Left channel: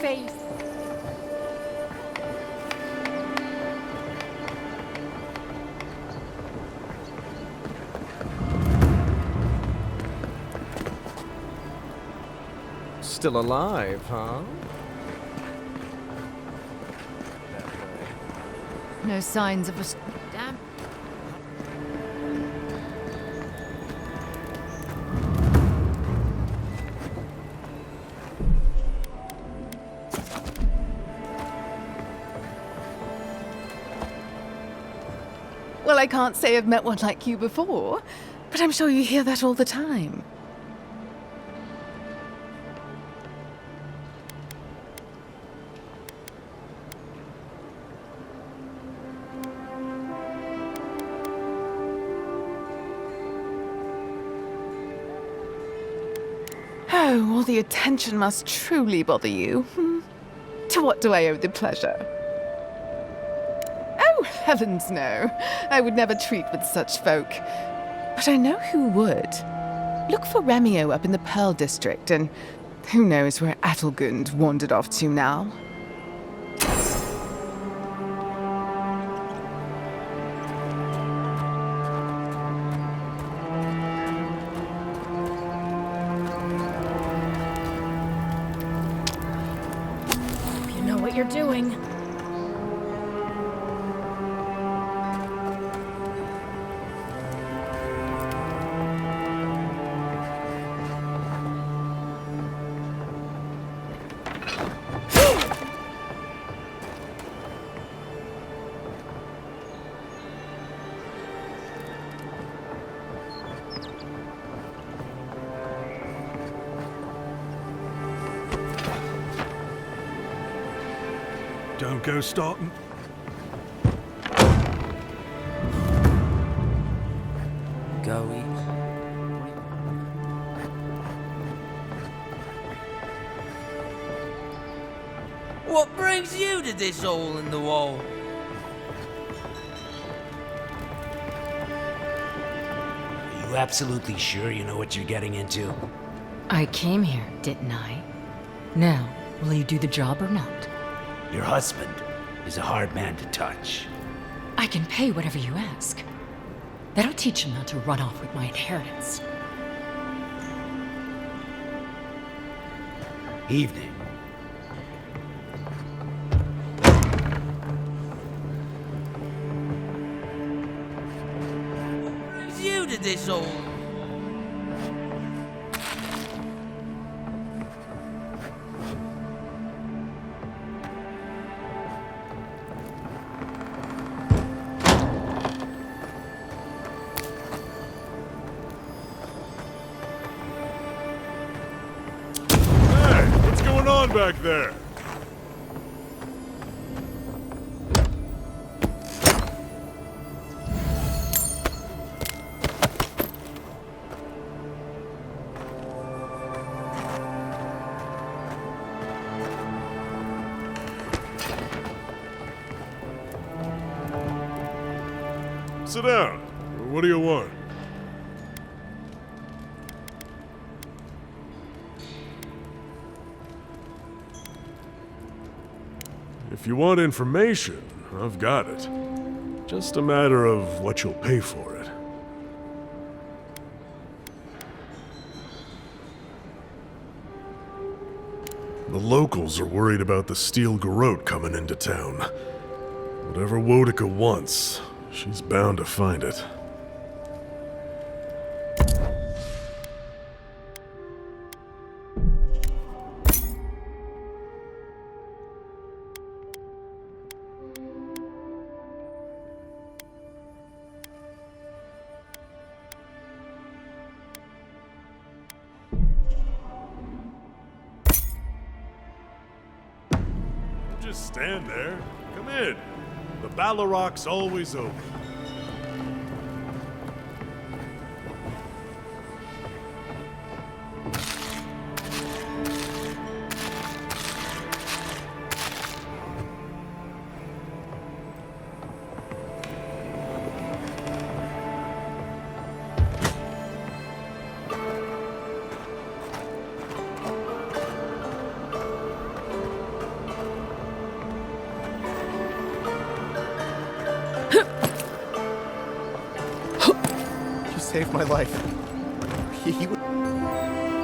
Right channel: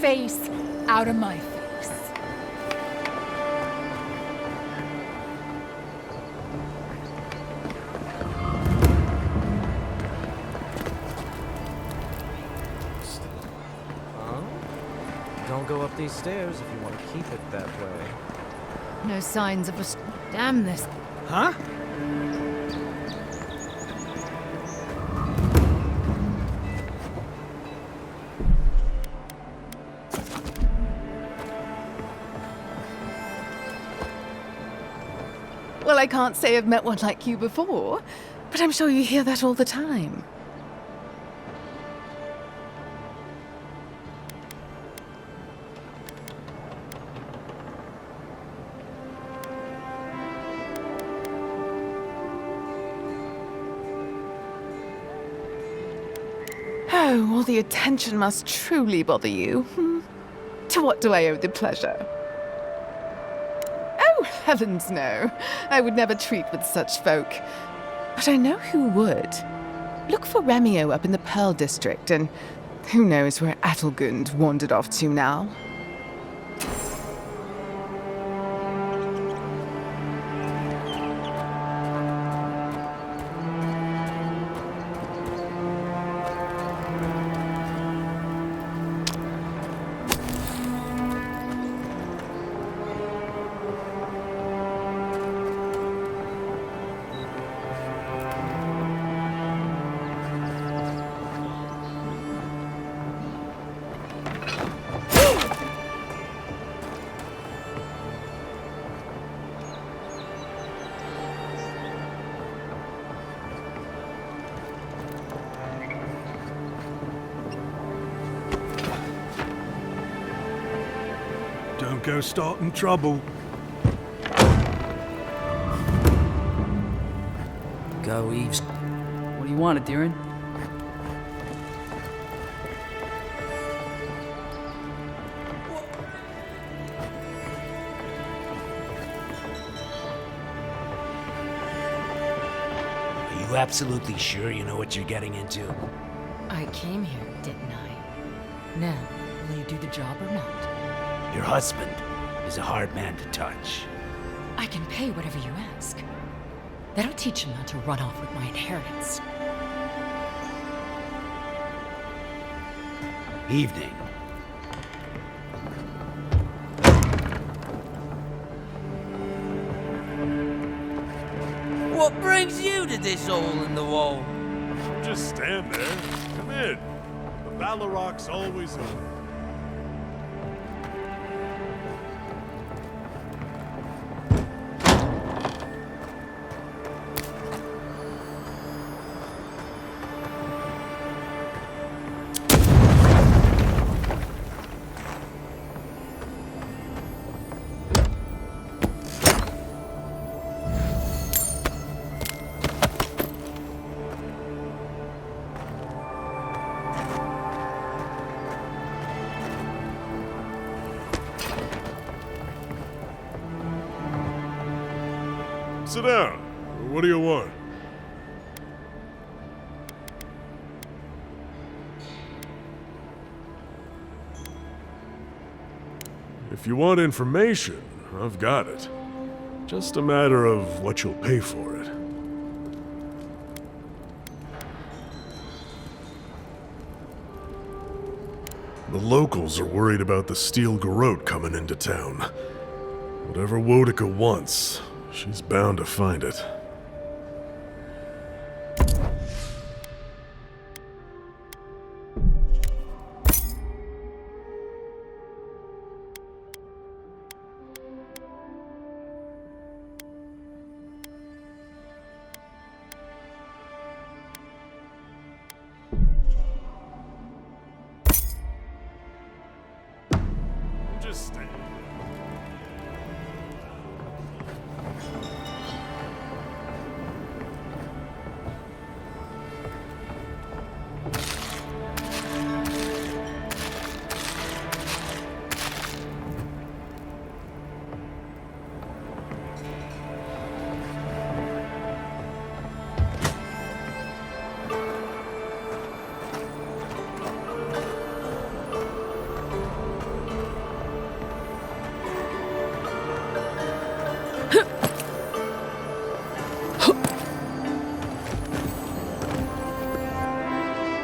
face out of my face. Still alive, huh? Don't go up these stairs if you want to keep it that way. No signs of a... Damn this. Huh? Well, I can't say I've met one like you before, but I'm sure you hear that all the time. Oh, all the attention must truly bother you. To what do I owe the pleasure? Oh, heavens no. I would never treat with such folk. But I know who would. Look for Remio up in the Pearl District, and who knows where Adelgund wandered off to now. You know what you're doing. Don't go starting trouble. Go, Eves. What do you want, Adiran? What brings you to this hole in the wall? Are you absolutely sure you know what you're getting into? I came here, didn't I? Now, will you do the job or not? Your husband is a hard man to touch. I can pay whatever you ask. That'll teach him not to run off with my inheritance. Evening. What brings you to this hole in the wall? Just stand there. Come in. The Valorok's always open. What's going on back there? Sit down. What do you want? If you want information, I've got it. Just a matter of what you'll pay for it. The locals are worried about the Steel Garrote coming into town. Whatever Wodika wants, she's bound to find it. Don't just stand there. Come in. The Balorok's always open.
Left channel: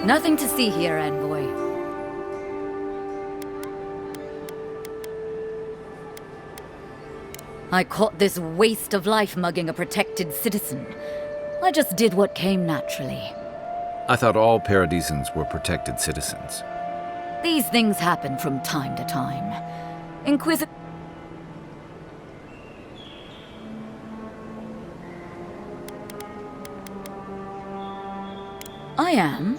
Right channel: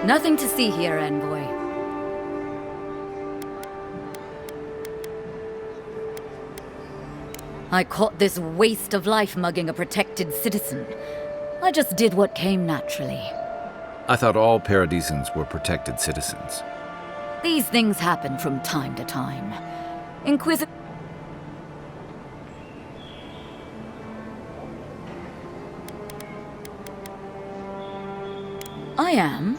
Nothing to see here, Envoy. I caught this waste of life mugging a protected citizen. I just did what came naturally. I thought all Paradisans were protected citizens. These things happen from time to time. I am.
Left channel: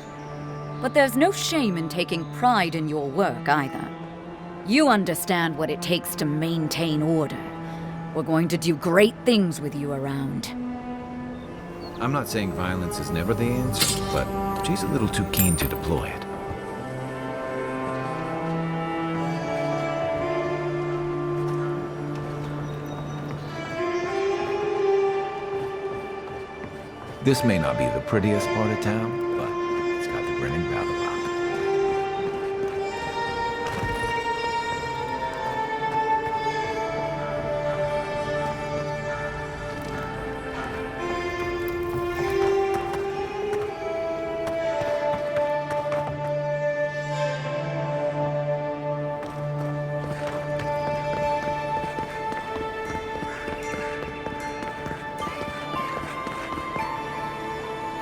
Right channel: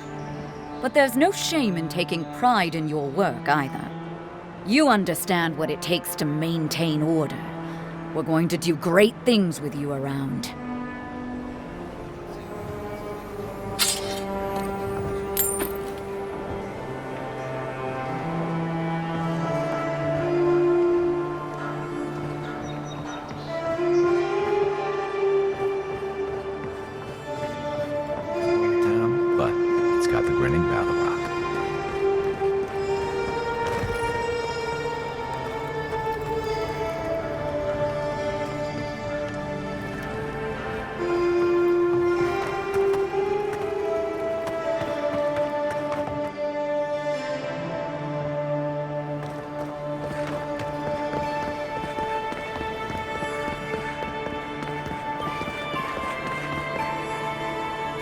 But there's no shame in taking pride in your work, either. You understand what it takes to maintain order. We're going to do great things with you around. I'm not saying violence is never the answer, but she's a little too keen to deploy it. This may not be the prettiest part of town, but it's got the grinning Battle Rock.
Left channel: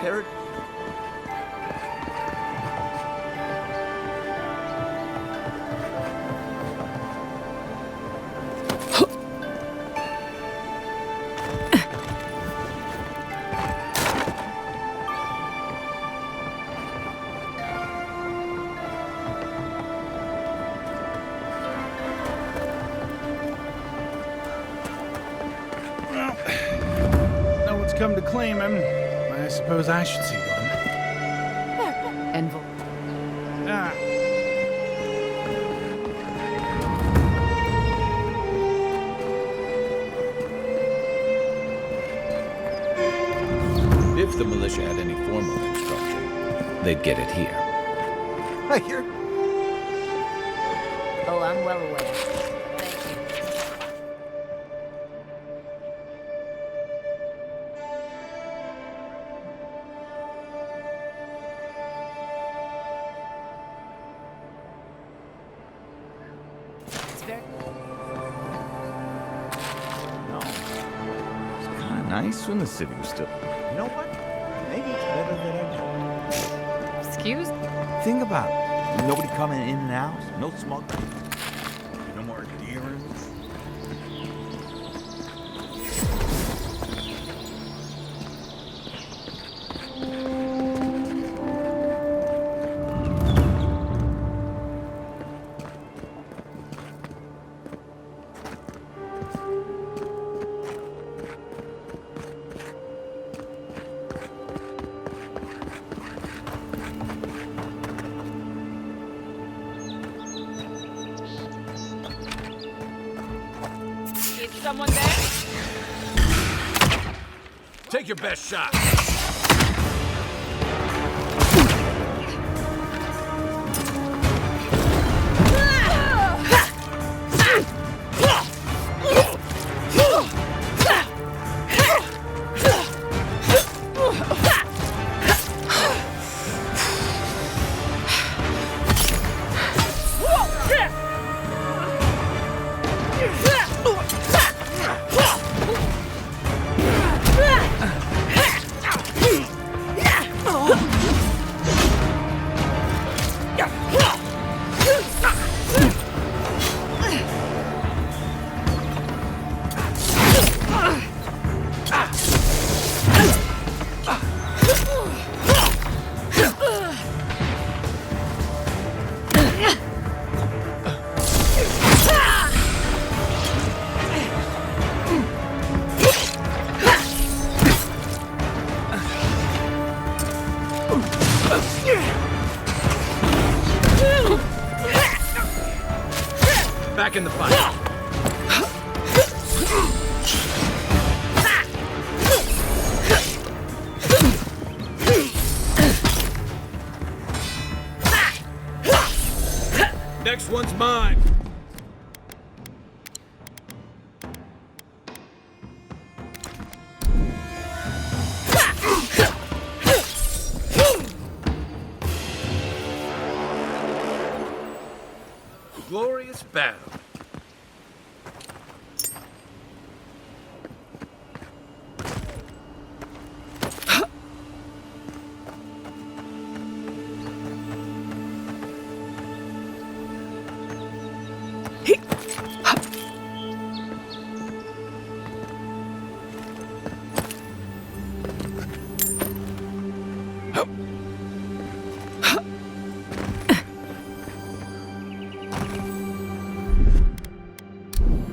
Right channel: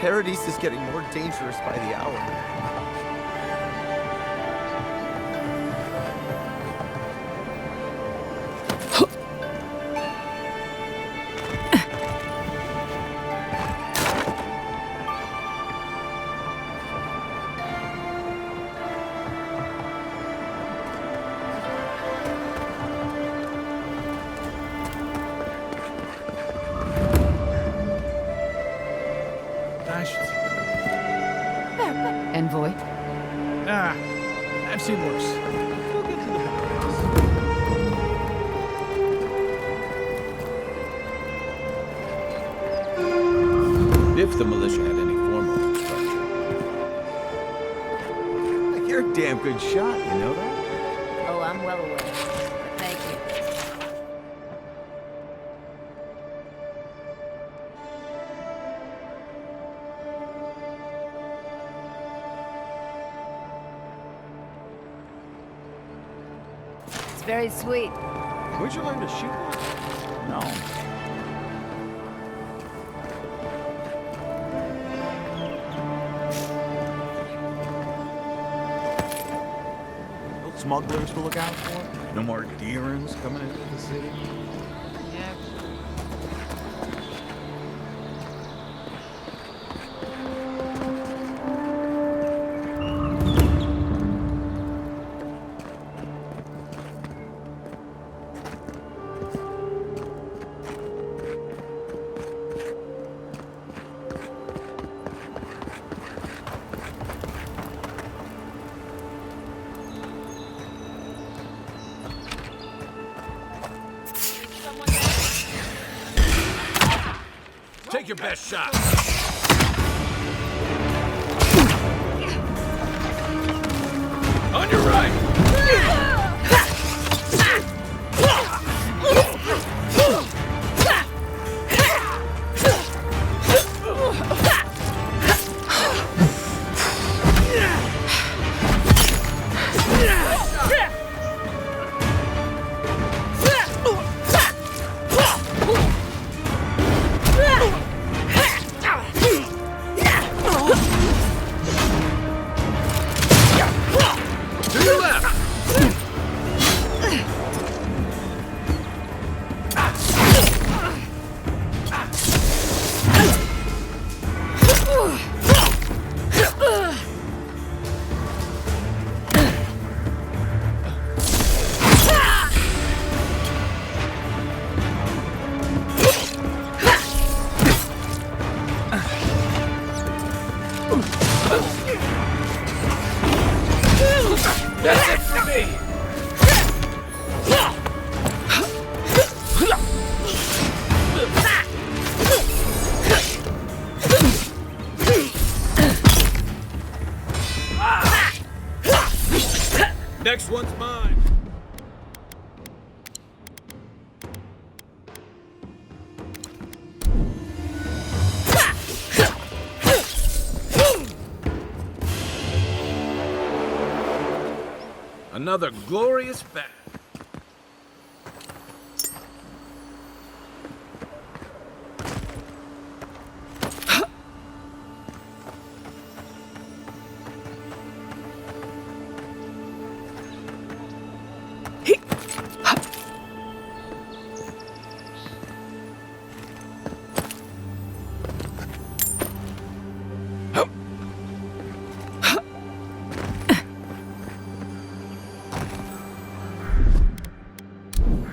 Paradise is getting more dangerous by the hour. No one's come to claim him. I suppose I should see one. Envoy? Ah, I've seen worse. If the militia had any formal instruction, they'd get it here. You're a damn good shot, you know that? Oh, I'm well aware. But thank you. It's very sweet. Where'd you learn to shoot? No. It's kind of nice when the city was still. You know what? Maybe it's better than I. Excuse? Think about it. Nobody coming in and out. No smugglers to look out for. No more deerings coming into the city. Someone there? Take your best shot! On your right! Back in the fight. Next one's mine. Another glorious battle.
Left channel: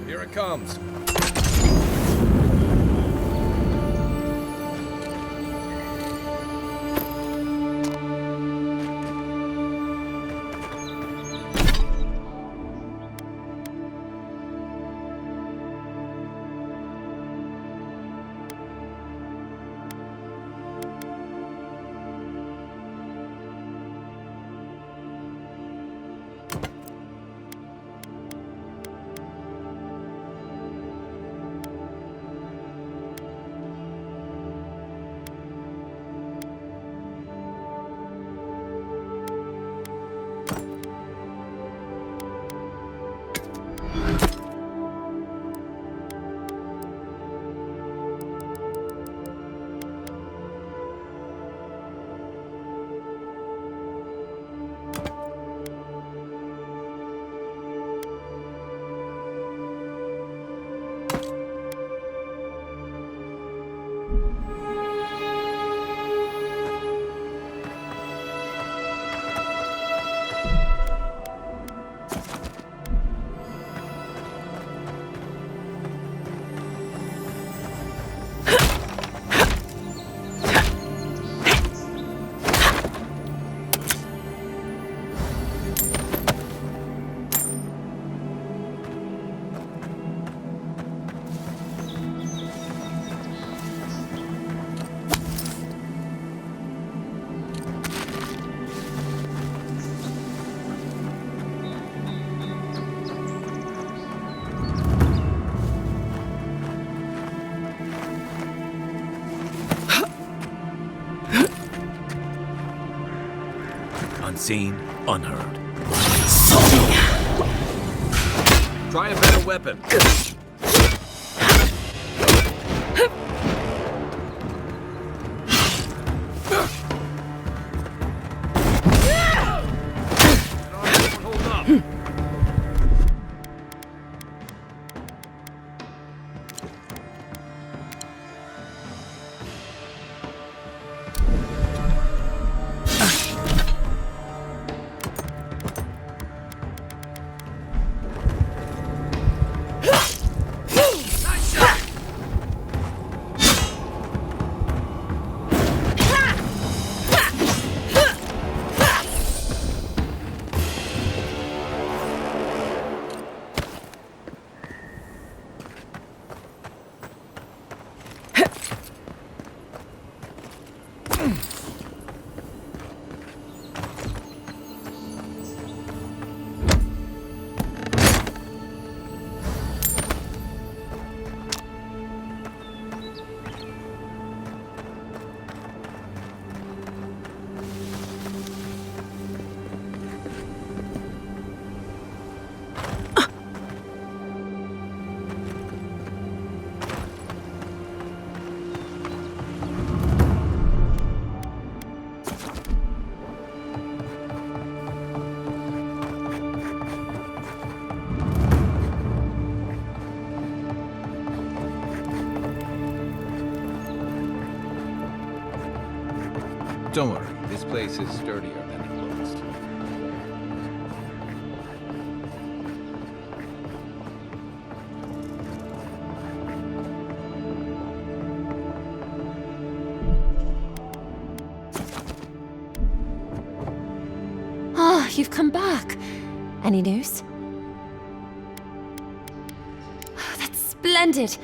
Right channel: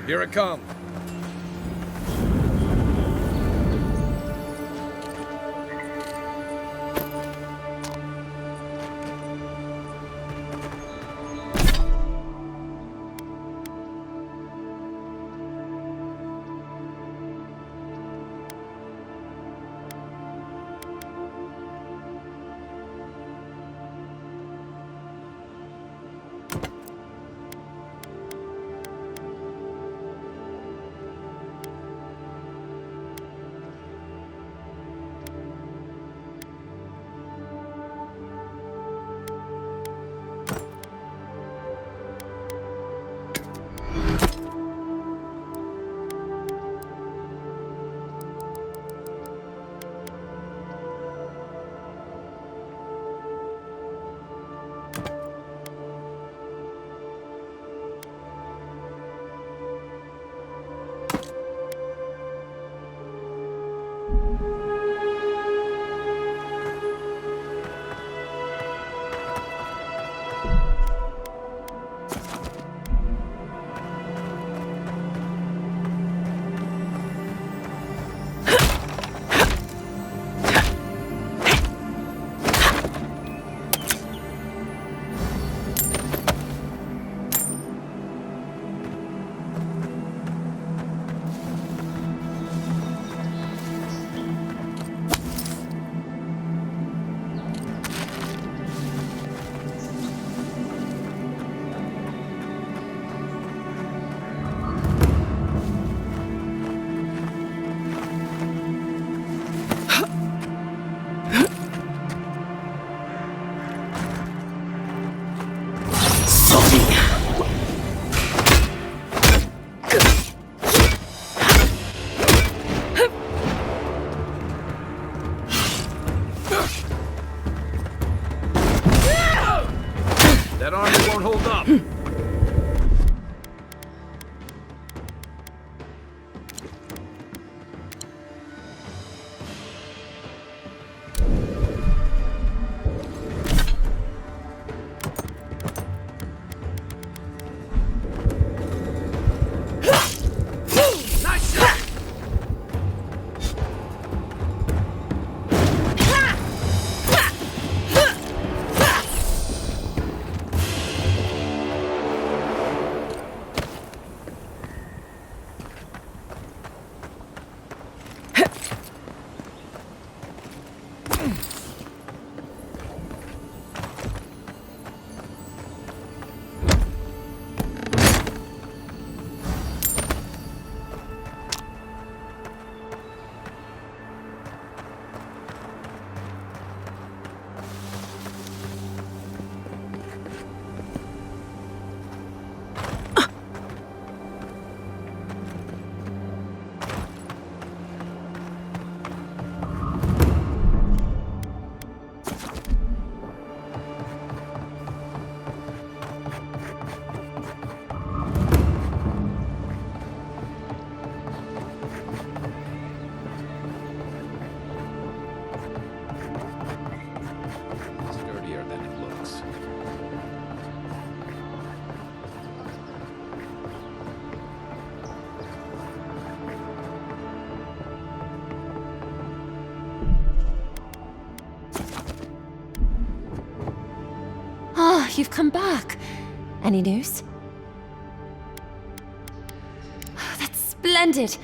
Here it comes. Unseen, unheard. Sorry. Try a better weapon. That armor won't hold up. Don't worry, this place is sturdier than it looks. Ah, you've come back. Any news? Oh, that's splendid.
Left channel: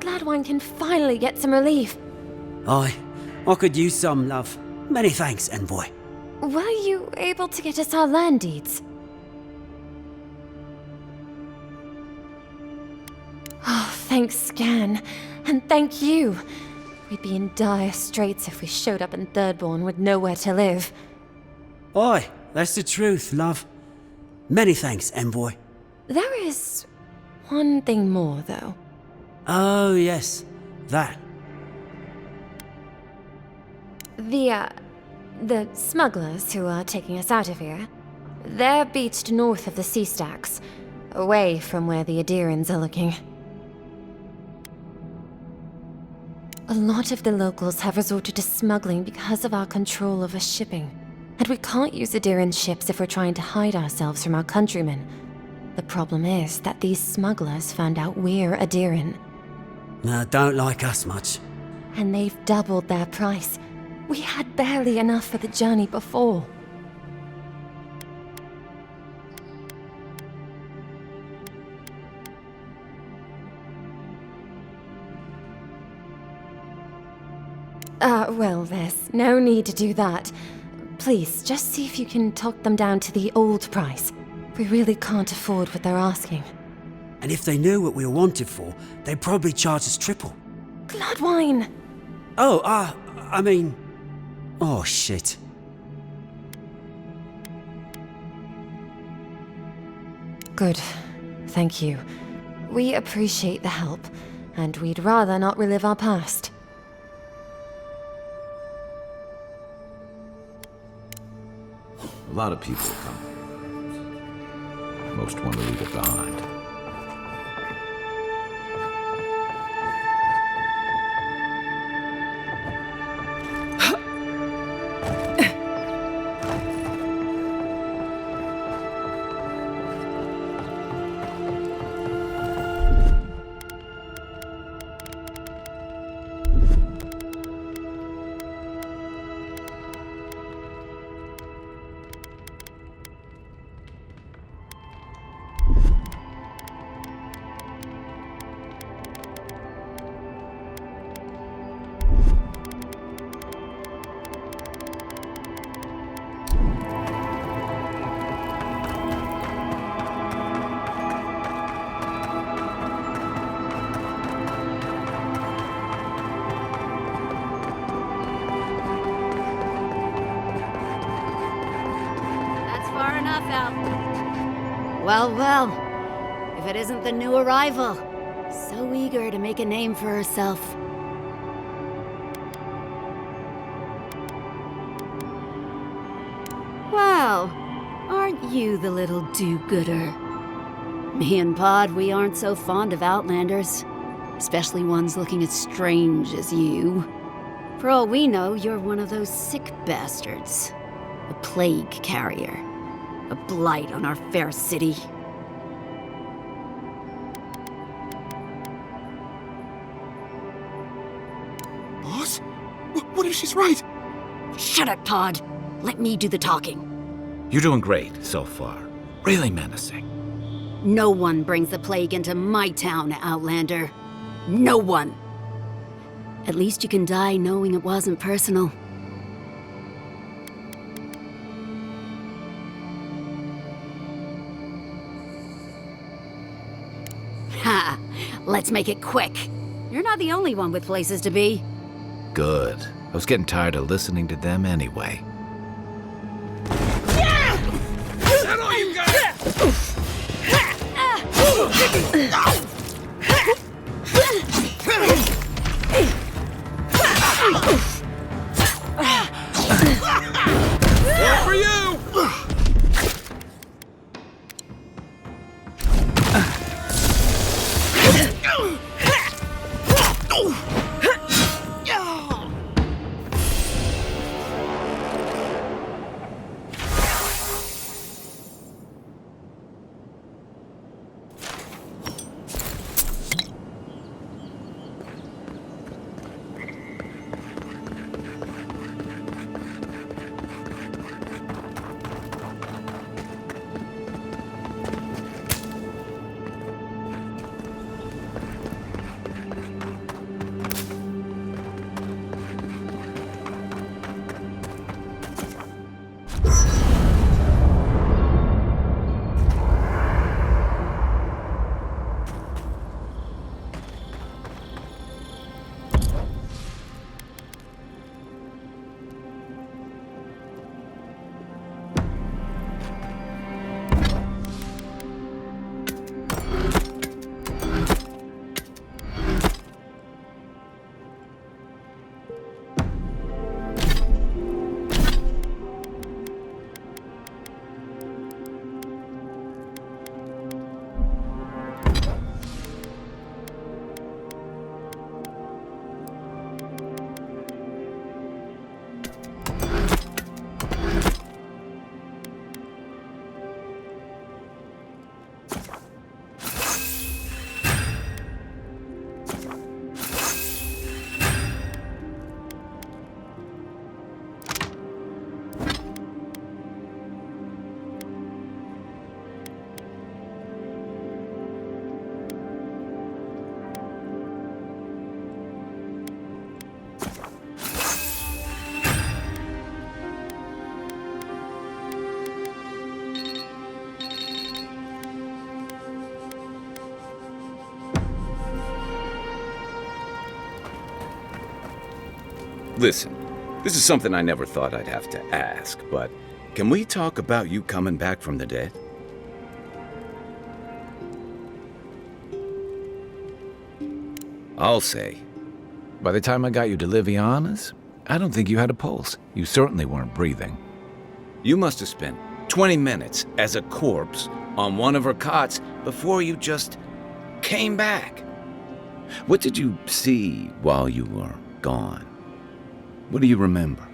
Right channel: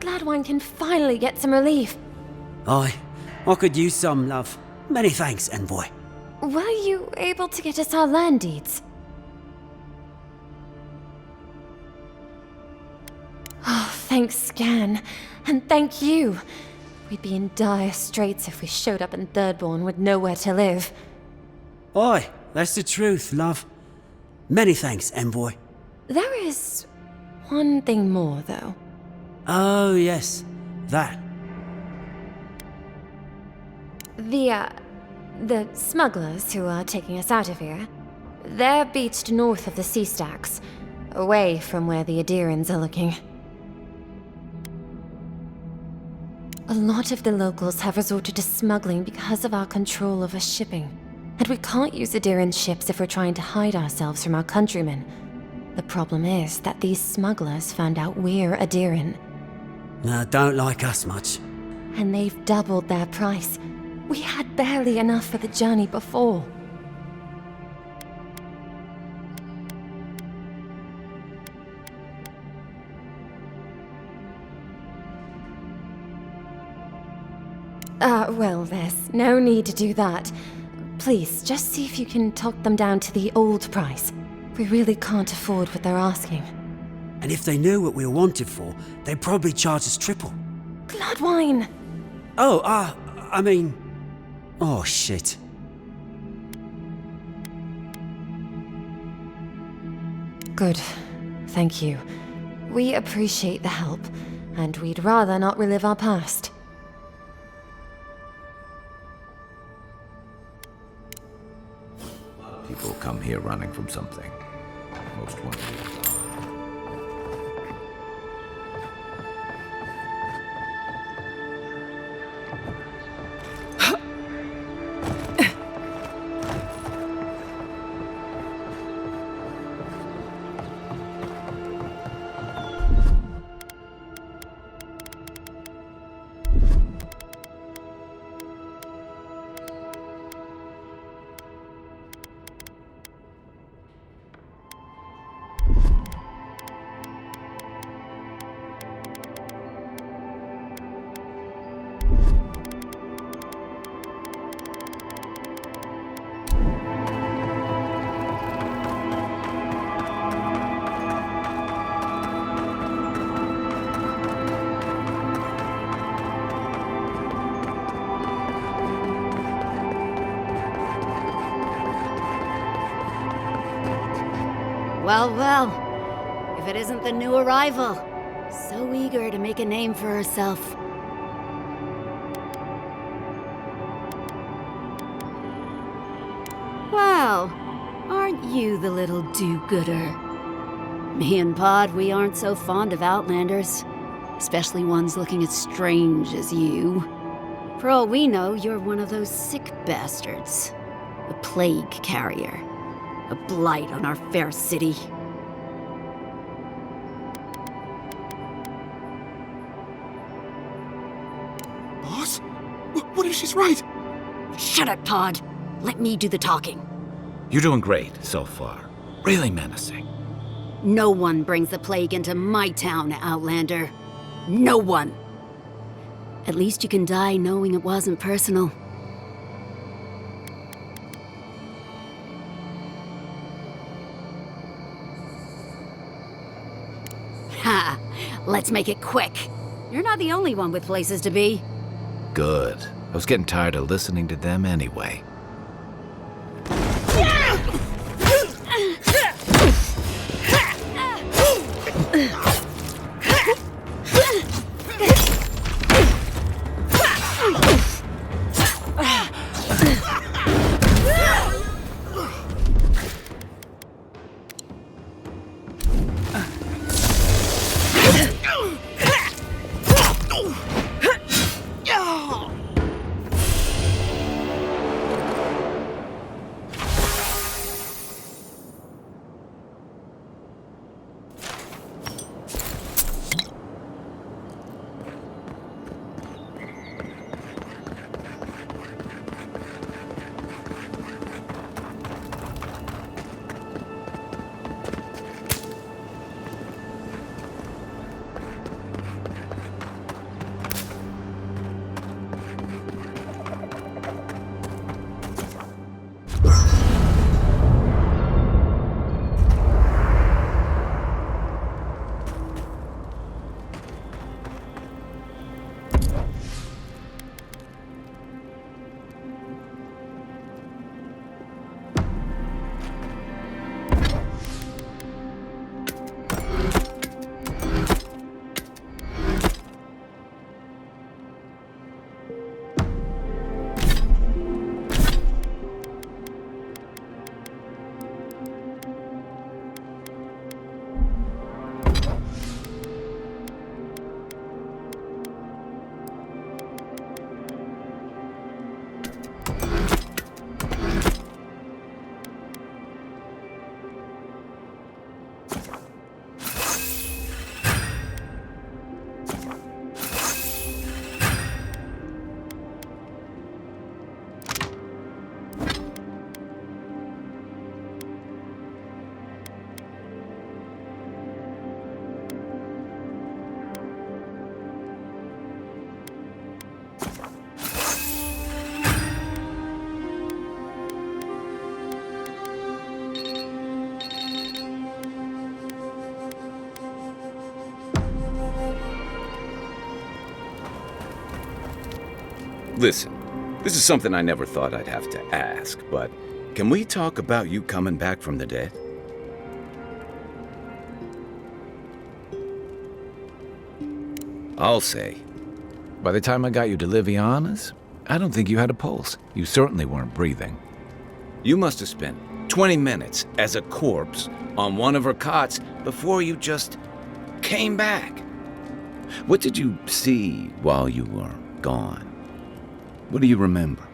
Glad one can finally get some relief. Aye, I could use some, love. Many thanks, envoy. Were you able to get us our land deeds? Oh, thanks, Scan. And thank you. We'd be in dire straits if we showed up in Thirdborn with nowhere to live. Aye, that's the truth, love. Many thanks, envoy. There is one thing more, though. Oh, yes. That. The smugglers who are taking us out of here, they're beached north of the sea stacks, away from where the Adirans are looking. A lot of the locals have resorted to smuggling because of our control over shipping. And we can't use Adiran ships if we're trying to hide ourselves from our countrymen. The problem is that these smugglers found out we're Adiran. Don't like us much. And they've doubled their price. We had barely enough for the journey before. Well, there's no need to do that. Please, just see if you can talk them down to the old price. We really can't afford what they're asking. And if they knew what we were wanted for, they'd probably charge us triple. Bloodwine! Oh, I mean... Oh, shit. Good. Thank you. We appreciate the help, and we'd rather not relive our past. A lot of people come here running from something. Most want to leave it behind. Well, well. If it isn't the new arrival. So eager to make a name for herself. Well, aren't you the little do-gooder? Me and Pod, we aren't so fond of Outlanders. Especially ones looking as strange as you. For all we know, you're one of those sick bastards. A plague carrier. A blight on our fair city. Boss? What if she's right? Shut it, Pod. Let me do the talking. You're doing great so far. Really menacing. No one brings the plague into my town, Outlander. No one. At least you can die knowing it wasn't personal. Ha! Let's make it quick. You're not the only one with places to be. Good. I was getting tired of listening to them anyway. Listen, this is something I never thought I'd have to ask, but can we talk about you coming back from the dead? I'll say, by the time I got you to Liviana's, I don't think you had a pulse. You certainly weren't breathing. You must have spent 20 minutes as a corpse on one of her cots before you just came back. What did you see while you were gone? What do you remember?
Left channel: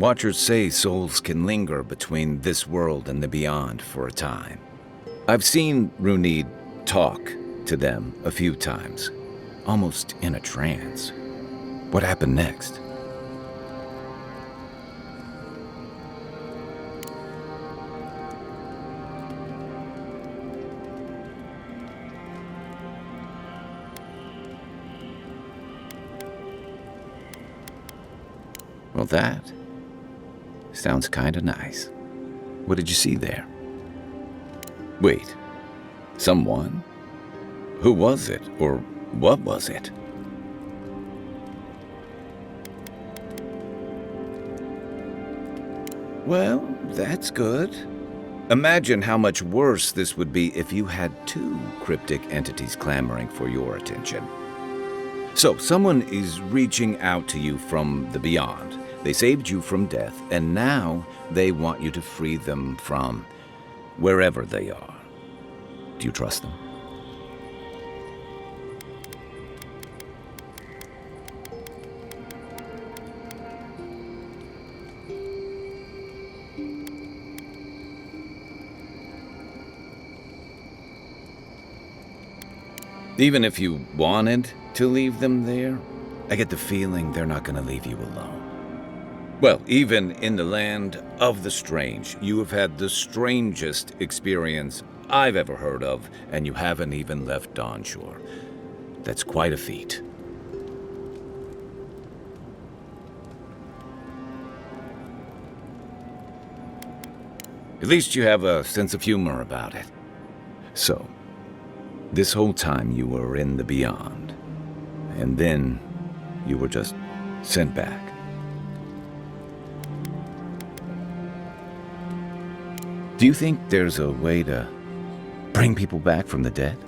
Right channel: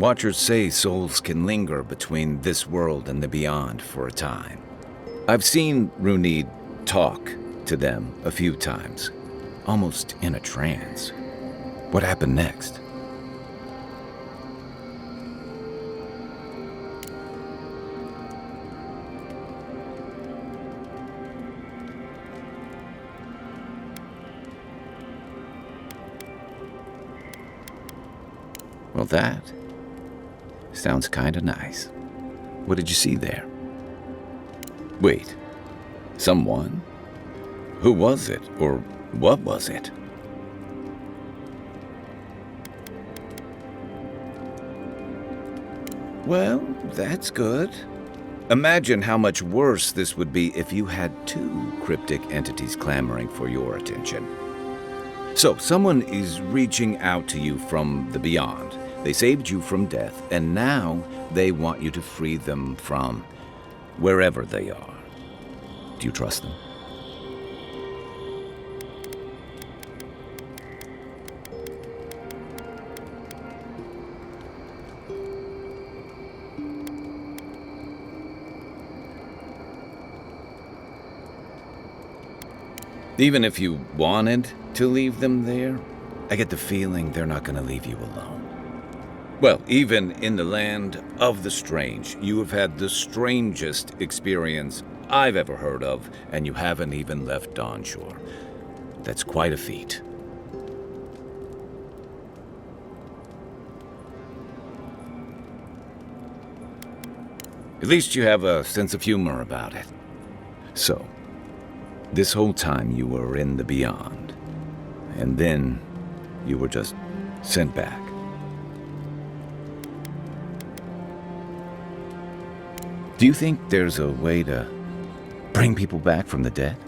Watchers say souls can linger between this world and the beyond for a time. I've seen Runid talk to them a few times, almost in a trance. What happened next? Well, that sounds kinda nice. What did you see there? Wait, someone? Who was it, or what was it? Well, that's good. Imagine how much worse this would be if you had two cryptic entities clamoring for your attention. So, someone is reaching out to you from the beyond. They saved you from death, and now they want you to free them from wherever they are. Do you trust them? Even if you wanted to leave them there, I get the feeling they're not going to leave you alone. Well, even in the land of the strange, you have had the strangest experience I've ever heard of, and you haven't even left Dawnshore. That's quite a feat. At least you have a sense of humor about it. So, this whole time you were in the beyond, and then you were just sent back. Do you think there's a way to bring people back from the dead?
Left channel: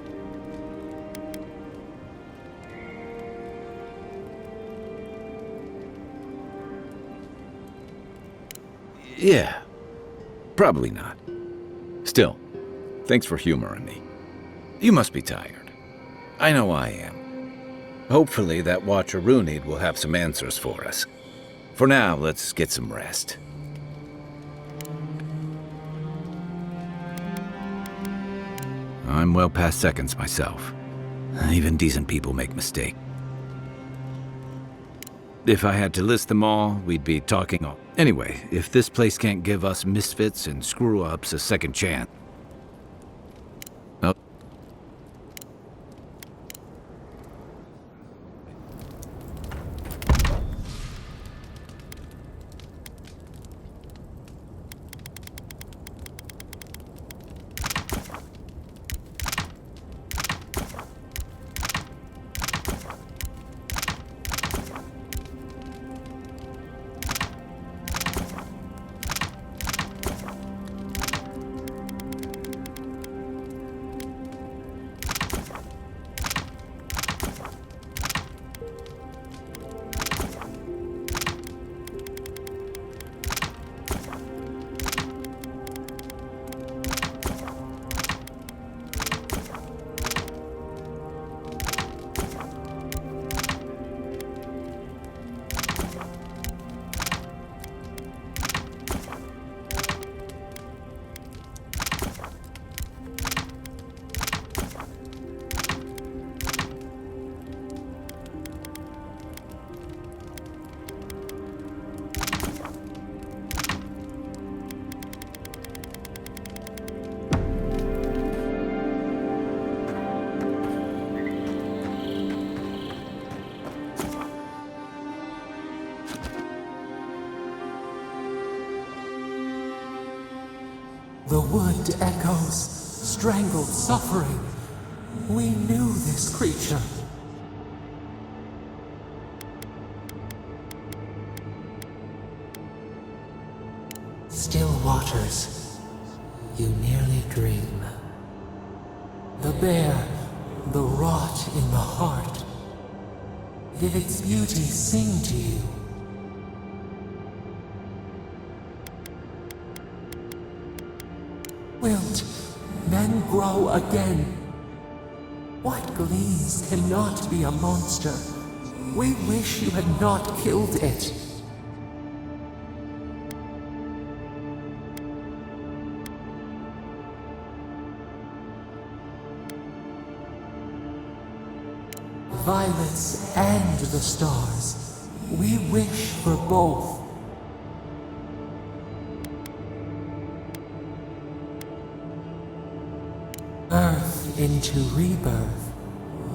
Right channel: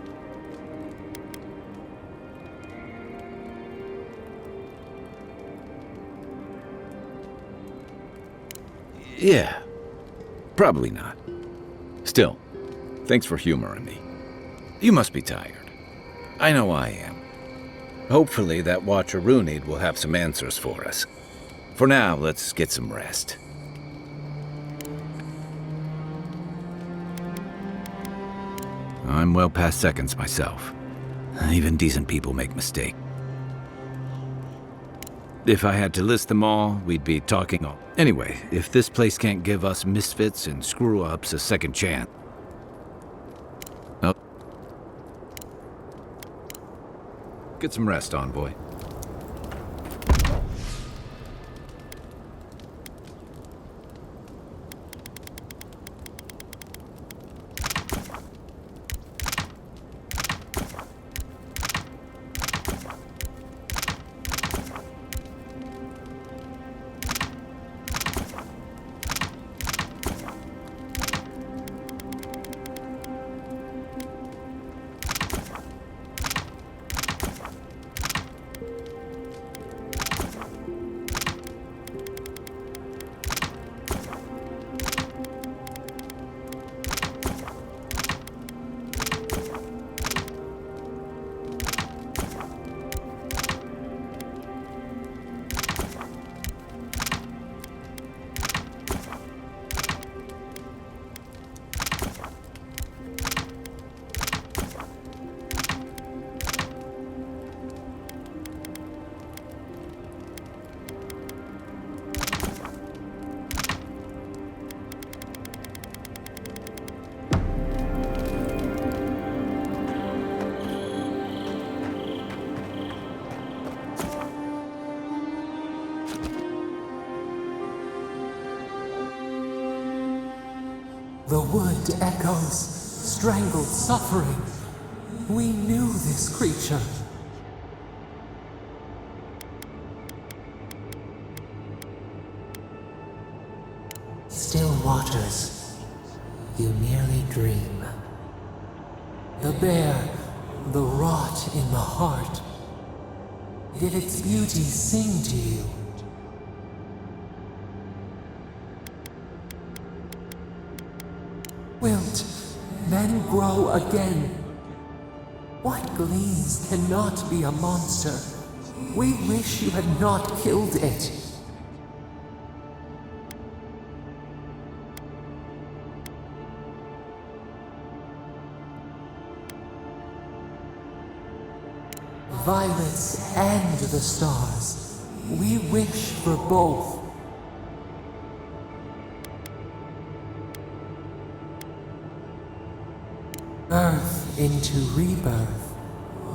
Yeah, probably not. Still, thanks for humoring me. You must be tired. I know I am. Hopefully that Watcher Runid will have some answers for us. For now, let's get some rest. I'm well past seconds myself. Even decent people make mistakes. If I had to list them all, we'd be talking all. Anyway, if this place can't give us misfits and screw-ups a second chance... Oh. Get some rest, Envoy. The wood echoes, strangled suffering. We knew this creature. Still waters, you merely dream. The bear, the rot in the heart. Did its beauty sing to you? Wilt, then grow again. What gleams cannot be a monster? We wish you had not killed it. Violets and the stars. We wish for both. Birth into rebirth,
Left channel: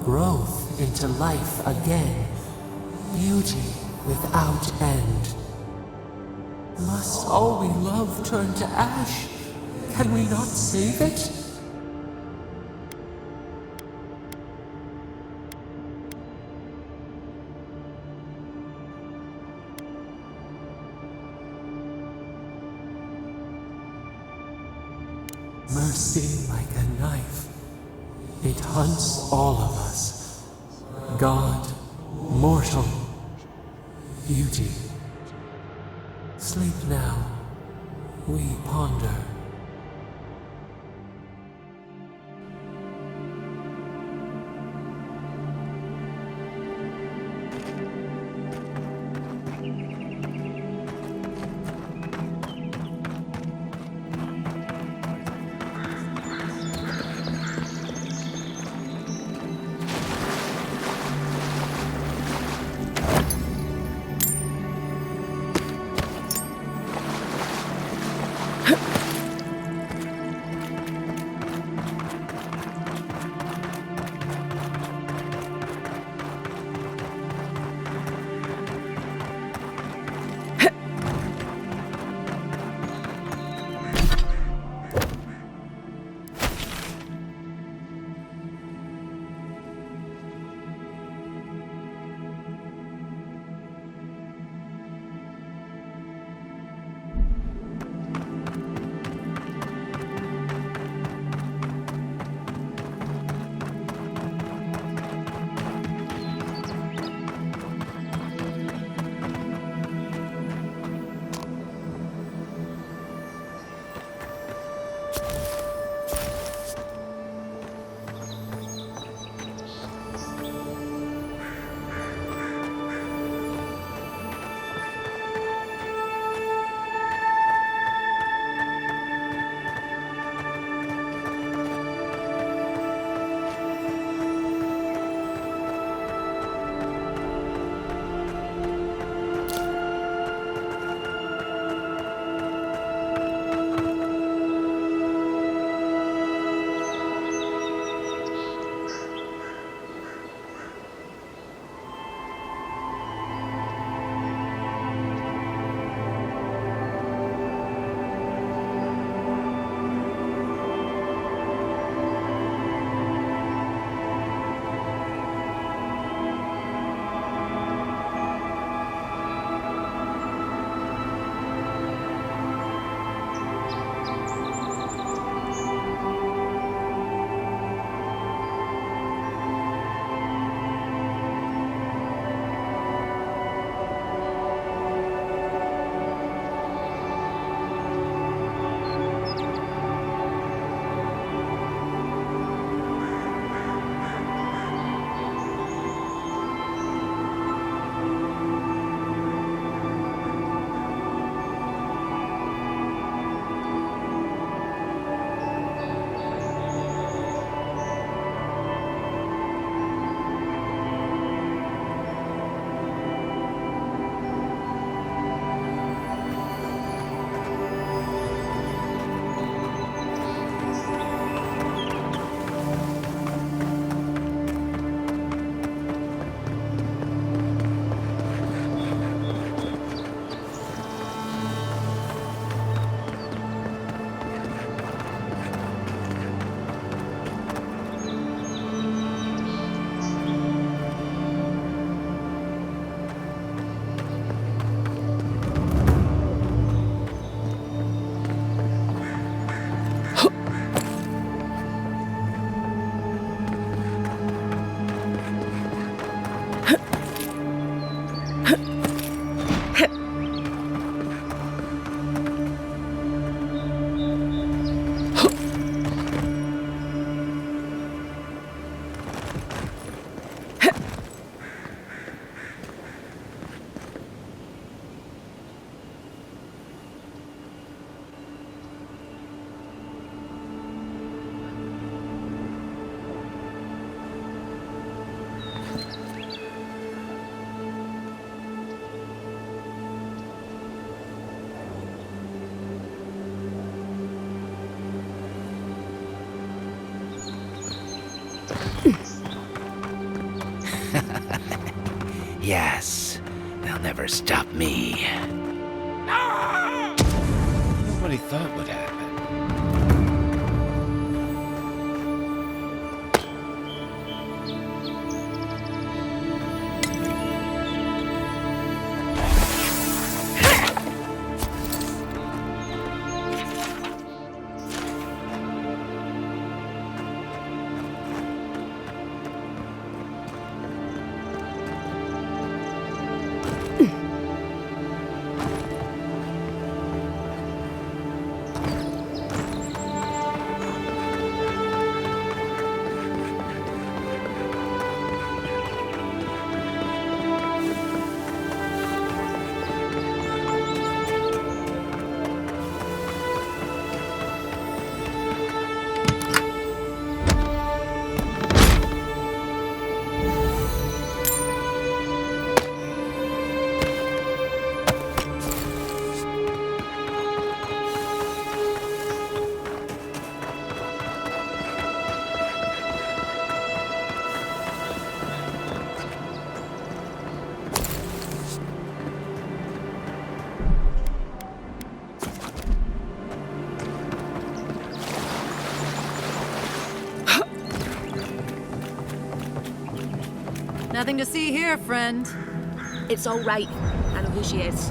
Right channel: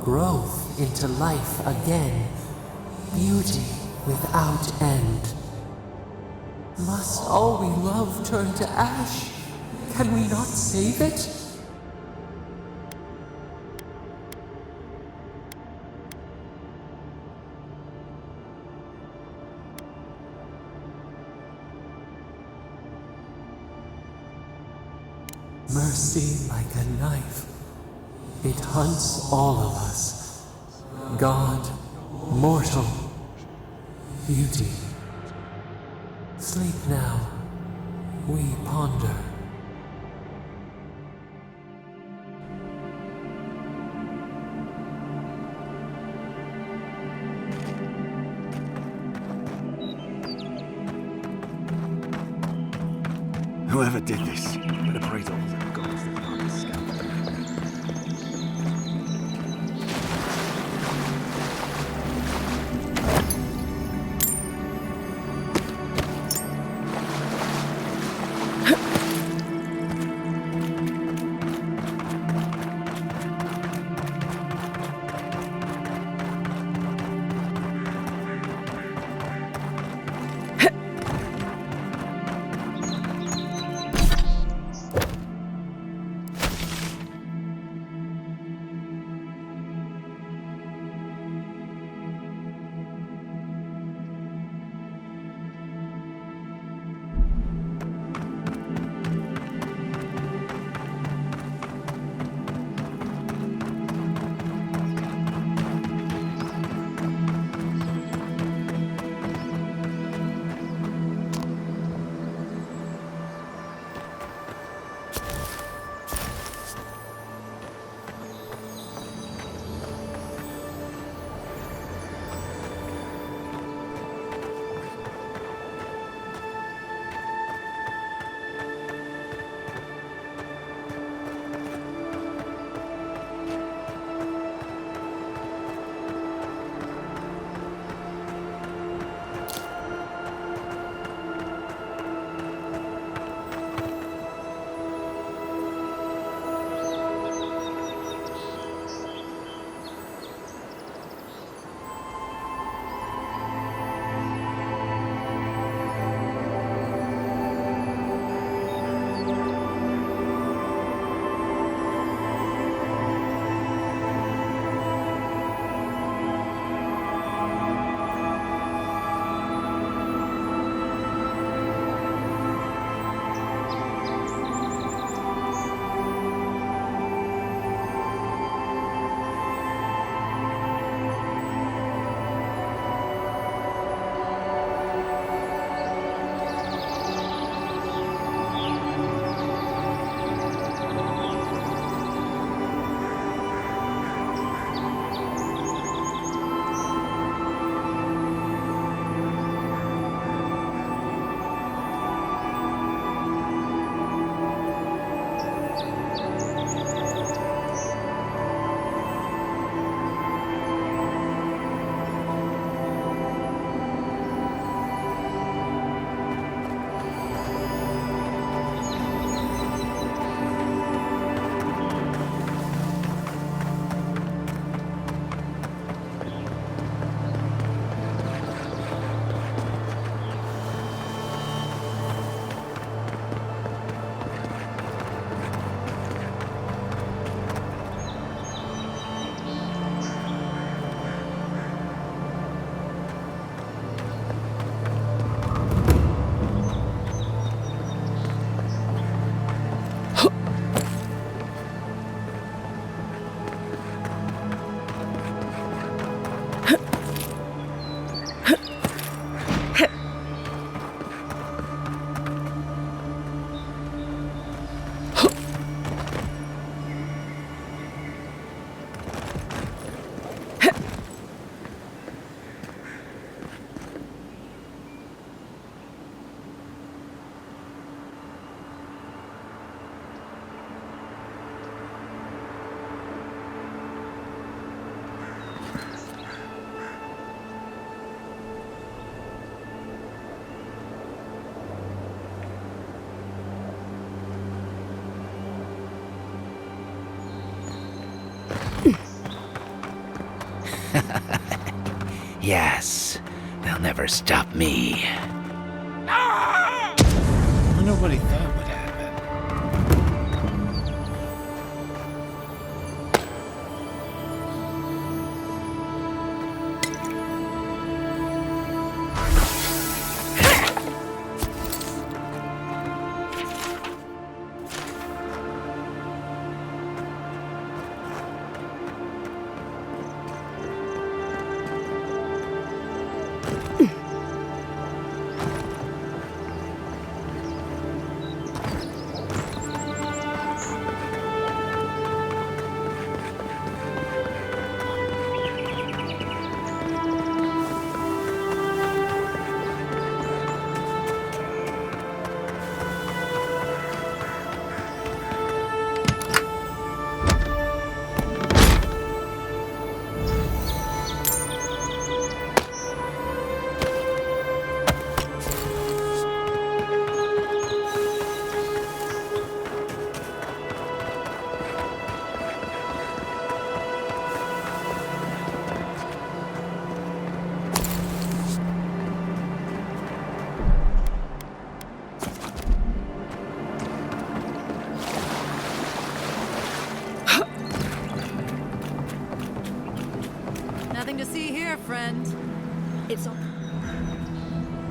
growth into life again, beauty without end. Must all we love turn to ash? Can we not save it? Mercy like a knife. It hunts all of us. God, mortal, beauty. Sleep now. We ponder. Whoever did this, better pray to all the gods that are this. Yes, they'll never stop me. Well, nobody thought would happen. Nothing to see here, friend. It's all right. And here she is.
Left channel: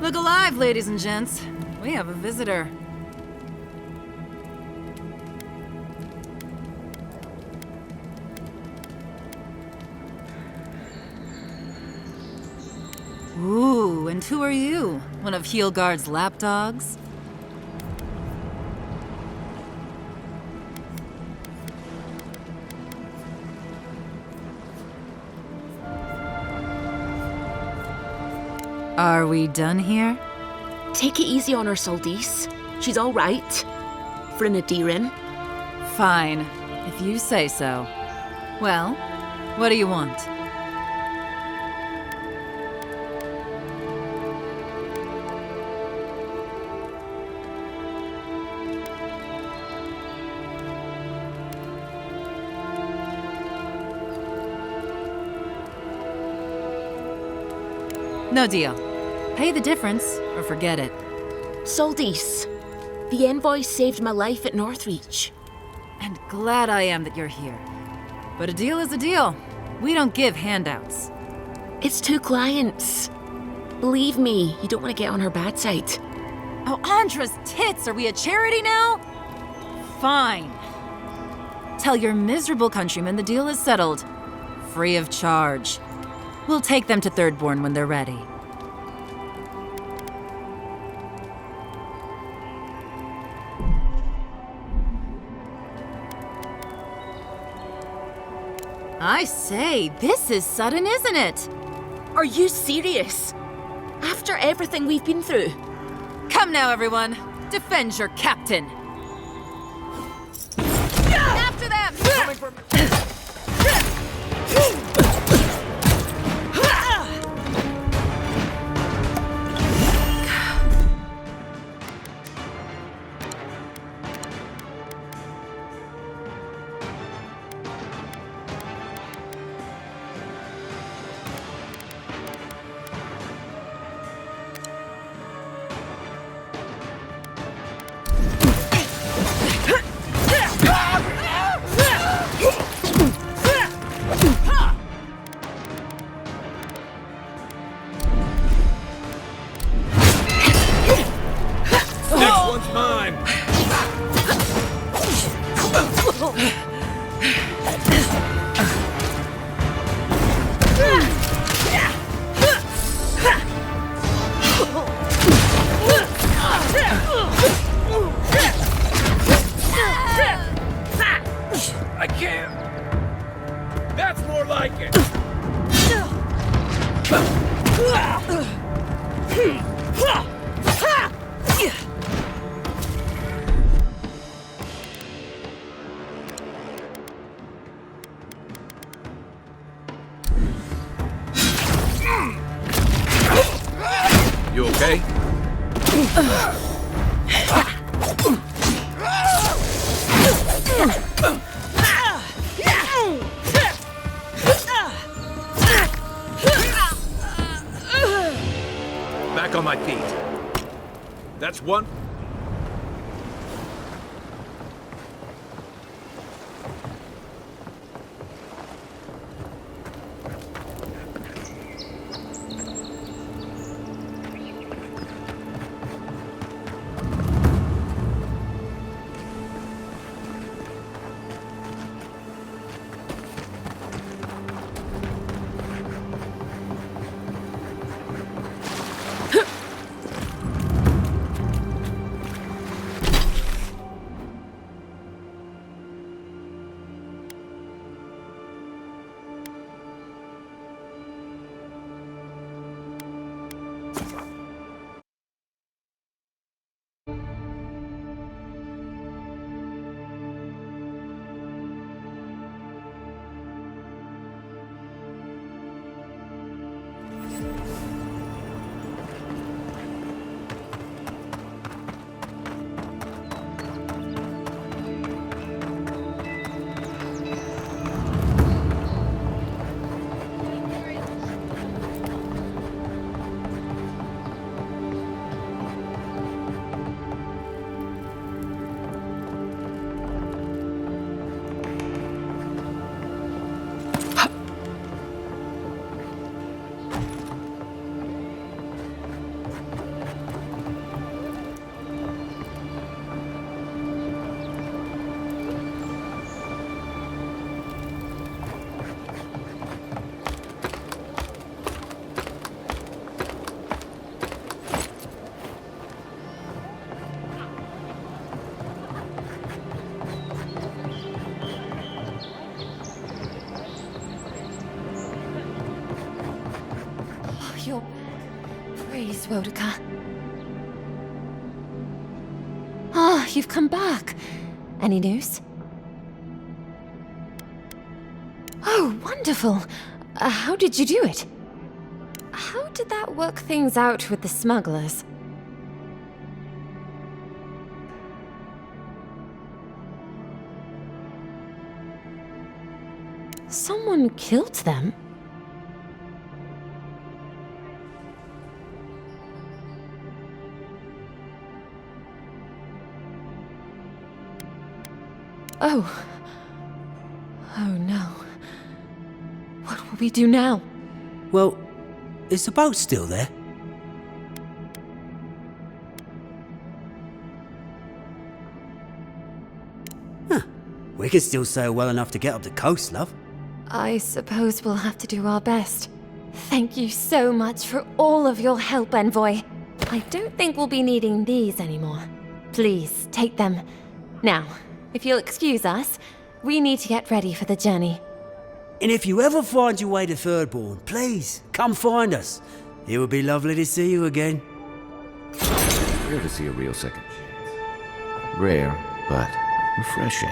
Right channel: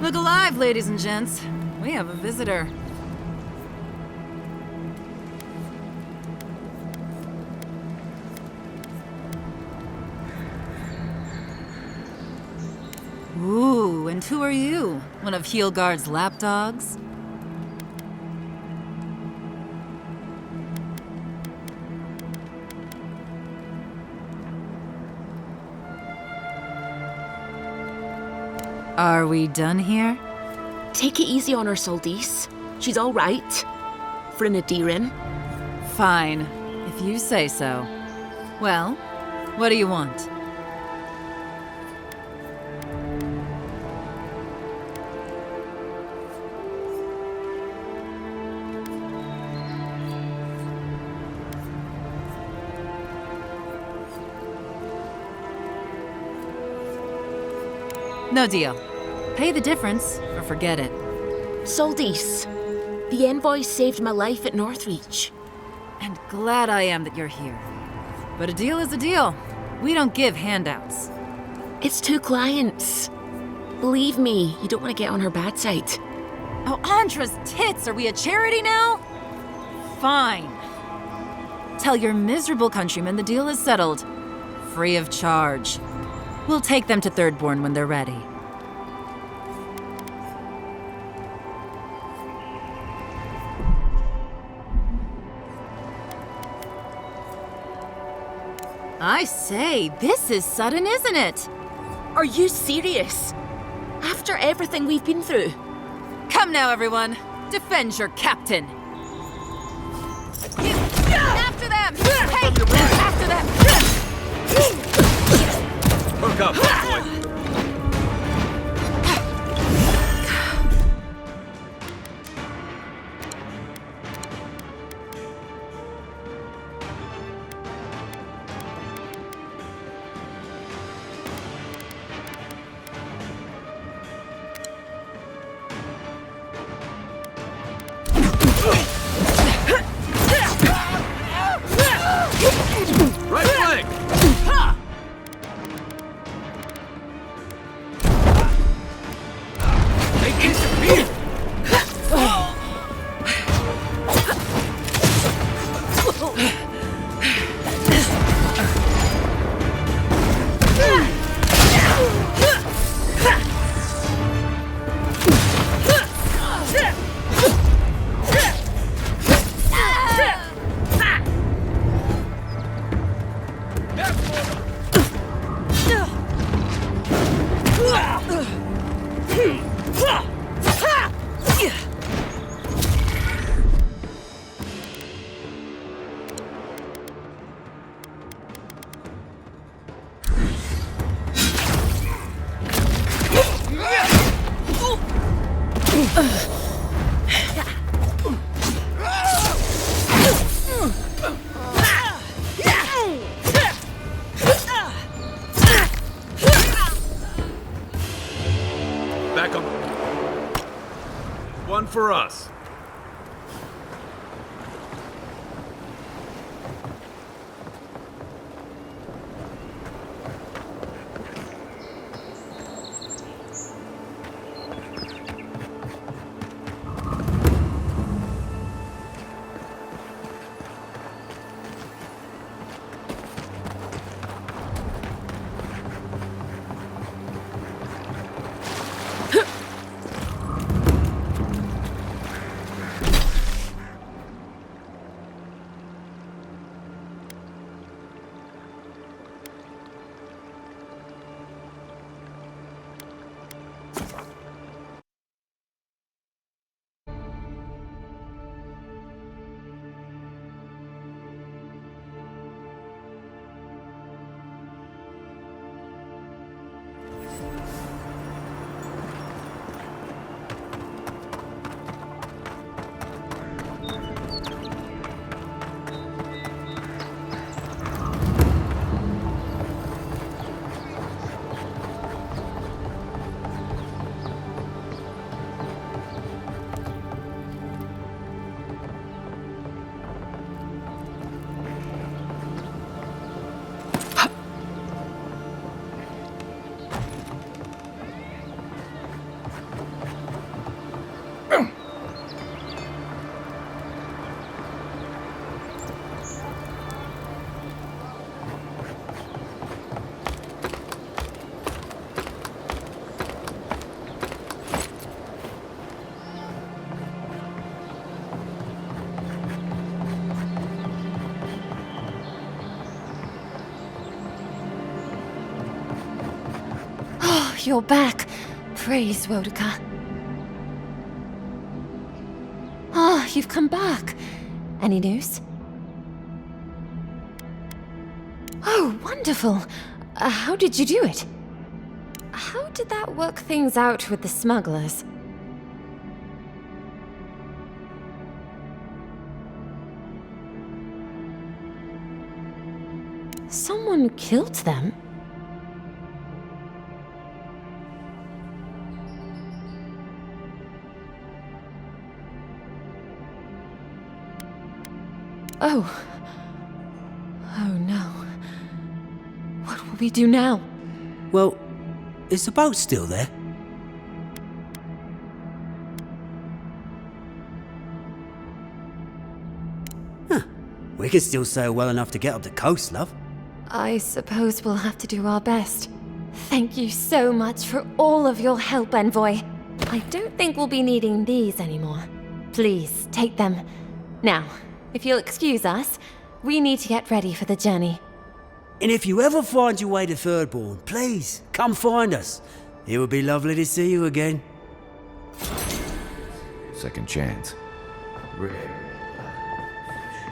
Look alive, ladies and gents. We have a visitor. Ooh, and who are you? One of Heelguard's lapdogs? Are we done here? Take it easy on her, Soldice. She's all right. For an Adiran. Fine, if you say so. Well, what do you want? No deal. Pay the difference, or forget it. Soldice, the envoy saved my life at Northreach. And glad I am that you're here. But a deal is a deal. We don't give handouts. It's 2 clients. Believe me, you don't want to get on her bad side. Oh, Andra's tits! Are we a charity now? Fine. Tell your miserable countrymen the deal is settled. Free of charge. We'll take them to Thirdborn when they're ready. I say, this is sudden, isn't it? Are you serious? After everything we've been through? Come now, everyone. Defend your captain. After them! After them! Look up. for us. You're back. Praise Wodika. Ah, you've come back. Any news? Oh, wonderful. How did you do it? How did that work things out with the smugglers? Someone killed them? Oh. Oh no. What will we do now? Well, is the boat still there? Huh. We can still sail well enough to get up the coast, love. I suppose we'll have to do our best. Thank you so much for all of your help, Envoy. I don't think we'll be needing these anymore. Please, take them. Now, if you'll excuse us, we need to get ready for the journey. And if you ever find your way to Thirdborn, please, come find us. It would be lovely to see you again. Rare to see a real second chance. Rare, but refreshing.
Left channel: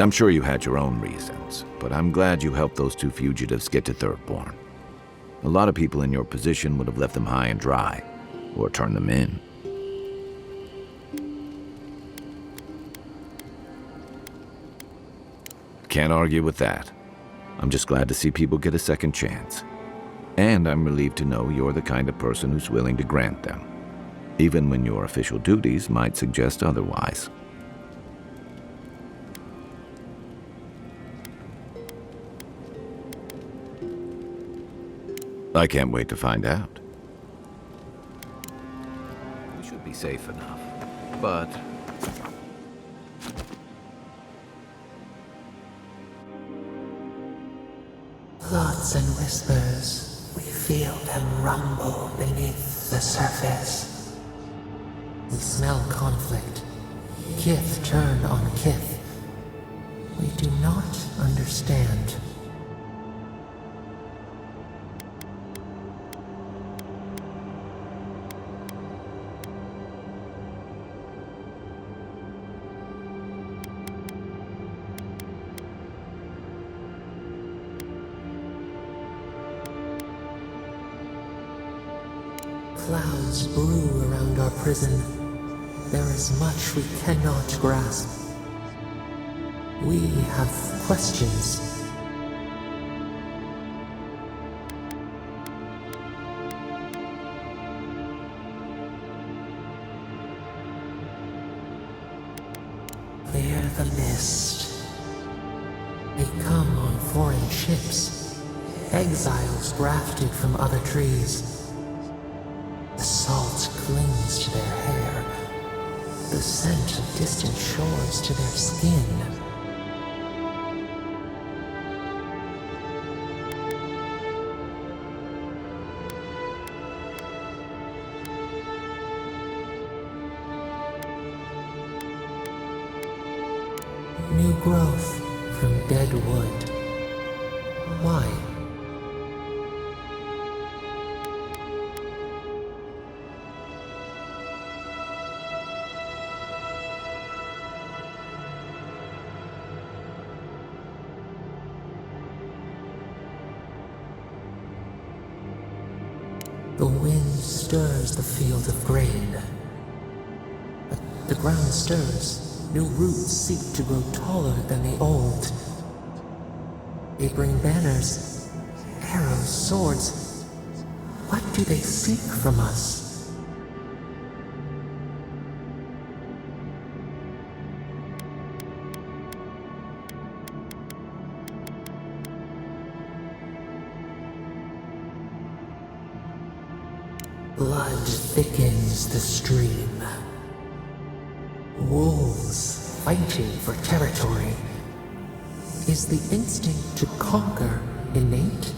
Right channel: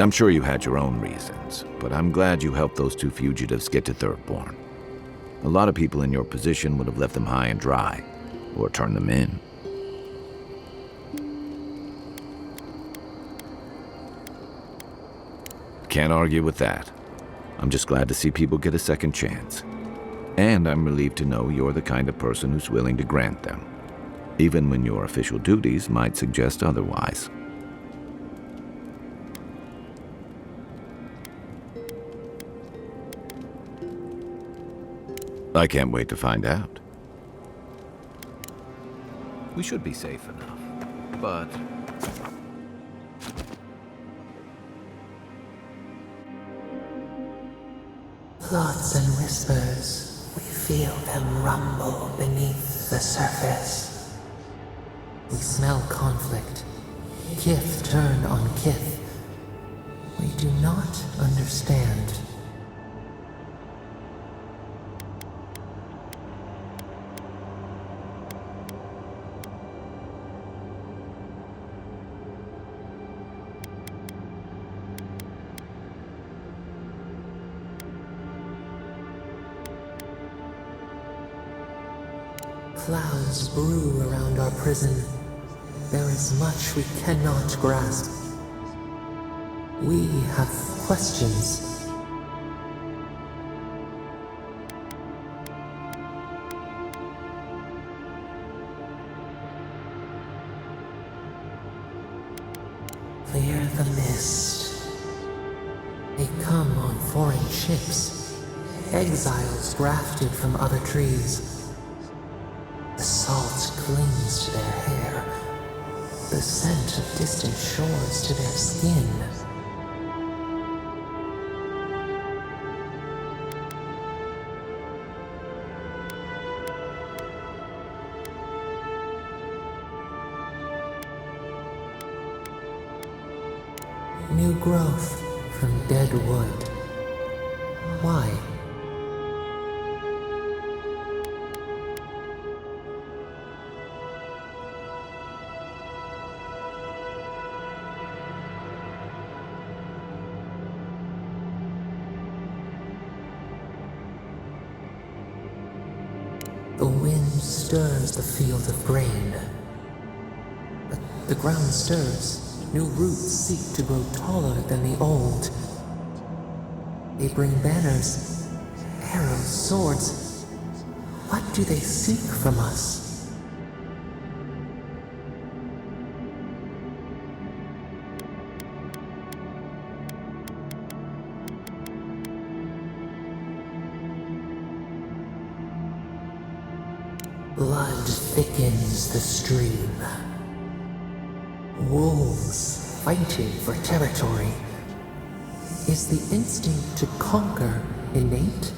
I'm sure you had your own reasons, but I'm glad you helped those two fugitives get to Thirdborn. A lot of people in your position would have left them high and dry, or turned them in. Can't argue with that. I'm just glad to see people get a second chance. And I'm relieved to know you're the kind of person who's willing to grant them, even when your official duties might suggest otherwise. I can't wait to find out. We should be safe enough, but... Plots and whispers, we feel them rumble beneath the surface. We smell conflict, kith turn on kith. We do not understand. Clouds brew around our prison. There is much we cannot grasp. We have questions. Clear the mist. They come on foreign ships, exiles grafted from other trees. The salt clings to their hair, the scent of distant shores to their skin. New growth from dead wood. Why? The wind stirs the fields of grain. The ground stirs. New roots seek to grow taller than the old. They bring banners, arrows, swords. What do they seek from us? Blood thickens the stream. Wolves fighting for territory. Is the instinct to conquer innate?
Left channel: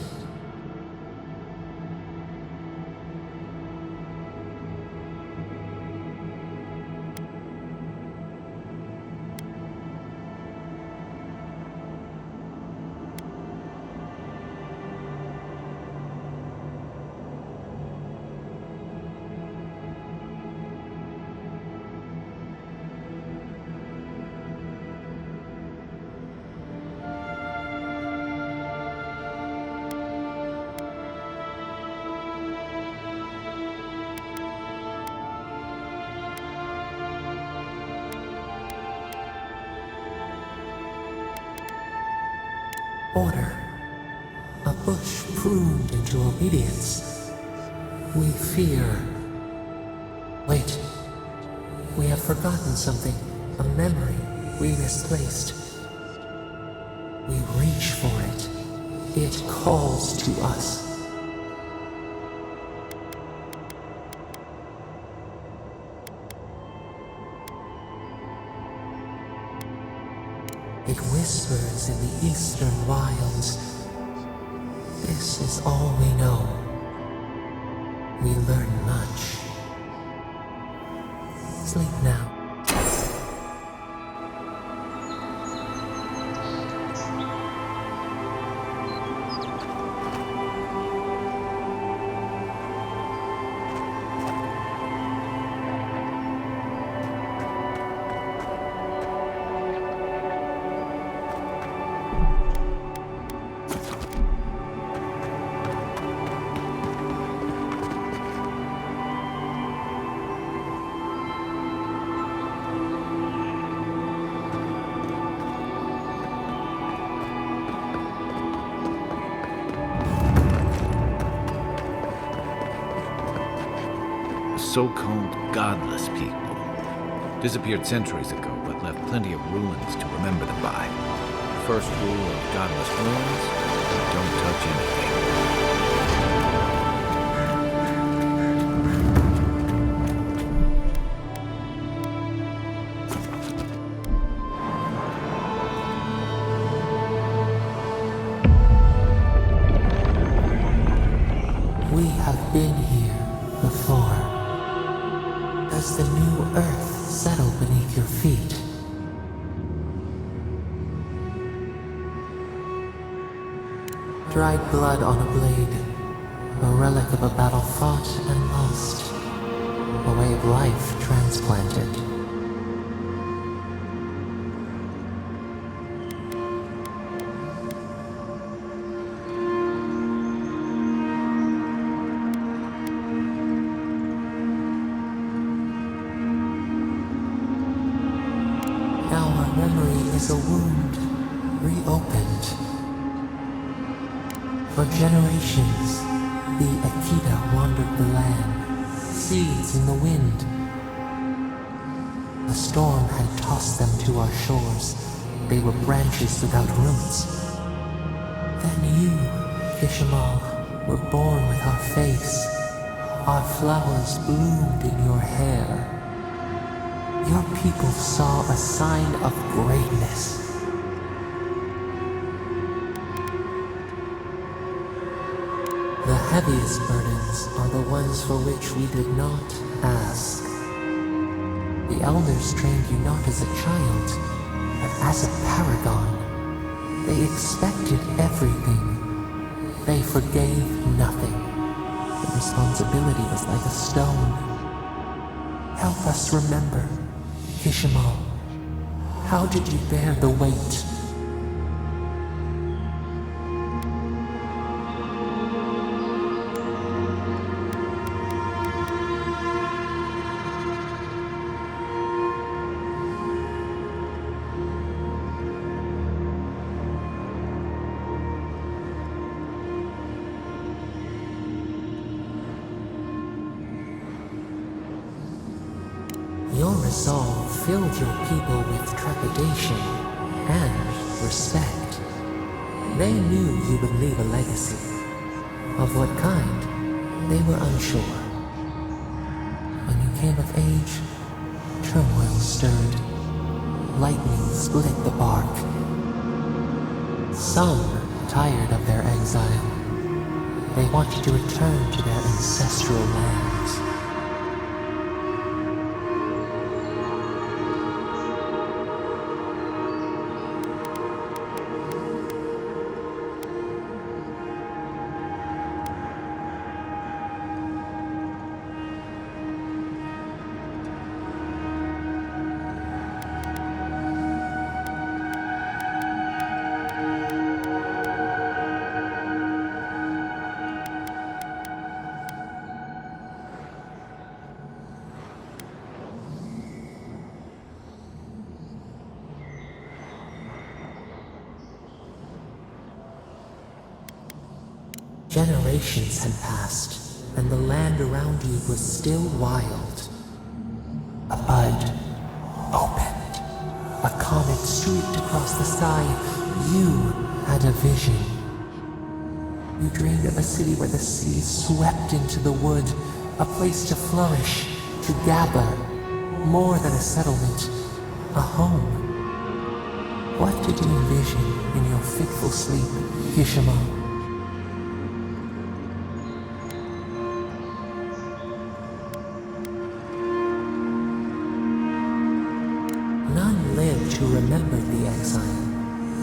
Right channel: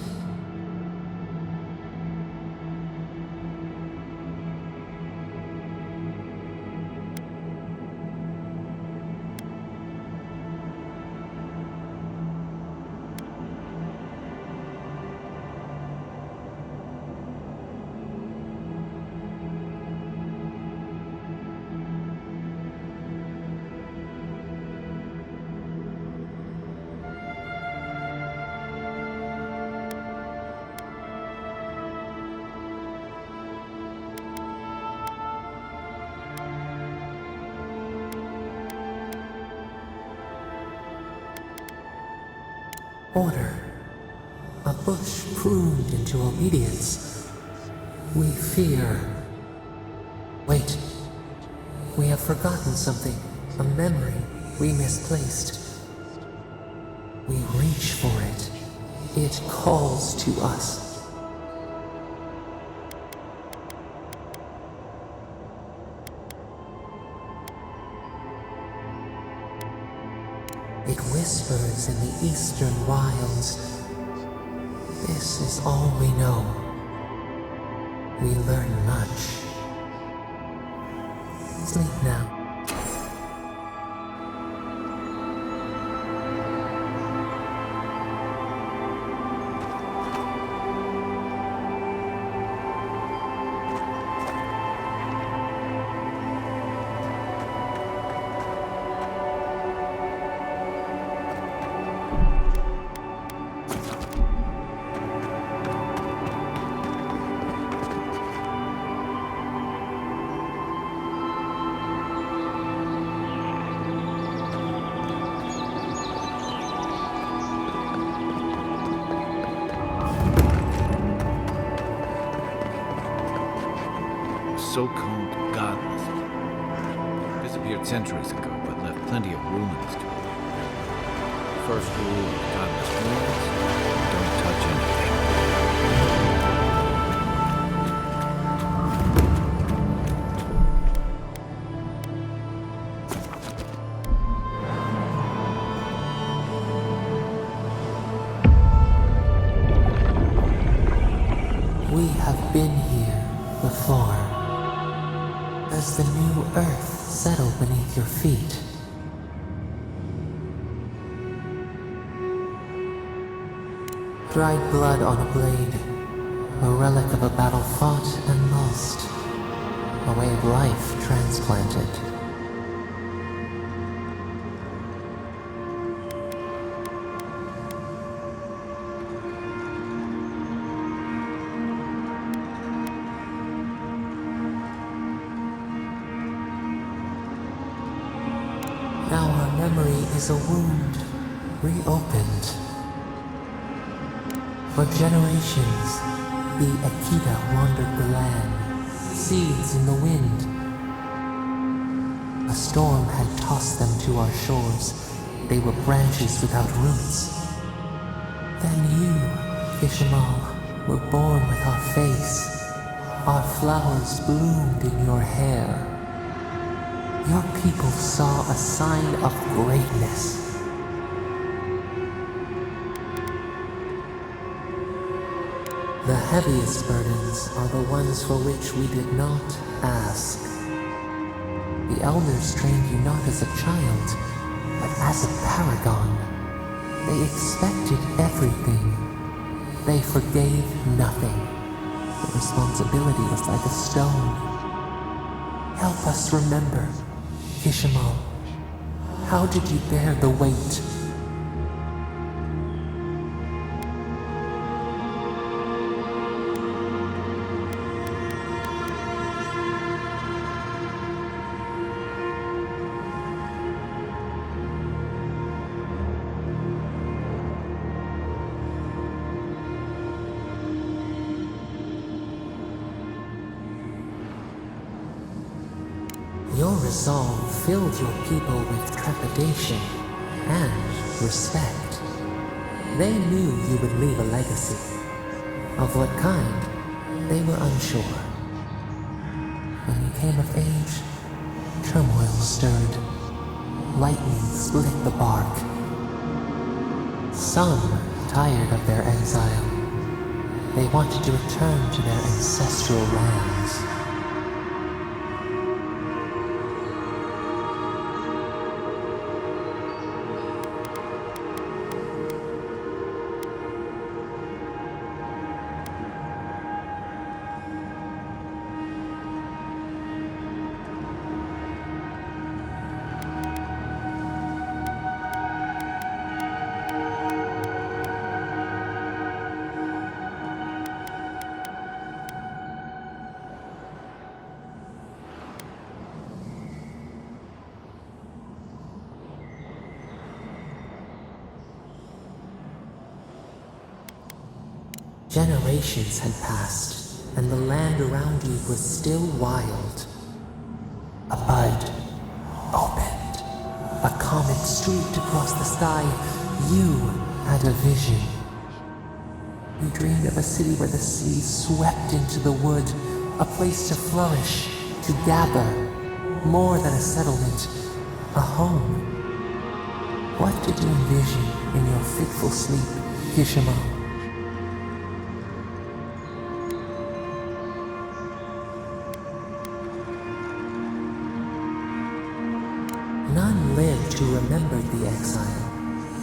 Order. A bush pruned into obedience. We fear. Wait. We have forgotten something. A memory we misplaced. We reach for it. It calls to us. It whispers in the eastern wilds. This is all we know. We learn much. Sleep now. so-called godless people. Disappeared centuries ago, but left plenty of ruins to remember them by. First rule of godless ruins: don't touch anything. We have been here before. Does the new earth settle beneath your feet? Dried blood on a blade, a relic of a battle fought and lost, a way of life transplanted. Now our memory is a wound, reopened. For generations, the Akita wandered the land, seeds in the wind. A storm had tossed them to our shores. They were branches without roots. Then you, Kishimal, were born with our face. Our flowers bloomed in your hair. Your people saw a sign of greatness. The heaviest burdens are the ones for which we did not ask. The elders trained you not as a child, but as a paragon. They expected everything. They forgave nothing. The responsibility was like a stone. Help us remember, Kishimal. How did you bear the weight? Your resolve filled your people with trepidation and respect. They knew you would leave a legacy. Of what kind, they were unsure. When you came of age, turmoil stirred. Lightning split the bark. Some tired of their exile. They wanted to return to their ancestral lands. Generations had passed, and the land around you was still wild. A bud opened. A comet streaked across the sky. You had a vision. You dreamed of a city where the sea swept into the wood, a place to flourish, to gather, more than a settlement, a home. What did you envision in your fitful sleep, Kishimal? None lived who remembered the exile,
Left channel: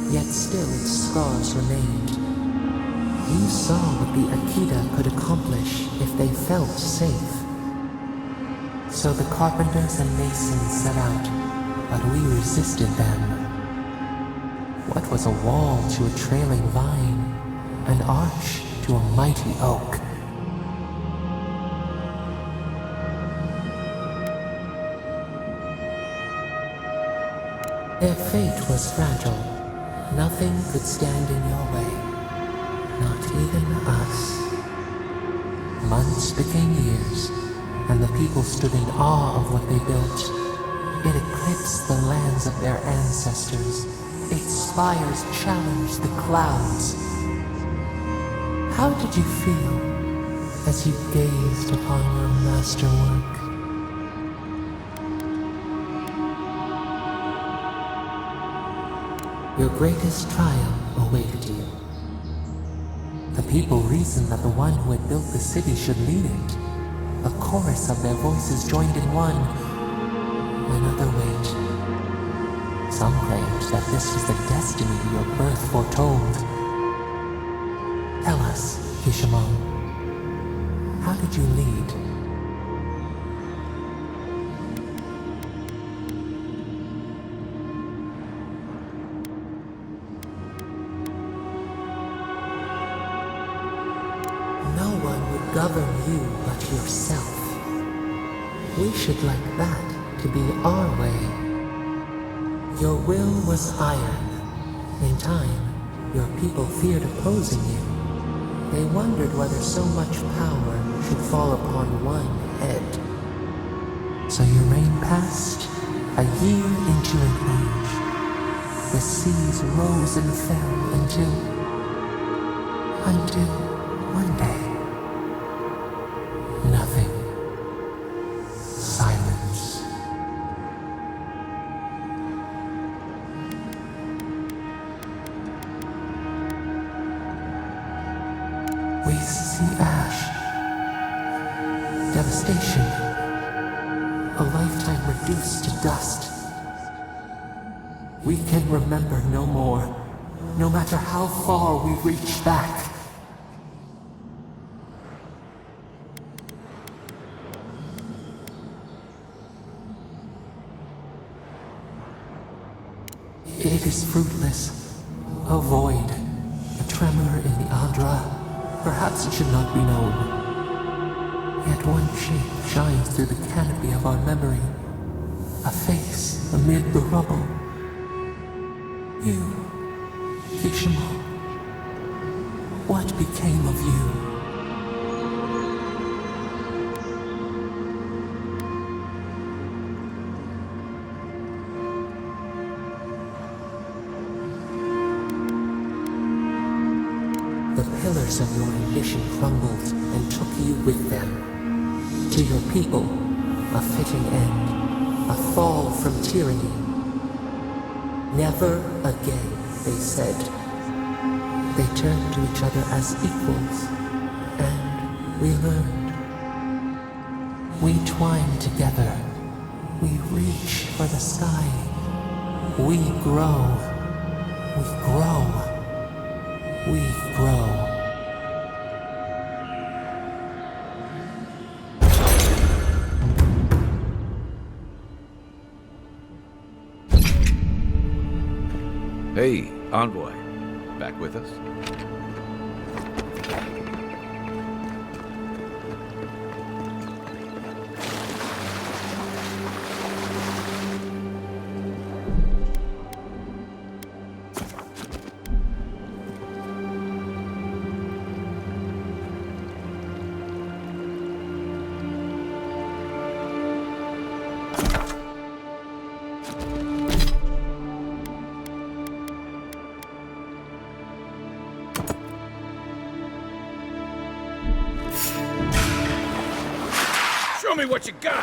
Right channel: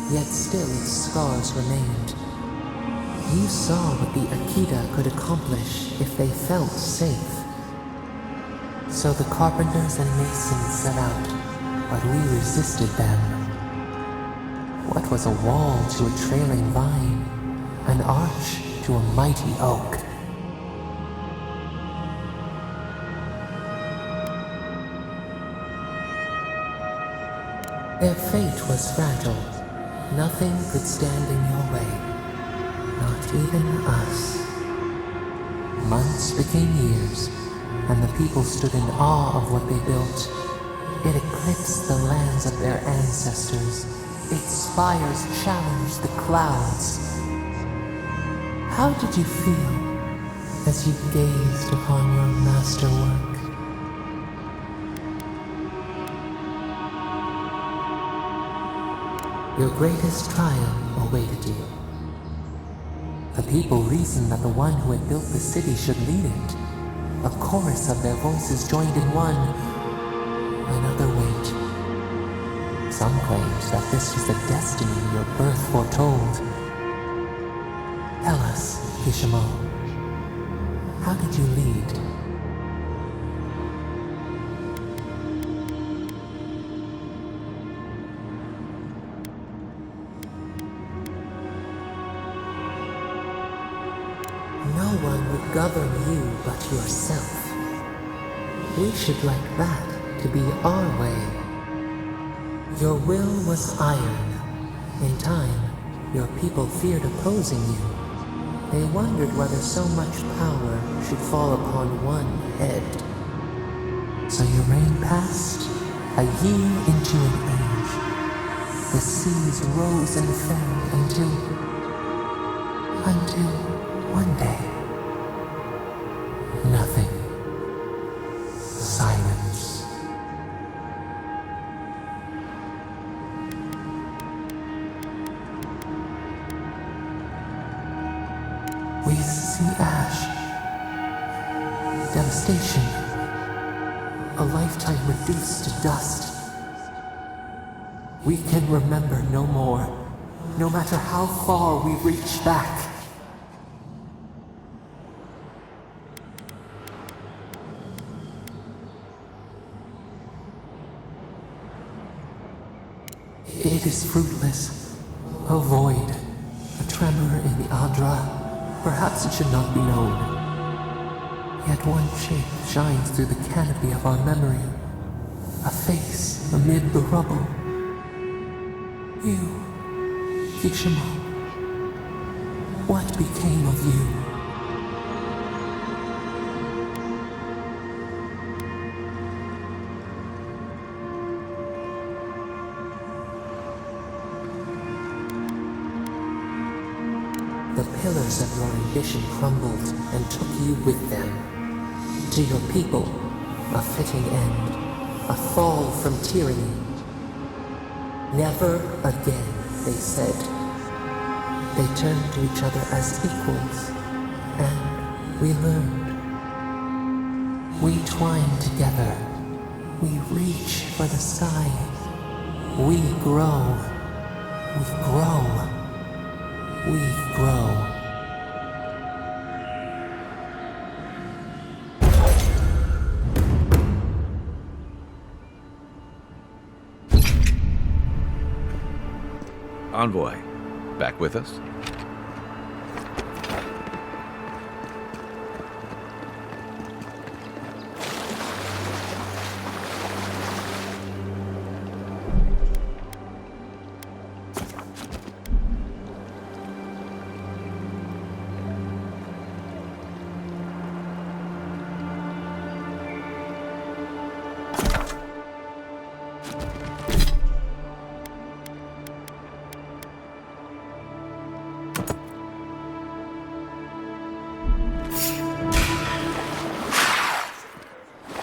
yet still its scars remained. You saw what the Akita could accomplish if they felt safe. So the carpenters and masons set out, but we resisted them. What was a wall to a trailing vine, an arch to a mighty oak? Their fate was fragile. Nothing could stand in your way. Not even us. Months became years, and the people stood in awe of what they built. It eclipsed the lands of their ancestors. Its spires challenged the clouds. How did you feel as you gazed upon your masterwork? Your greatest trial awaited you. The people reasoned that the one who had built the city should lead it. A chorus of their voices joined in one. Another wait. Some claimed that this was the destiny your birth foretold. Tell us, Kishimo, how did you lead? No one would govern you but yourself. We should like that to be our way. Your will was iron. In time, your people feared opposing you. They wondered whether so much power should fall upon one head. So your reign passed, a year into an age. The seas rose and fell until one day. Nothing. Silence. We see ash. Devastation. A lifetime reduced to dust. We can remember no more, no matter how far we reach back. It is fruitless. A void. A tremor in the Adra. Perhaps it should not be known. Yet one shape shines through the canopy of our memory. A face amid the rubble. You, Kishimo. What became of you? The pillars of your ambition crumbled and took you with them. To your people, a fitting end, a fall from tyranny. Never again, they said. They turned to each other as equals, and we learned. We twine together. We reach for the sky. We grow. We grow. We grow. Hey, Envoy. Back with us? Show me what you got!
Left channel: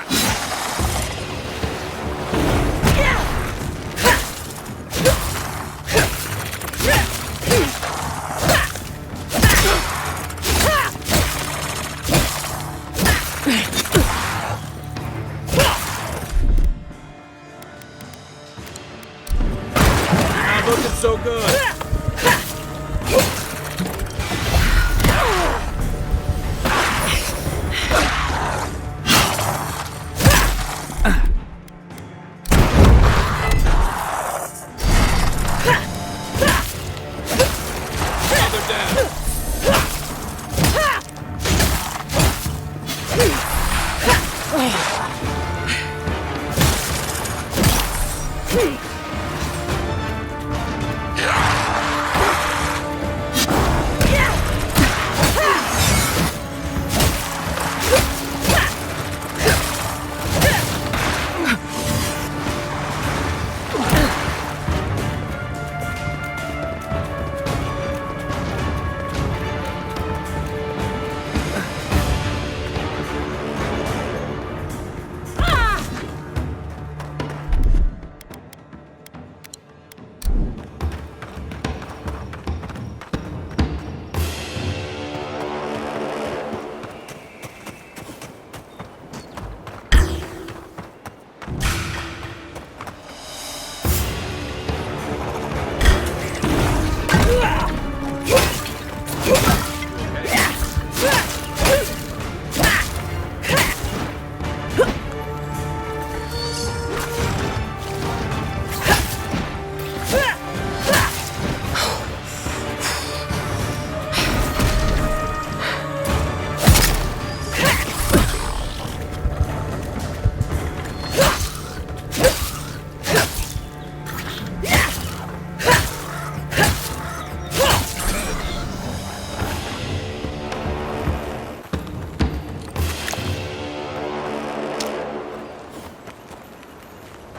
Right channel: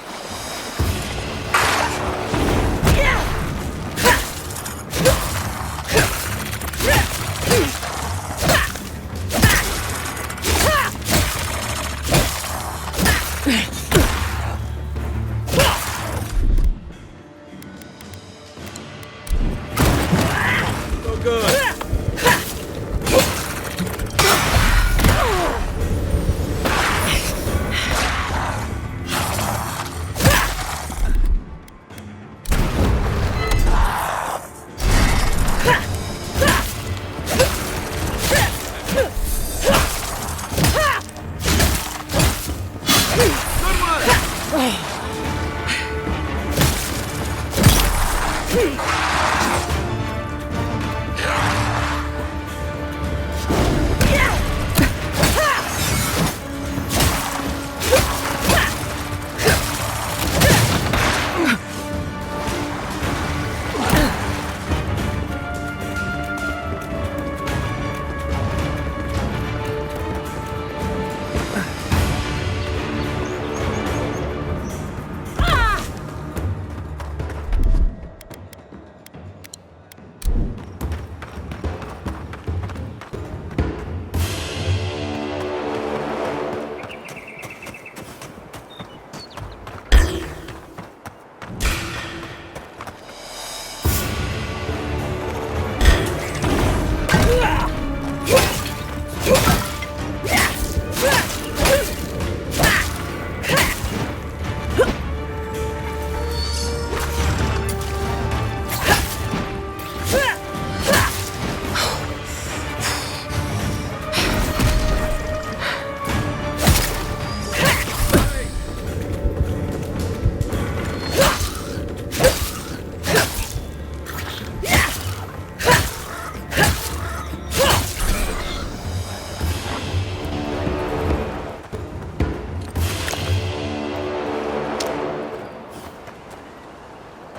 Looking so good!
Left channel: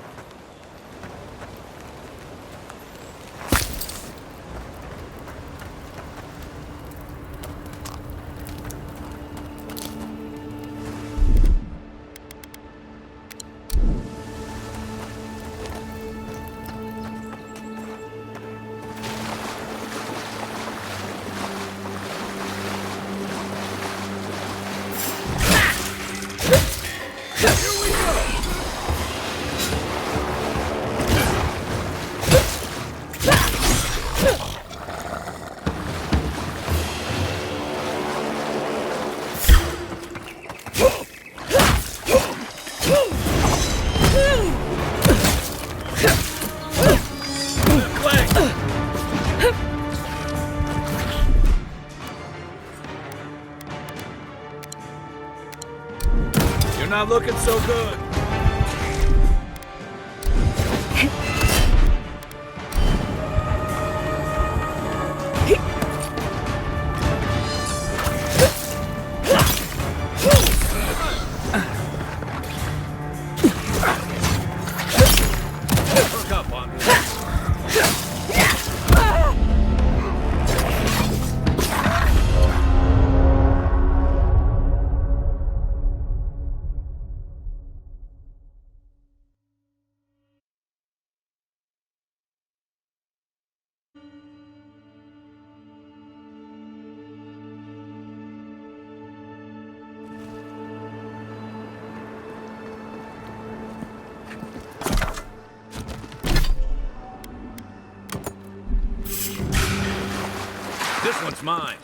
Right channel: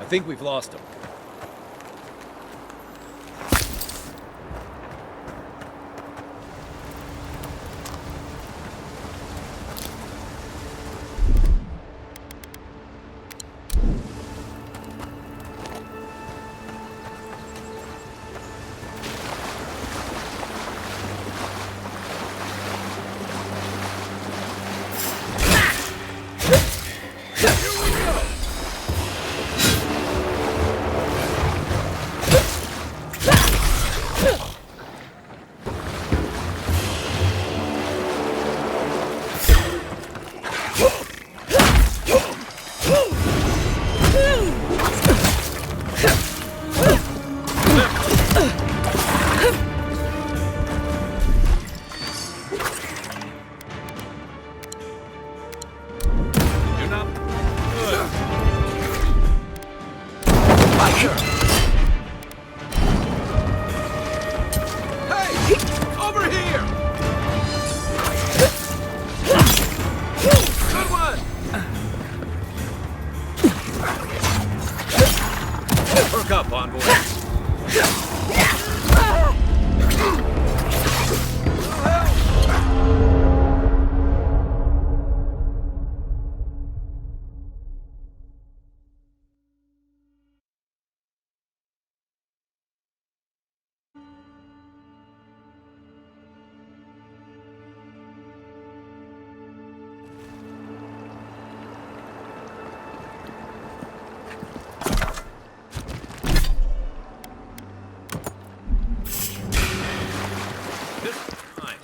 I think we've lost him. You're not looking so good. Hey! Over here! Perk up, envoy. This one's mine.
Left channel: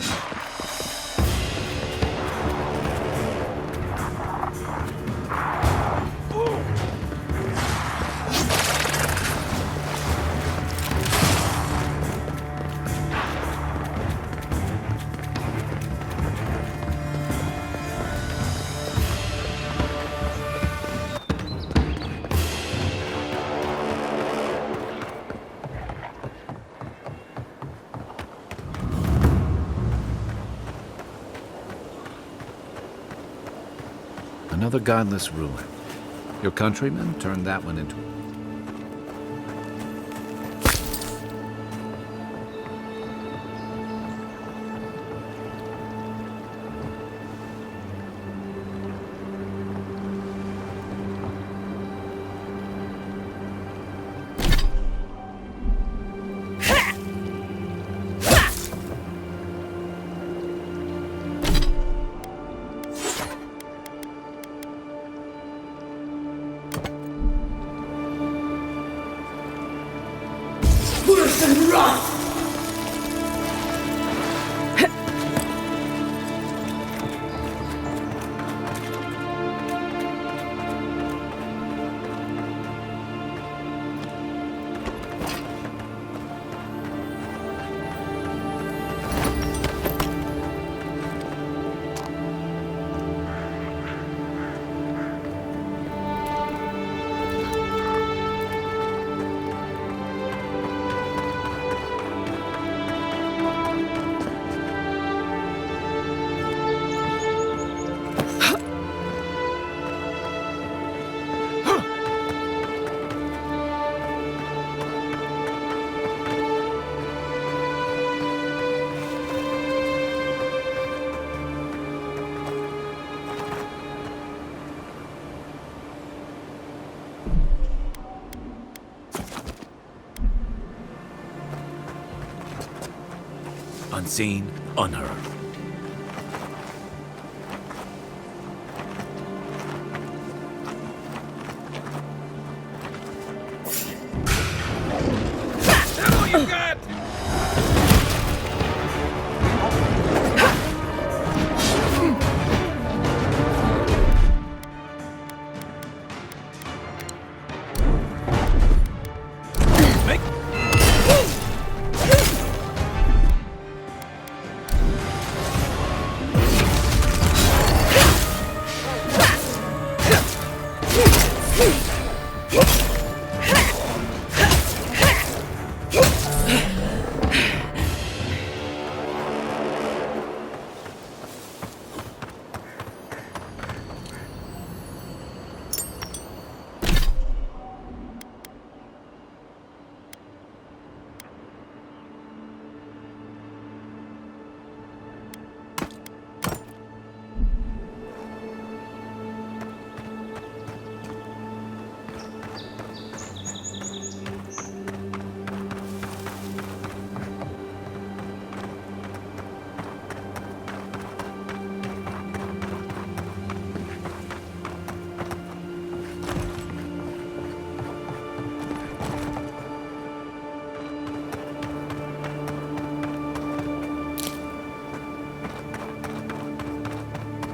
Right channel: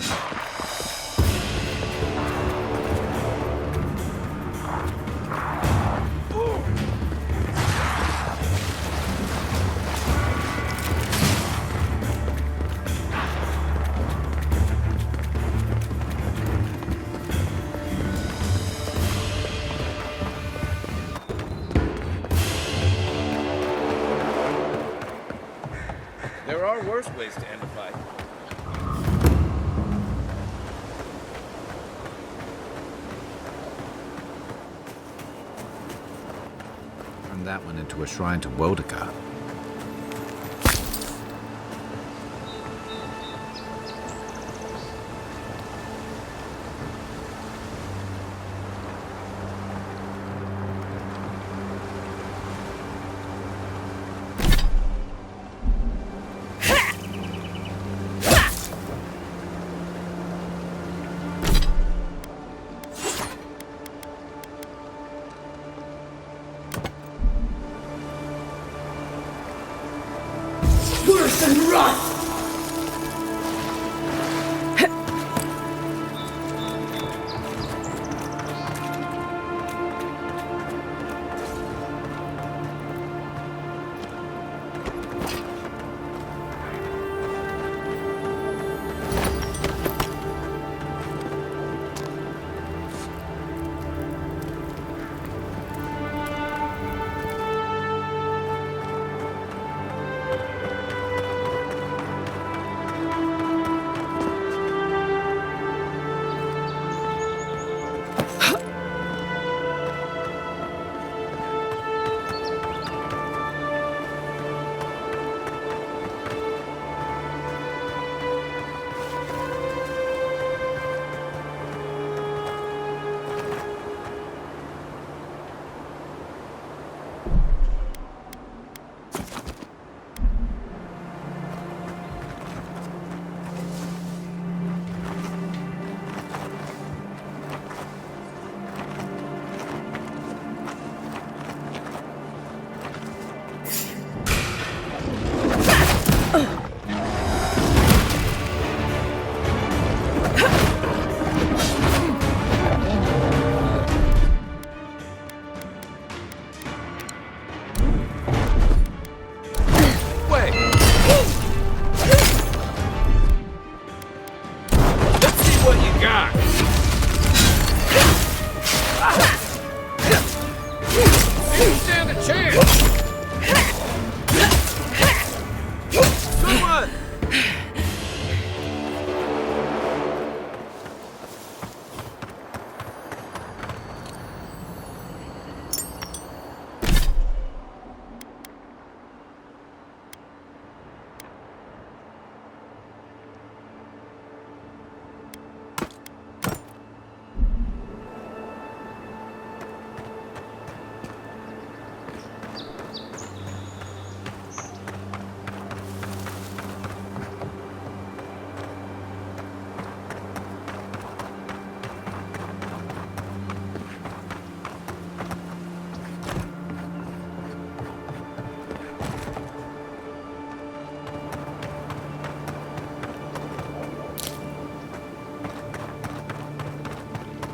There are worse ways to end a fight. Another godless ruin. Your countrymen turned that one into a shrine to Woedigat. Worse than rot! Unseen, unheard. Make way!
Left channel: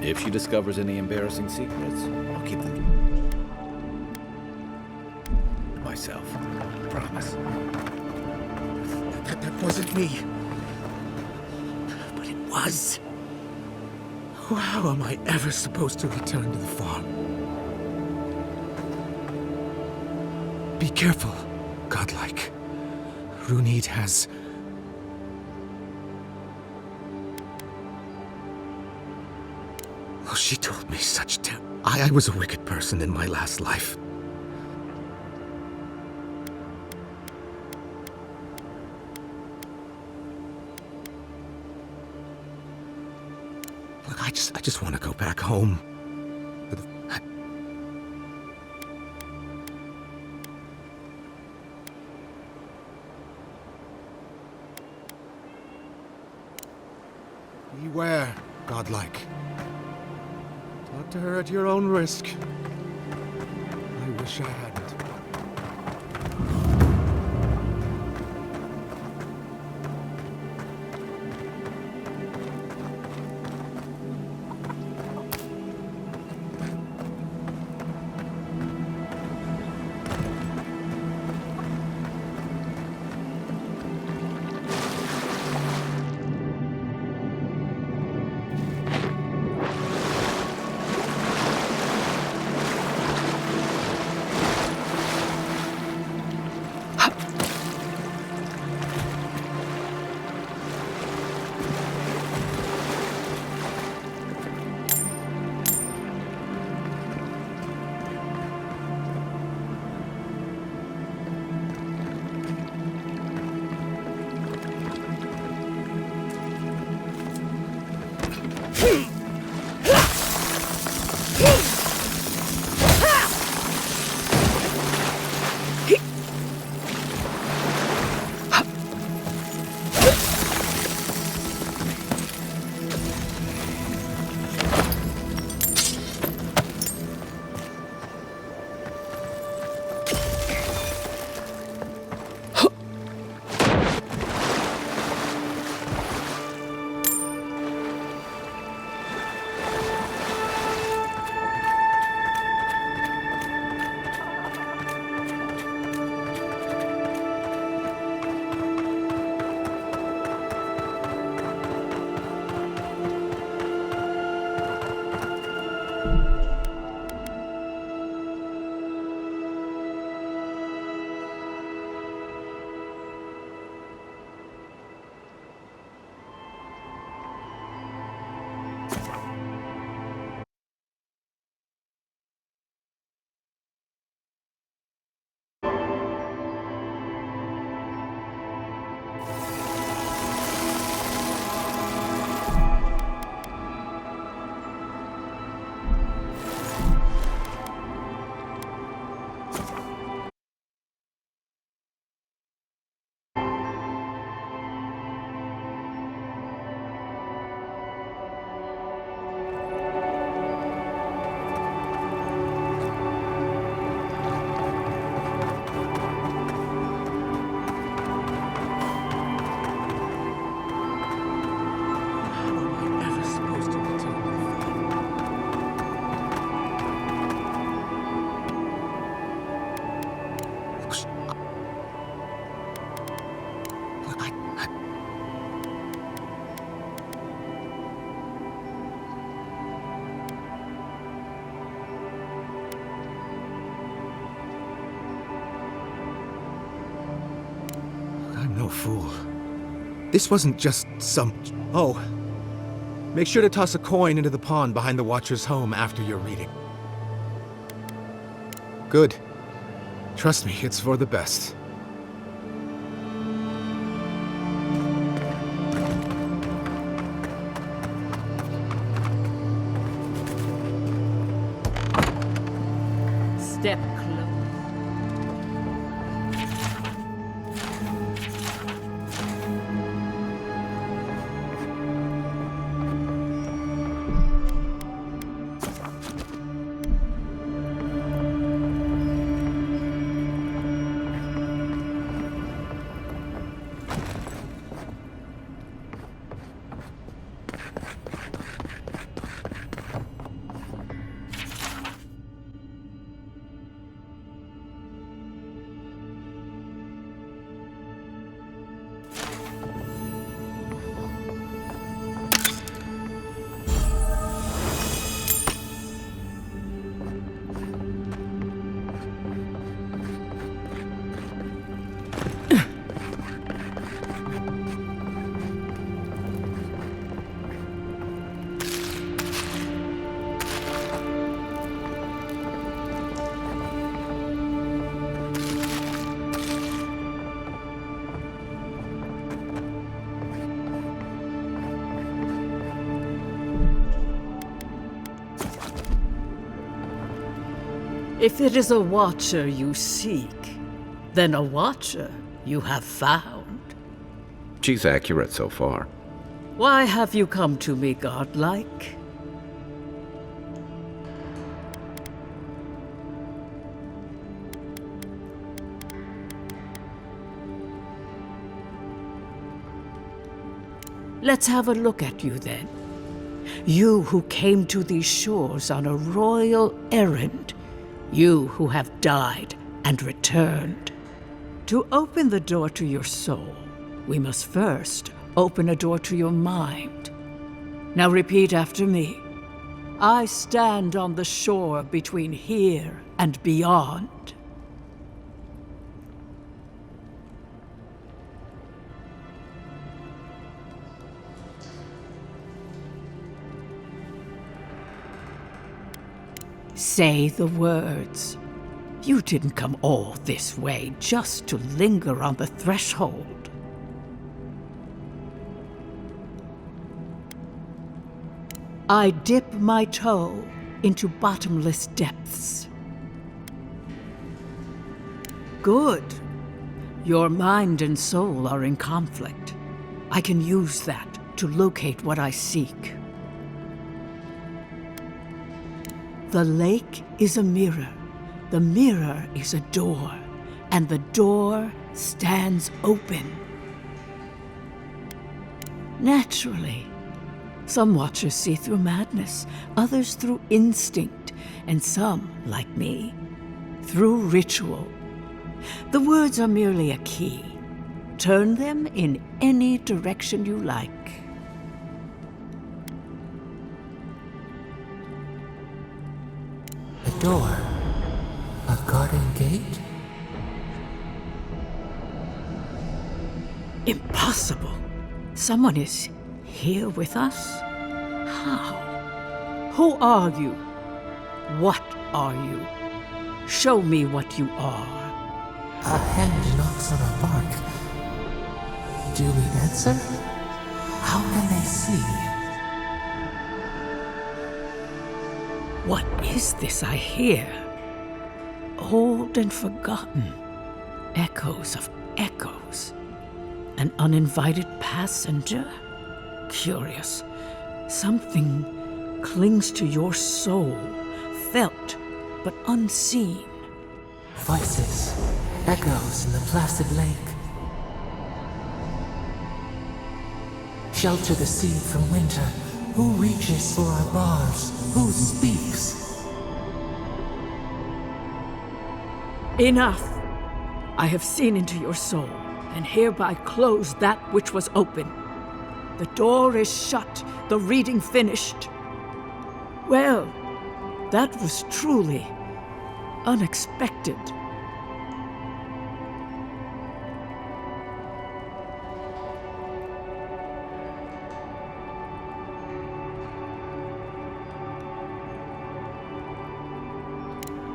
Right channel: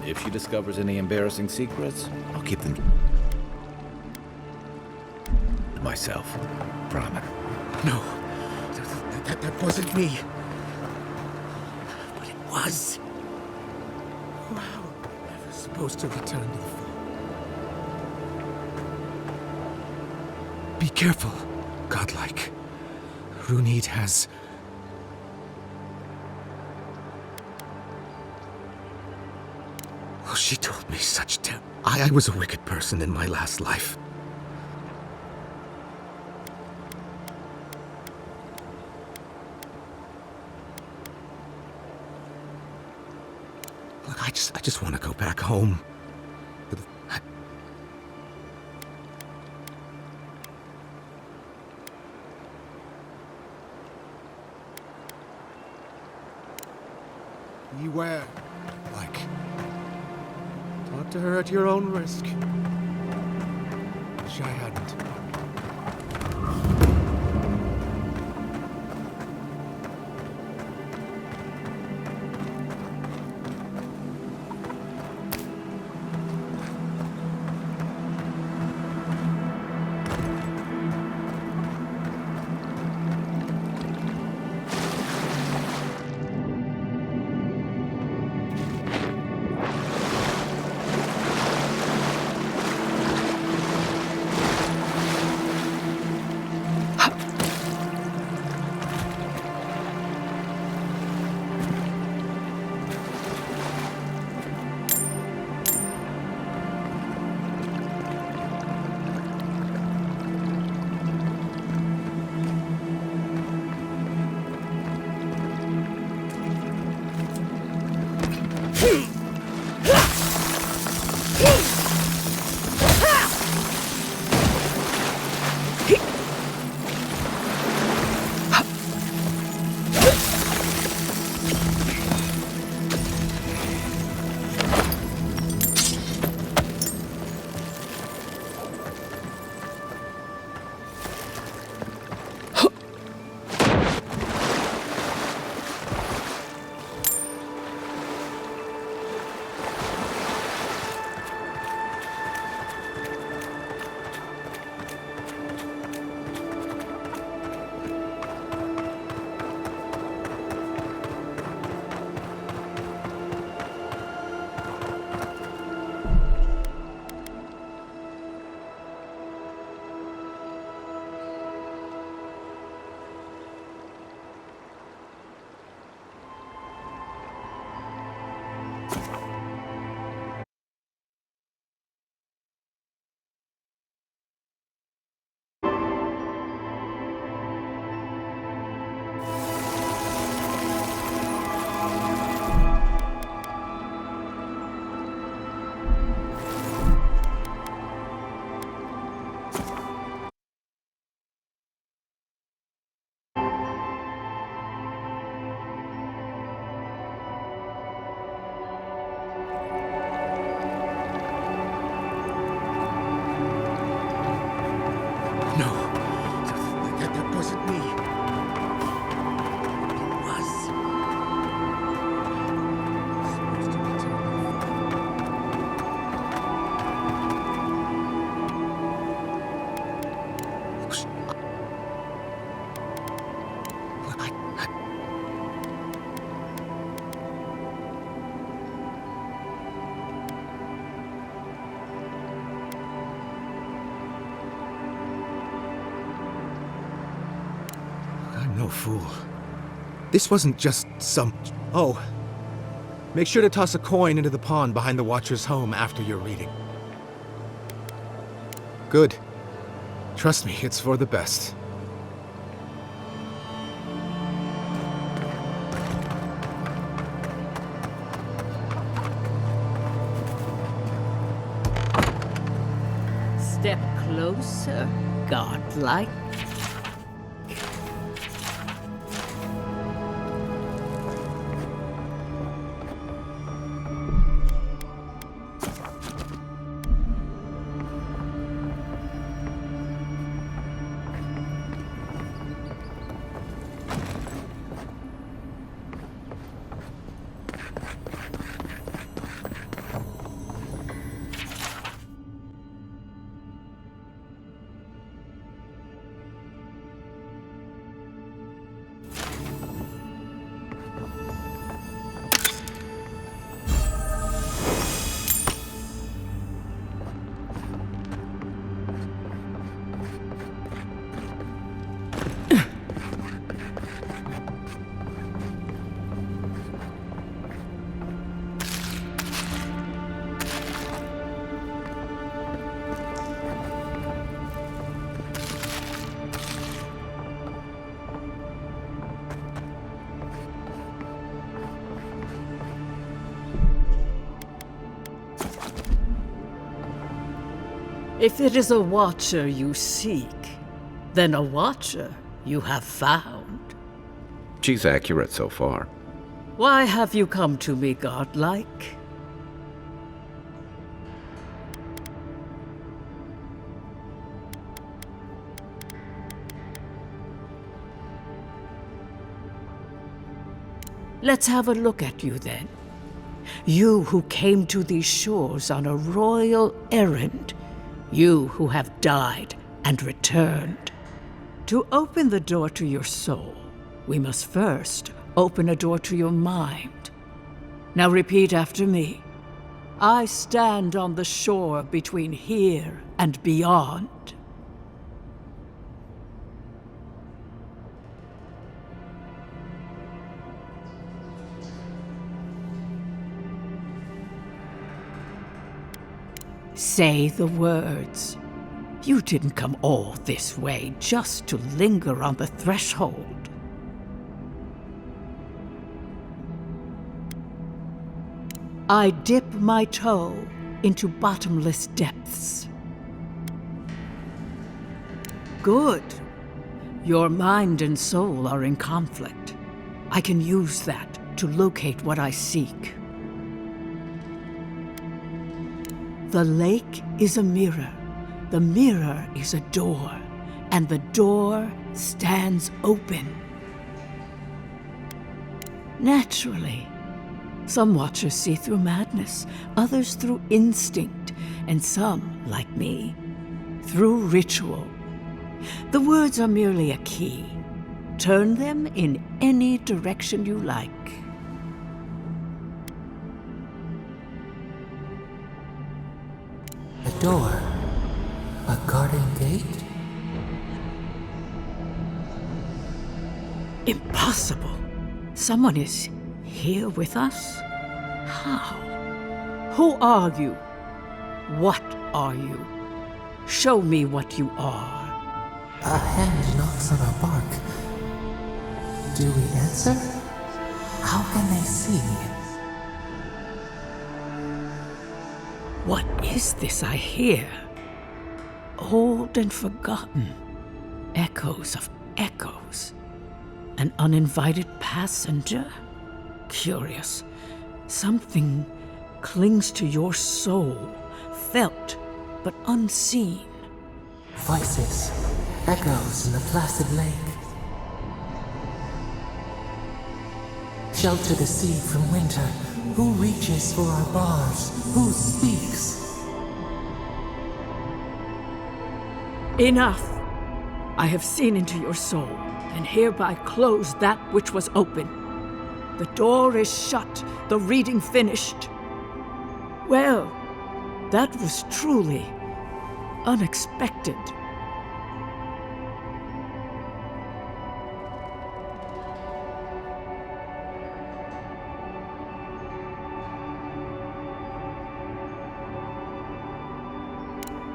If she discovers any embarrassing secrets, I'll keep them to myself. Promise. No, that wasn't me. But it was. How am I ever supposed to return to the farm? Be careful, godlike. Runid has... Oh, she told me such I was a wicked person in my last life. Look, I just want to go back home. Beware, godlike. Talk to her at your own risk. I wish I hadn't. No, that wasn't me. It was. How am I ever supposed to return to the farm? I'm no fool. This wasn't just some... Oh. Make sure to toss a coin into the pond behind the Watcher's home after your reading. Good. Trust me, it's for the best. Step closer, godlike. If it is a watcher you seek, then a watcher you have found. She's accurate so far. Why have you come to me, godlike? Let's have a look at you then. You who came to these shores on a royal errand. You who have died and returned. To open the door to your soul, we must first open a door to your mind. Now repeat after me. I stand on the shore between here and beyond. Say the words. You didn't come all this way just to linger on the threshold. I dip my toe into bottomless depths. Good. Your mind and soul are in conflict. I can use that to locate what I seek. The lake is a mirror. The mirror is a door, and the door stands open. Naturally, some watchers see through madness, others through instinct, and some, like me, through ritual. The words are merely a key. Turn them in any direction you like. A door? A garden gate? Impossible. Someone is here with us? How? Who are you? What are you? Show me what you are. A hand knocks on our bark. Do we answer? How can they see? What is this I hear? Old and forgotten. Echoes of echoes. An uninvited passenger? Curious. Something clings to your soul, felt but unseen. Voices, echoes in the placid lake. Shelter the seed from winter. Who reaches for our bars? Who speaks? Enough! I have seen into your soul, and hereby close that which was open. The door is shut, the reading finished. Well, that was truly unexpected.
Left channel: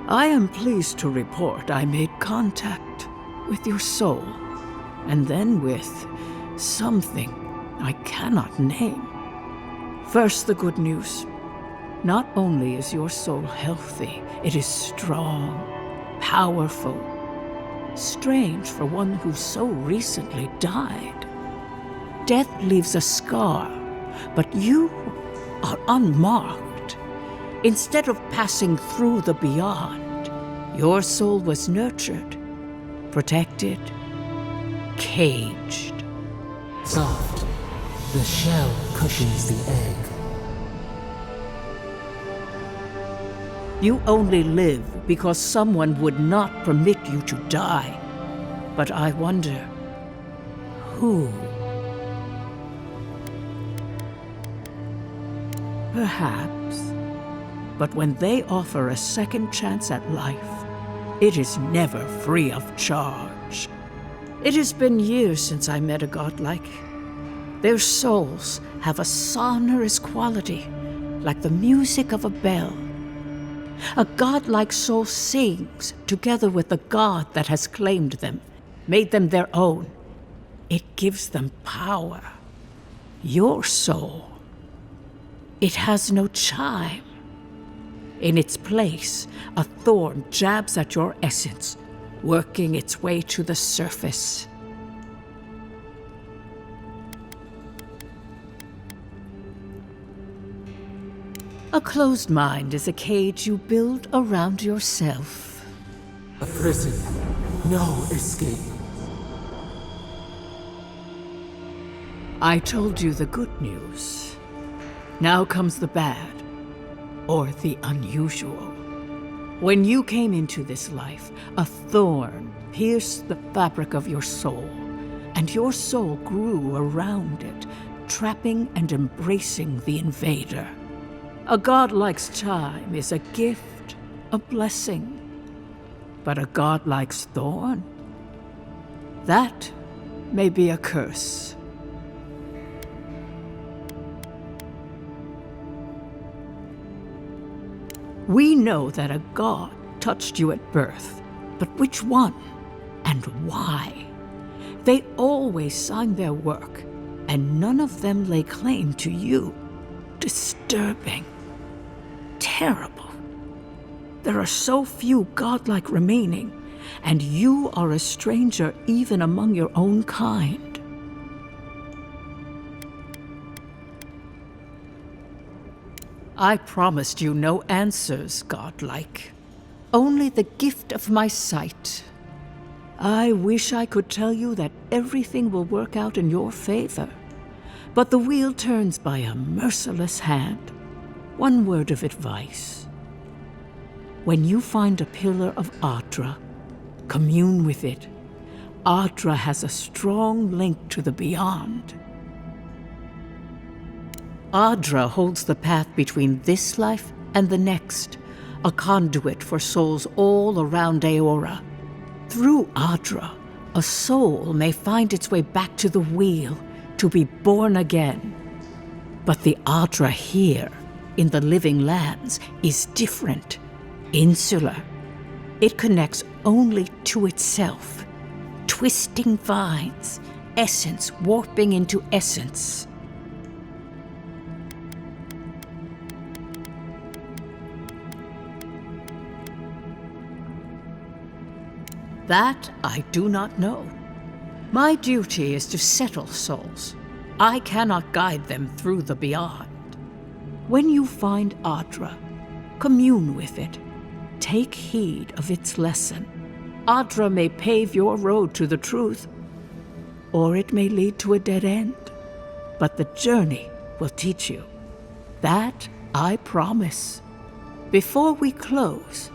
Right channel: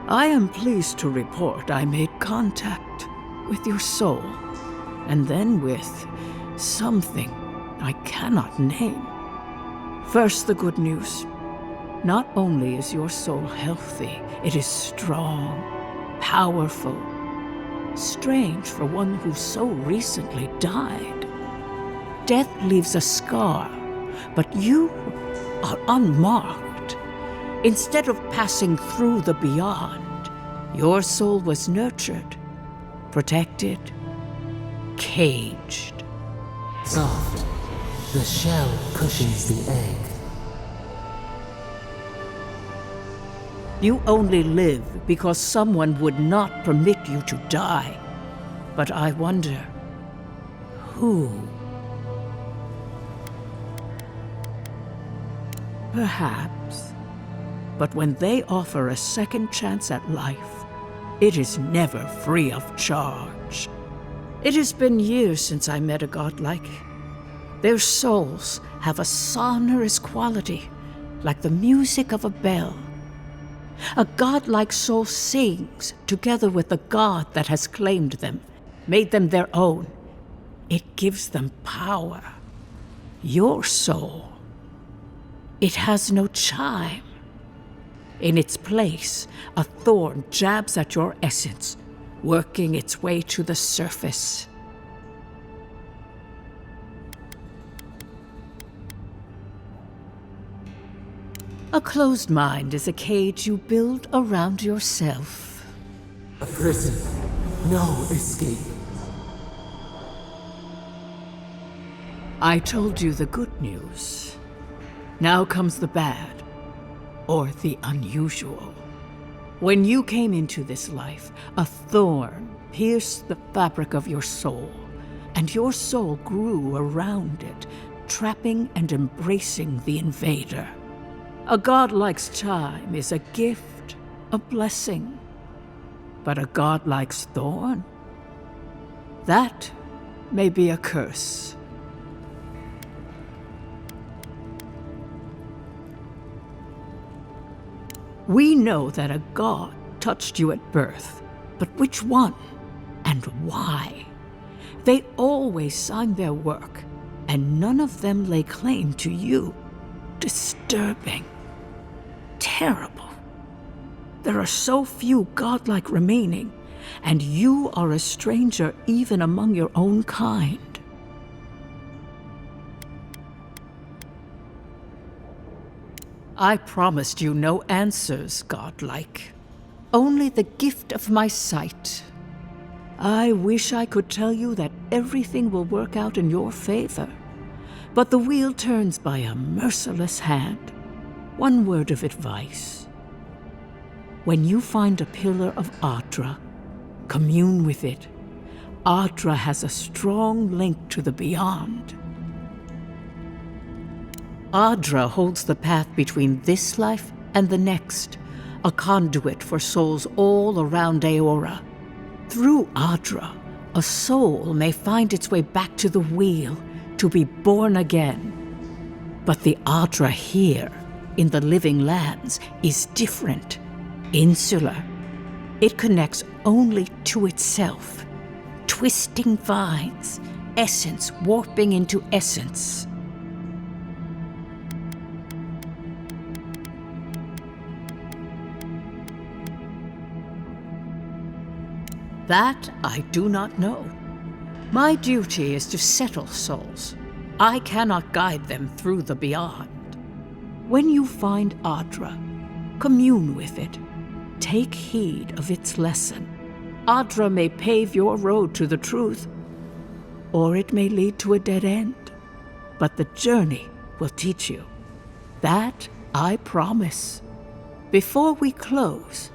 I am pleased to report I made contact with your soul, and then with something I cannot name. First, the good news. Not only is your soul healthy, it is strong, powerful. Strange for one who so recently died. Death leaves a scar, but you are unmarked. Instead of passing through the beyond, your soul was nurtured, protected, caged. Soft. The shell cushions the egg. You only live because someone would not permit you to die. But I wonder, who? Perhaps. But when they offer a second chance at life, it is never free of charge. It has been years since I met a godlike. Their souls have a sonorous quality, like the music of a bell. A godlike soul sings together with the god that has claimed them, made them their own. It gives them power. Your soul, it has no chime. In its place, a thorn jabs at your essence, working its way to the surface. A closed mind is a cage you build around yourself. A prison. No escape. I told you the good news. Now comes the bad, or the unusual. When you came into this life, a thorn pierced the fabric of your soul, and your soul grew around it, trapping and embracing the invader. A godlike's time is a gift, a blessing. But a godlike's thorn? That may be a curse. We know that a god touched you at birth, but which one and why? They always signed their work, and none of them lay claim to you. Disturbing. Terrible. There are so few godlike remaining, and you are a stranger even among your own kind. I promised you no answers, godlike. Only the gift of my sight. I wish I could tell you that everything will work out in your favor. But the wheel turns by a merciless hand. One word of advice. When you find a pillar of Adra, commune with it. Adra has a strong link to the beyond. Adra holds the path between this life and the next, a conduit for souls all around Aora. Through Adra, a soul may find its way back to the wheel, to be born again. But the Adra here, in the living lands, is different, insular. It connects only to itself, twisting vines, essence warping into essence. That I do not know. My duty is to settle souls. I cannot guide them through the beyond. When you find Adra, commune with it. Take heed of its lesson. Adra may pave your road to the truth, or it may lead to a dead end. But the journey will teach you. That I promise. Before we close,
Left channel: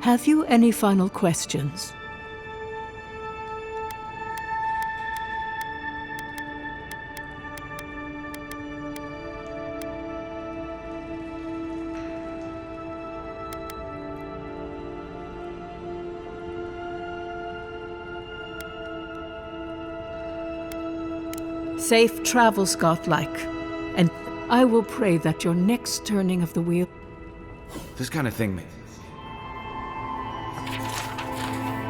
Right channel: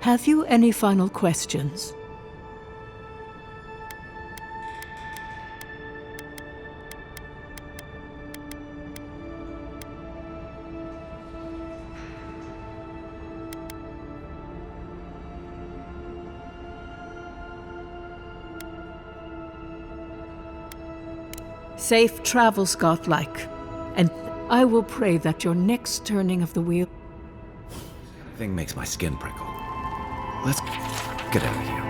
have you any final questions? Safe travels, godlike, and I will pray that your next turning of the wheel... This kind of thing makes my skin prickle. Let's get out of here.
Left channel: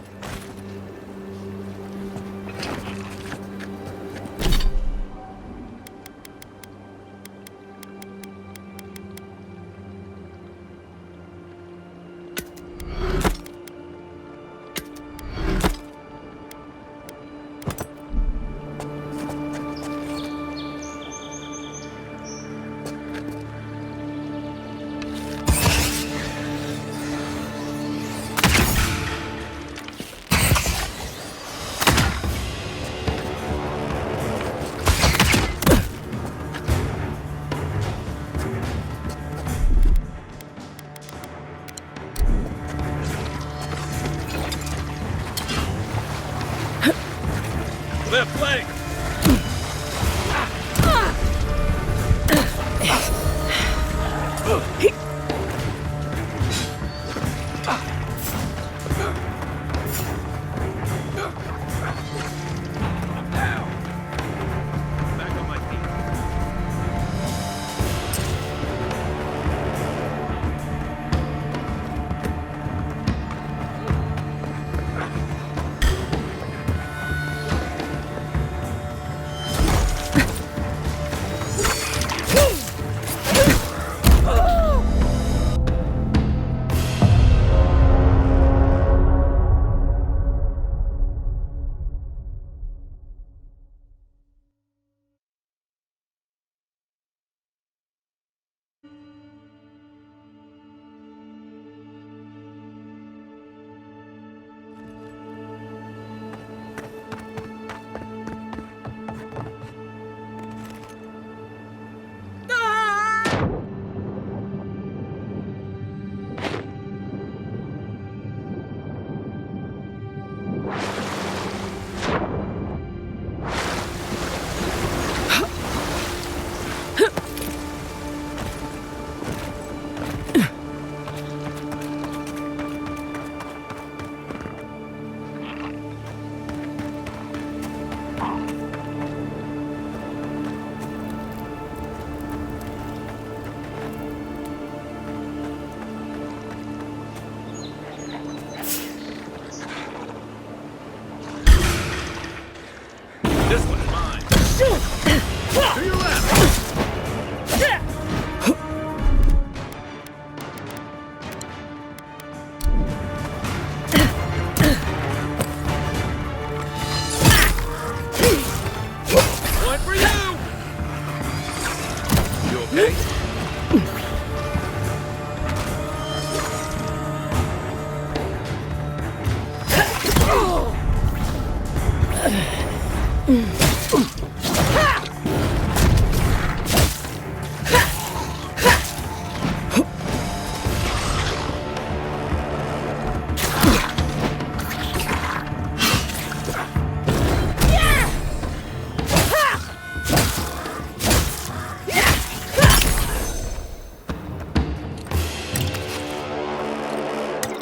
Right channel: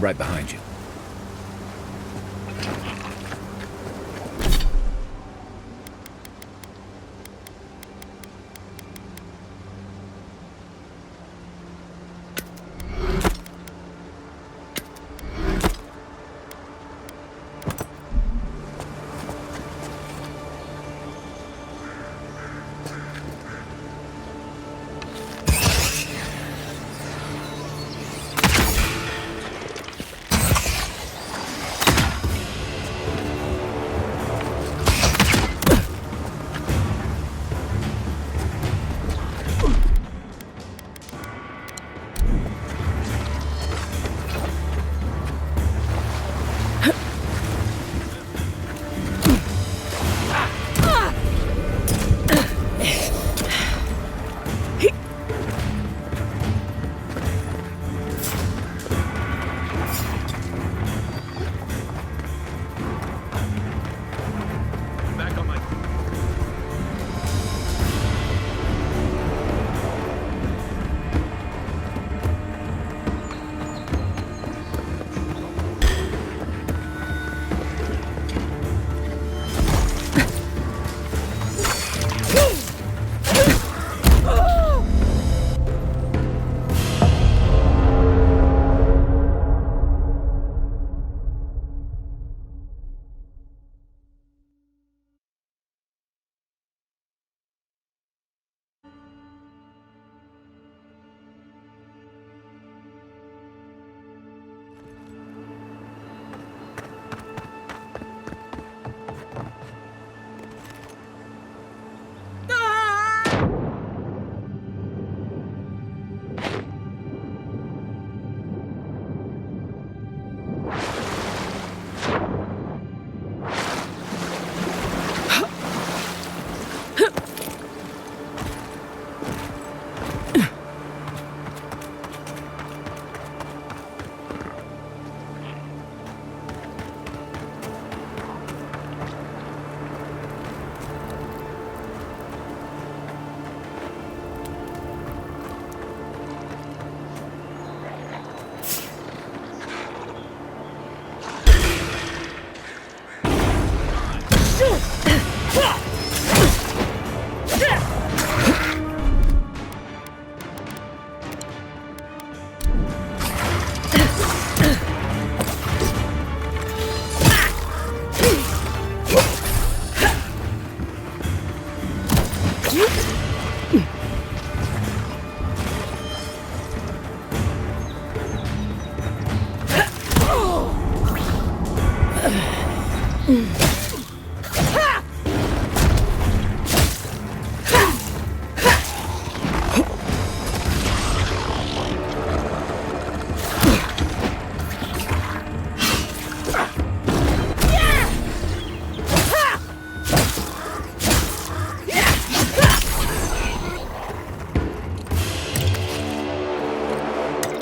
Right behind you. Left leg! Back on my feet.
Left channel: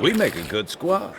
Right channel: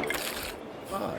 We make a good squad.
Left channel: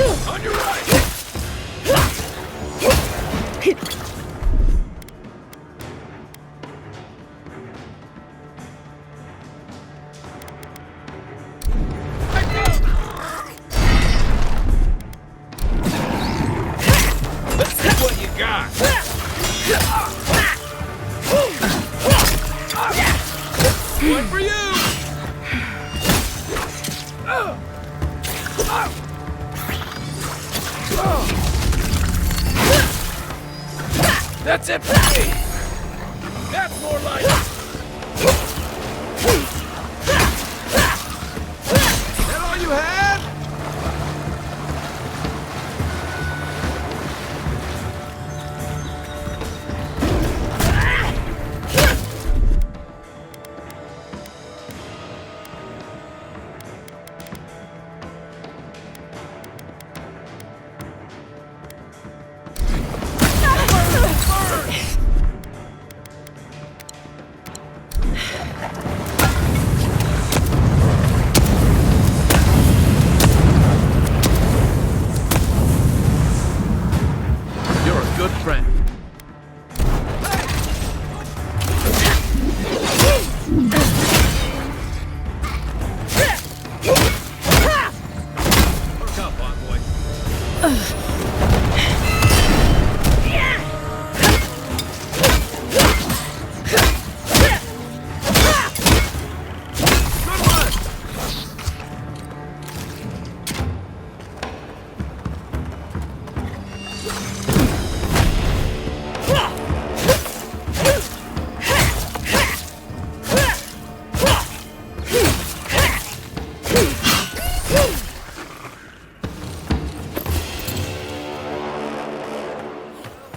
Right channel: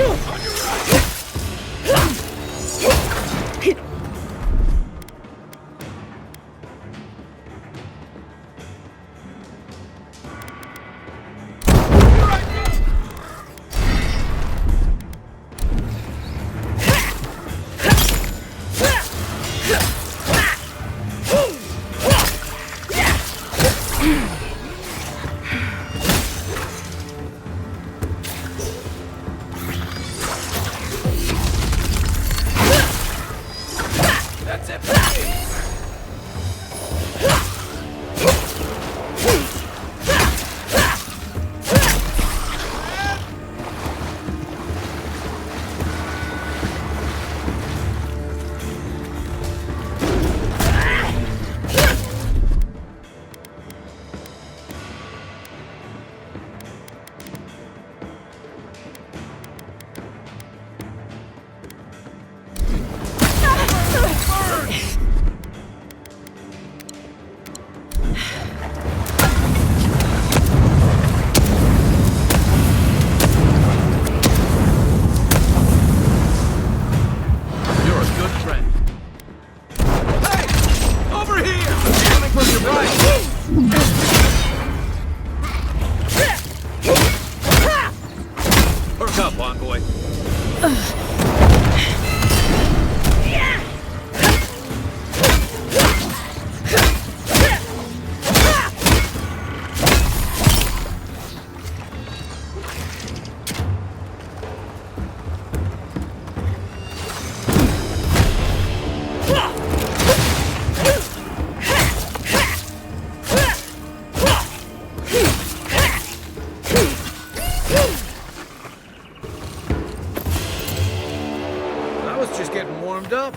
On your right! That's it for me! That's more like it! All you have? You're a good friend. Hey! Over here! From your right! Perk up, envoy. I was just getting warmed up.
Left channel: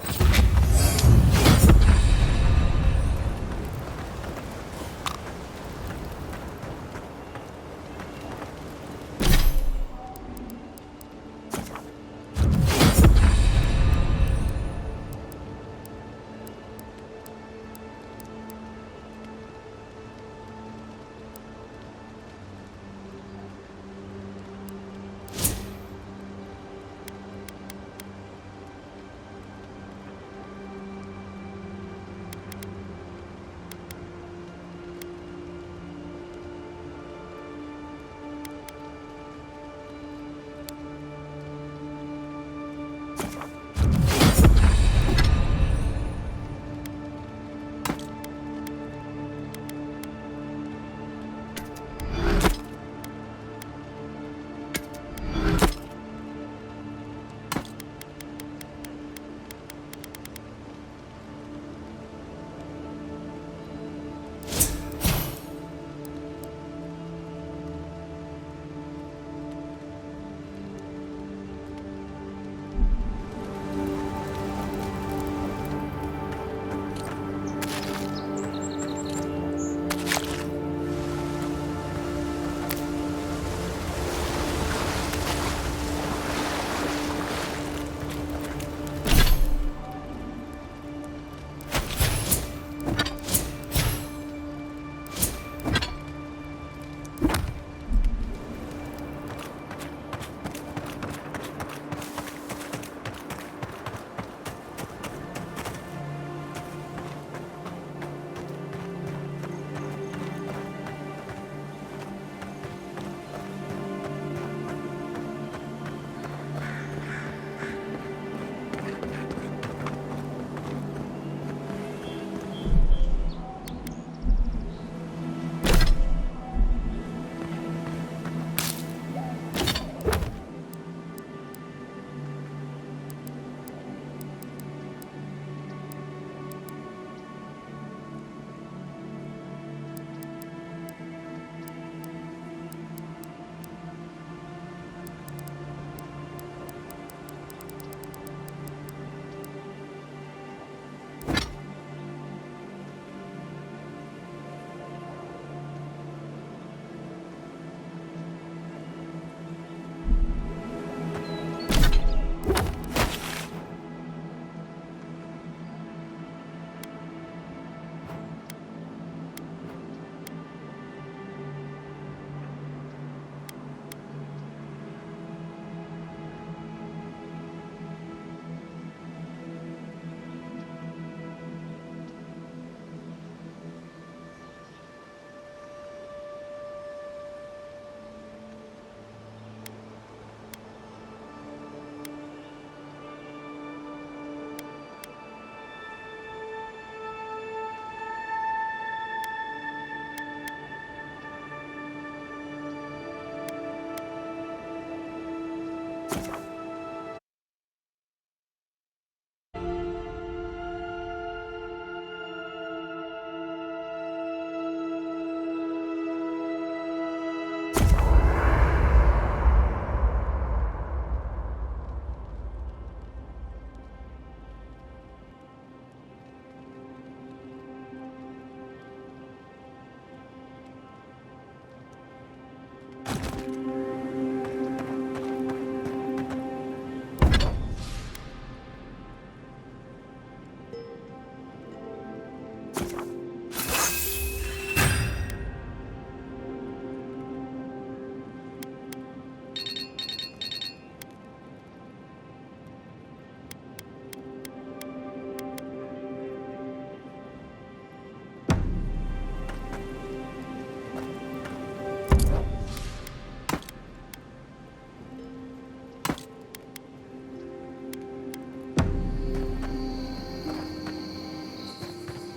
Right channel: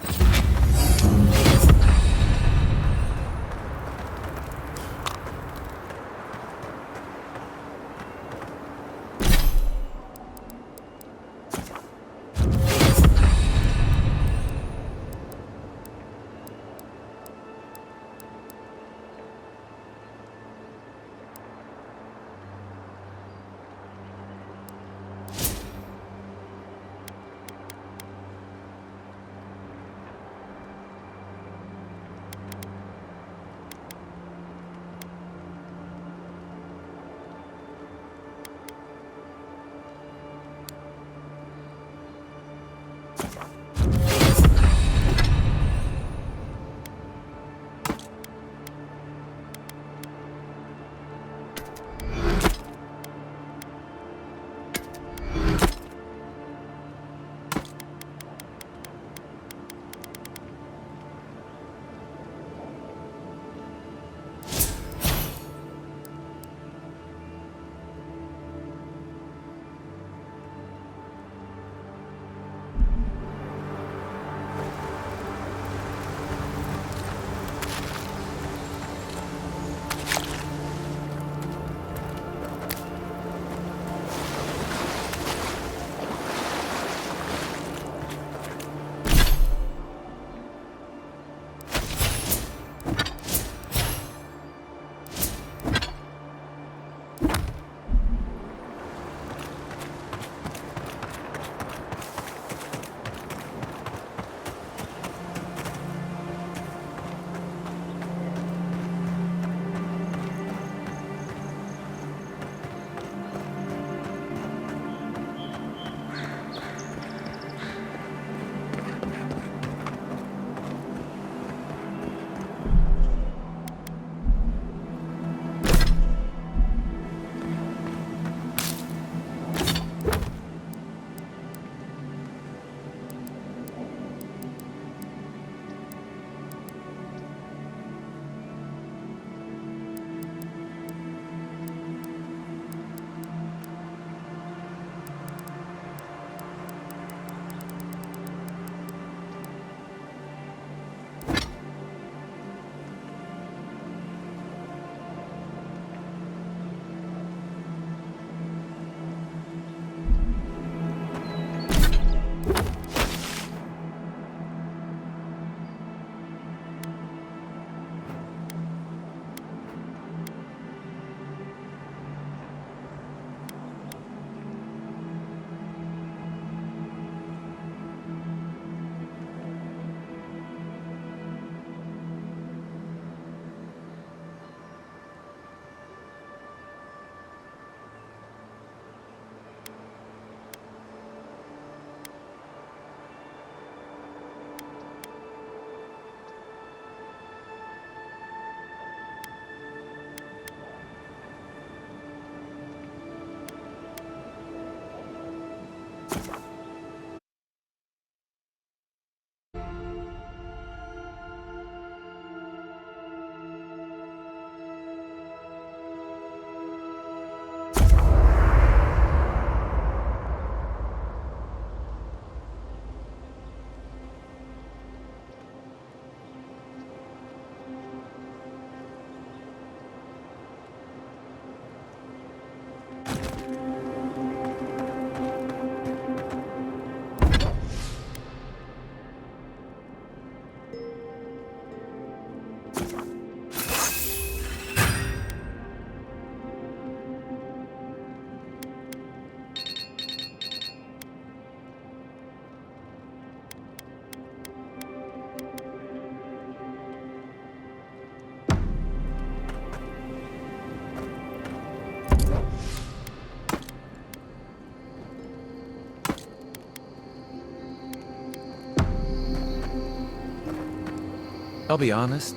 I'll be honest.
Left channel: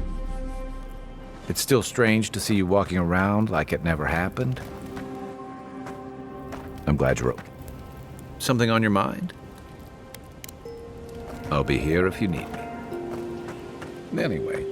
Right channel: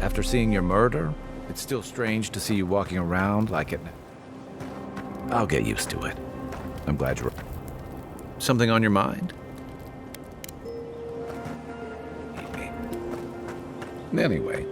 After seeing your murder, it's still strange to see you walking around like it never happened. I'll get used to it. I'm glad you're... Something on your mind? I'll be here if you need me. Anyway.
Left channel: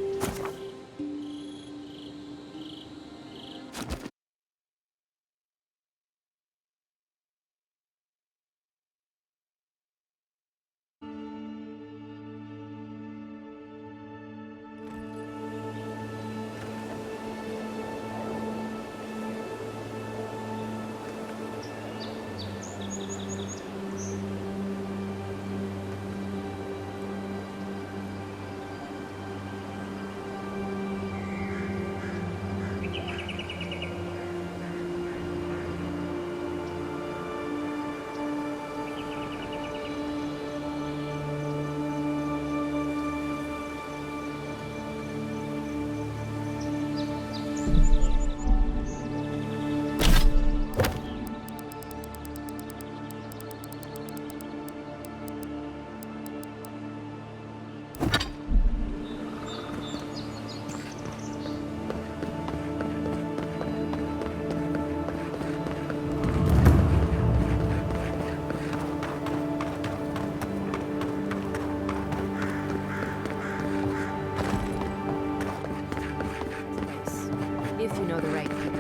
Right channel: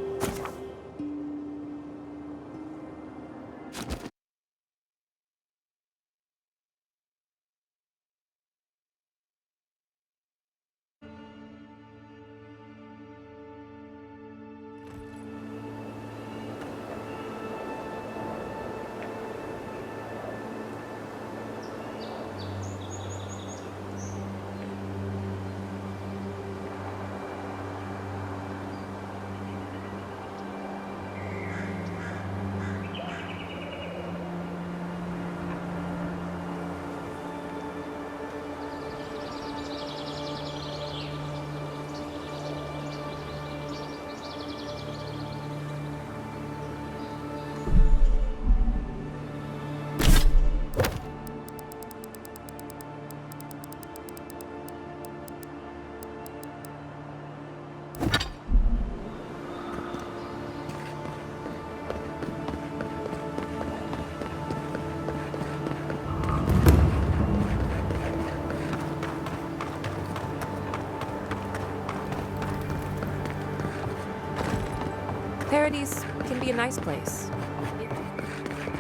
Paradise can be a nice place, if you know the right people.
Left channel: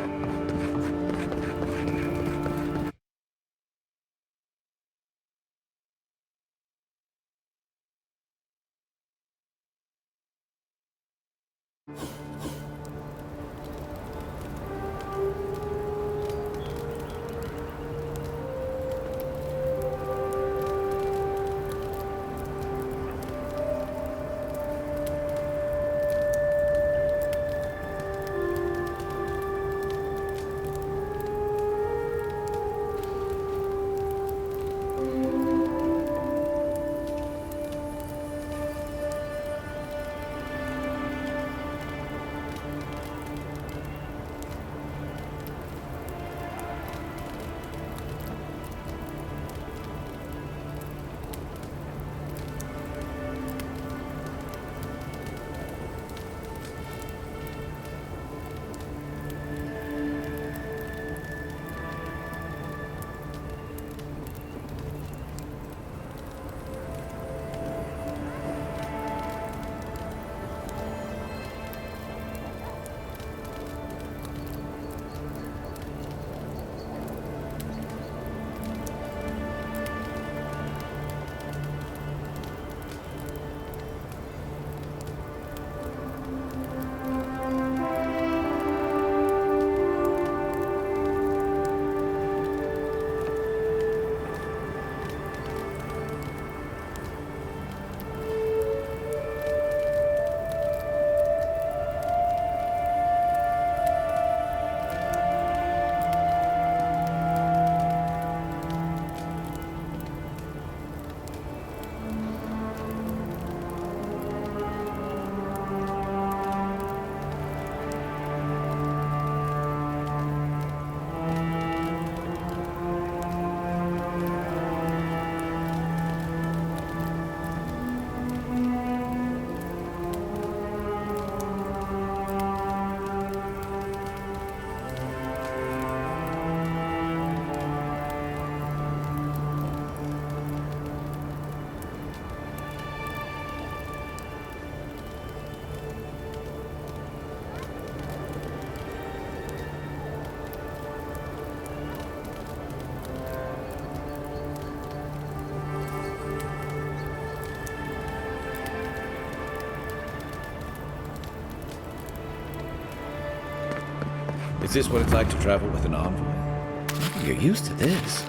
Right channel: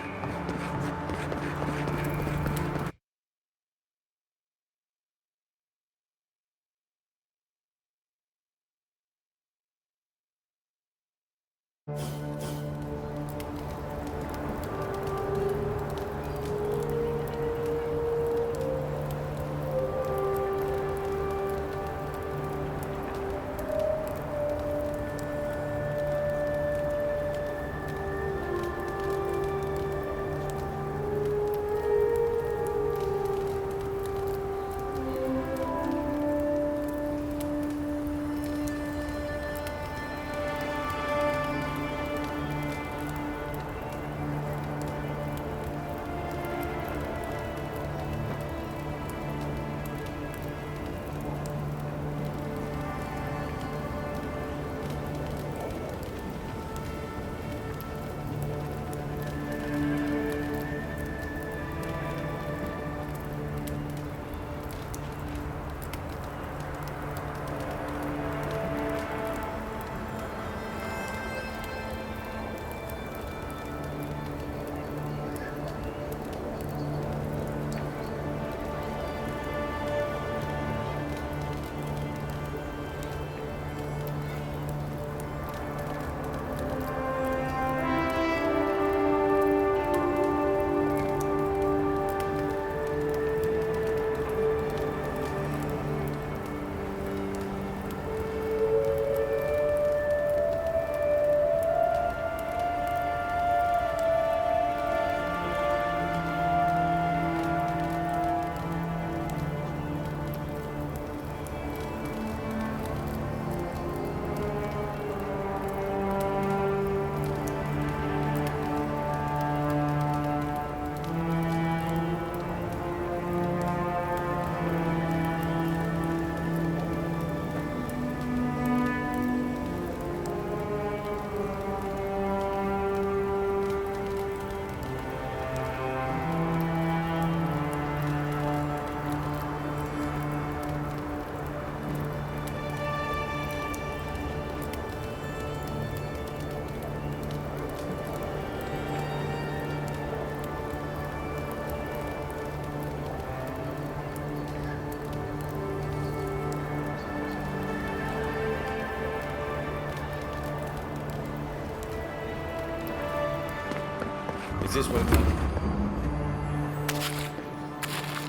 Is this what it's like to travel with an envoy? You're used to this.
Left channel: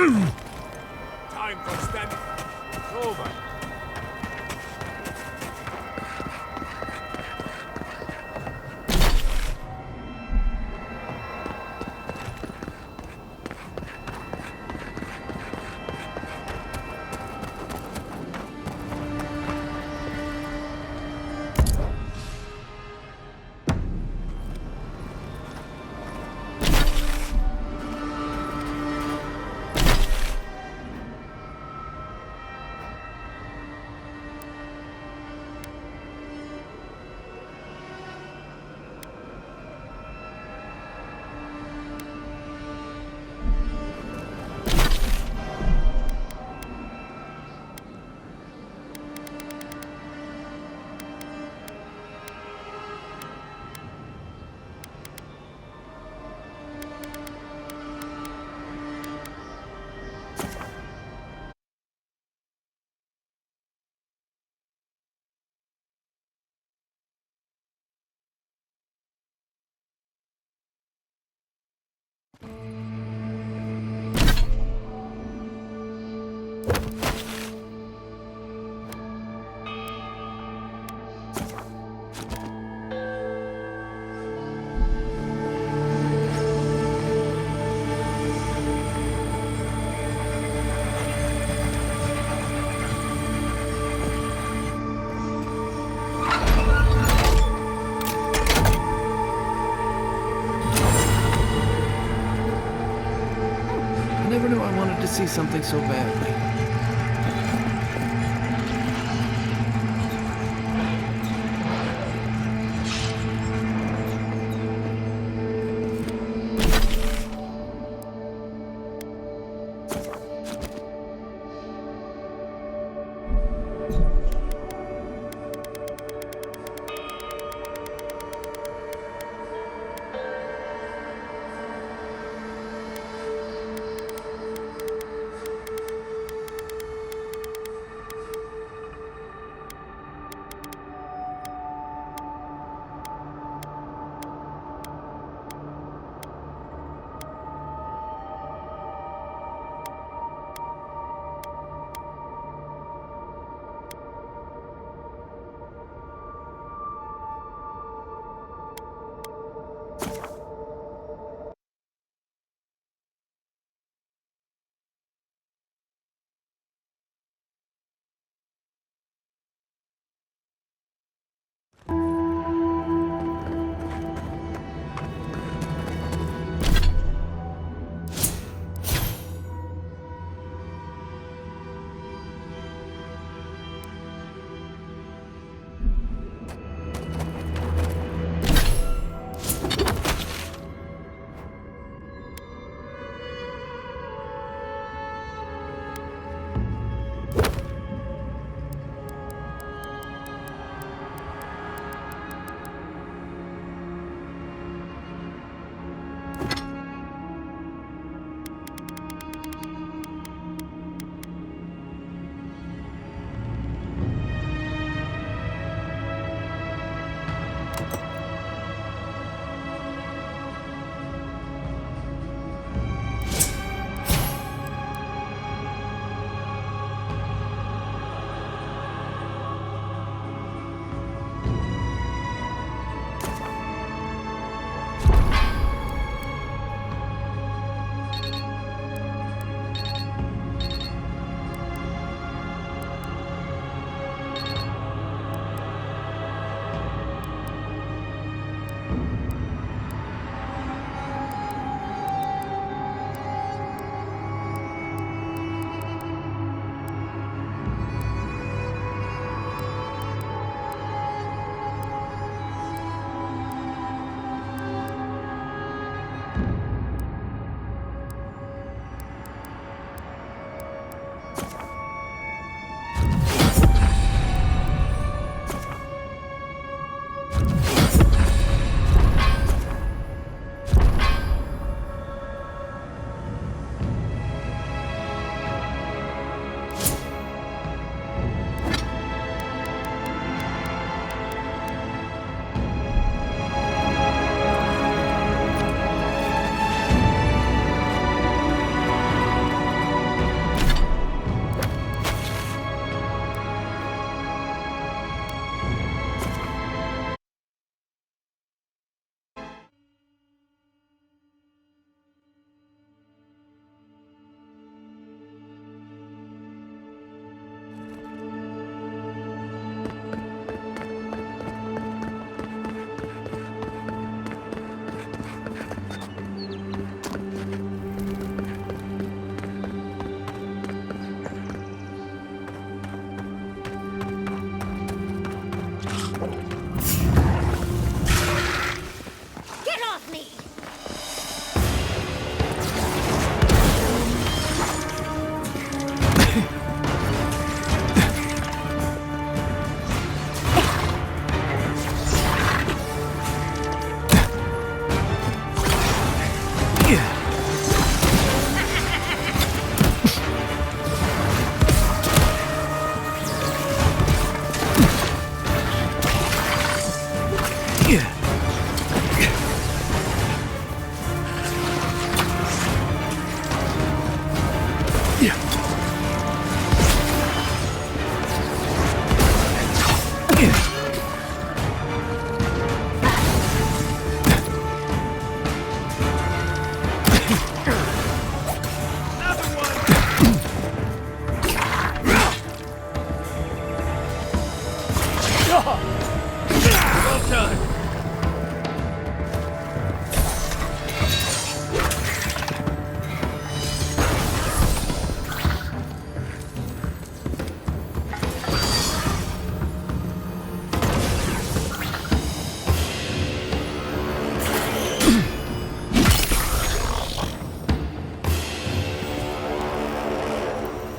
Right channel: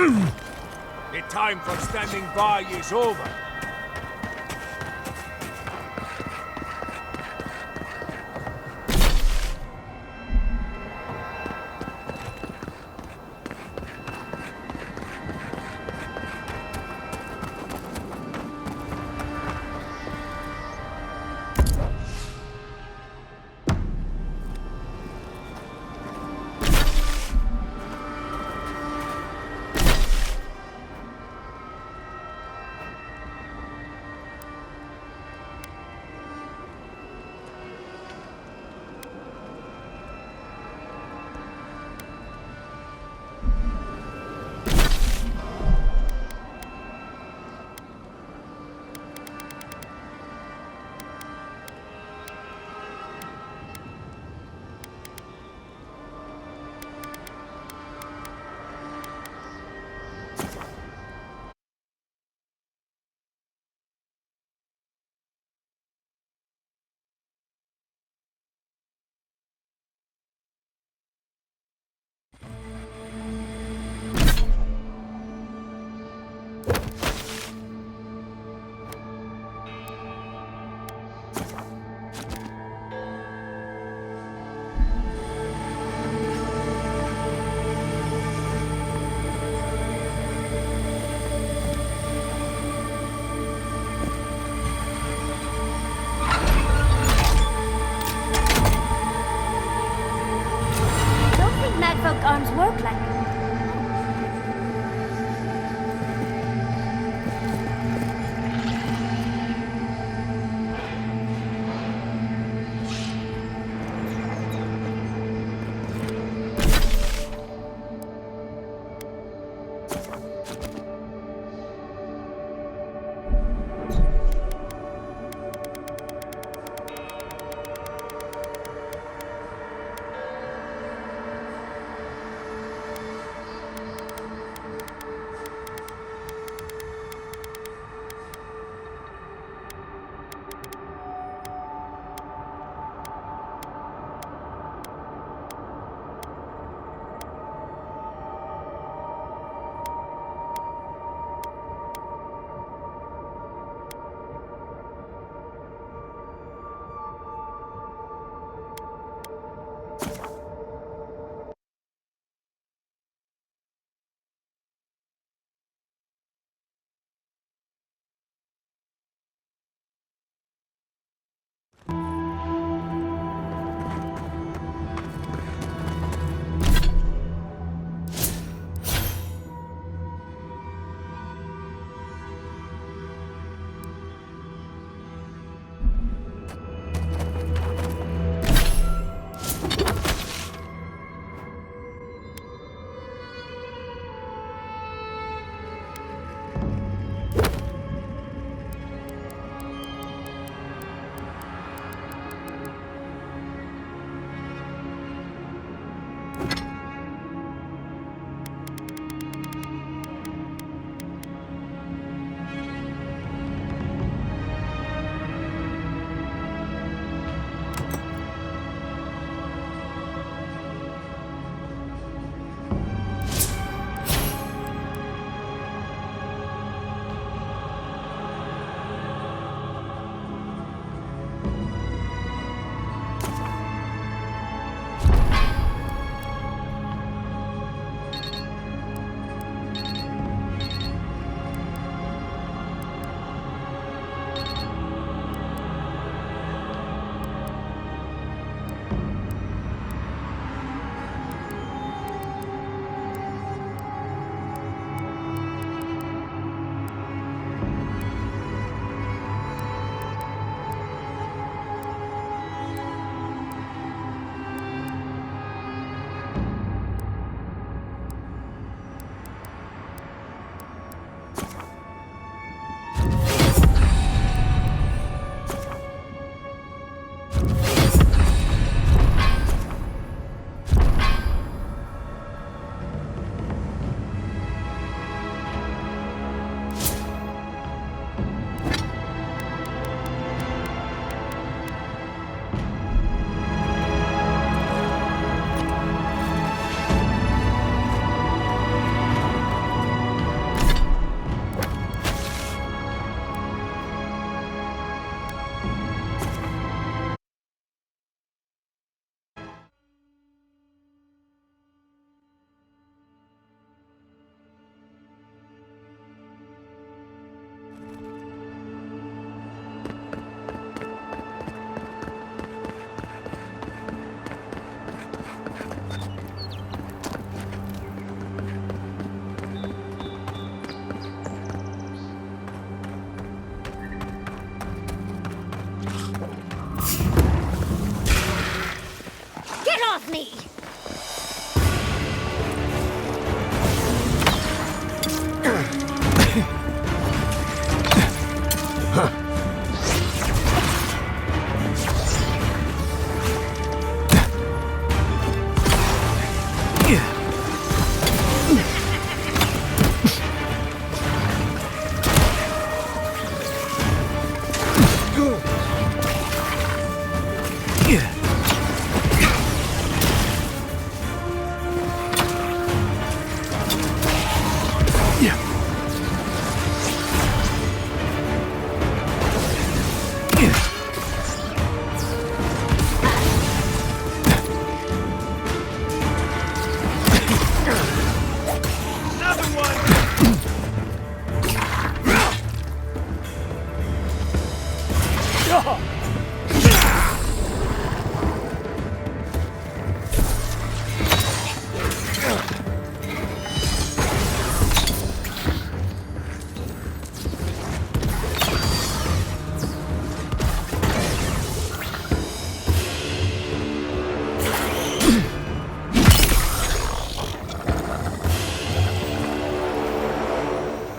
The time for standing by is over. I never knew I wanted to see something so bad.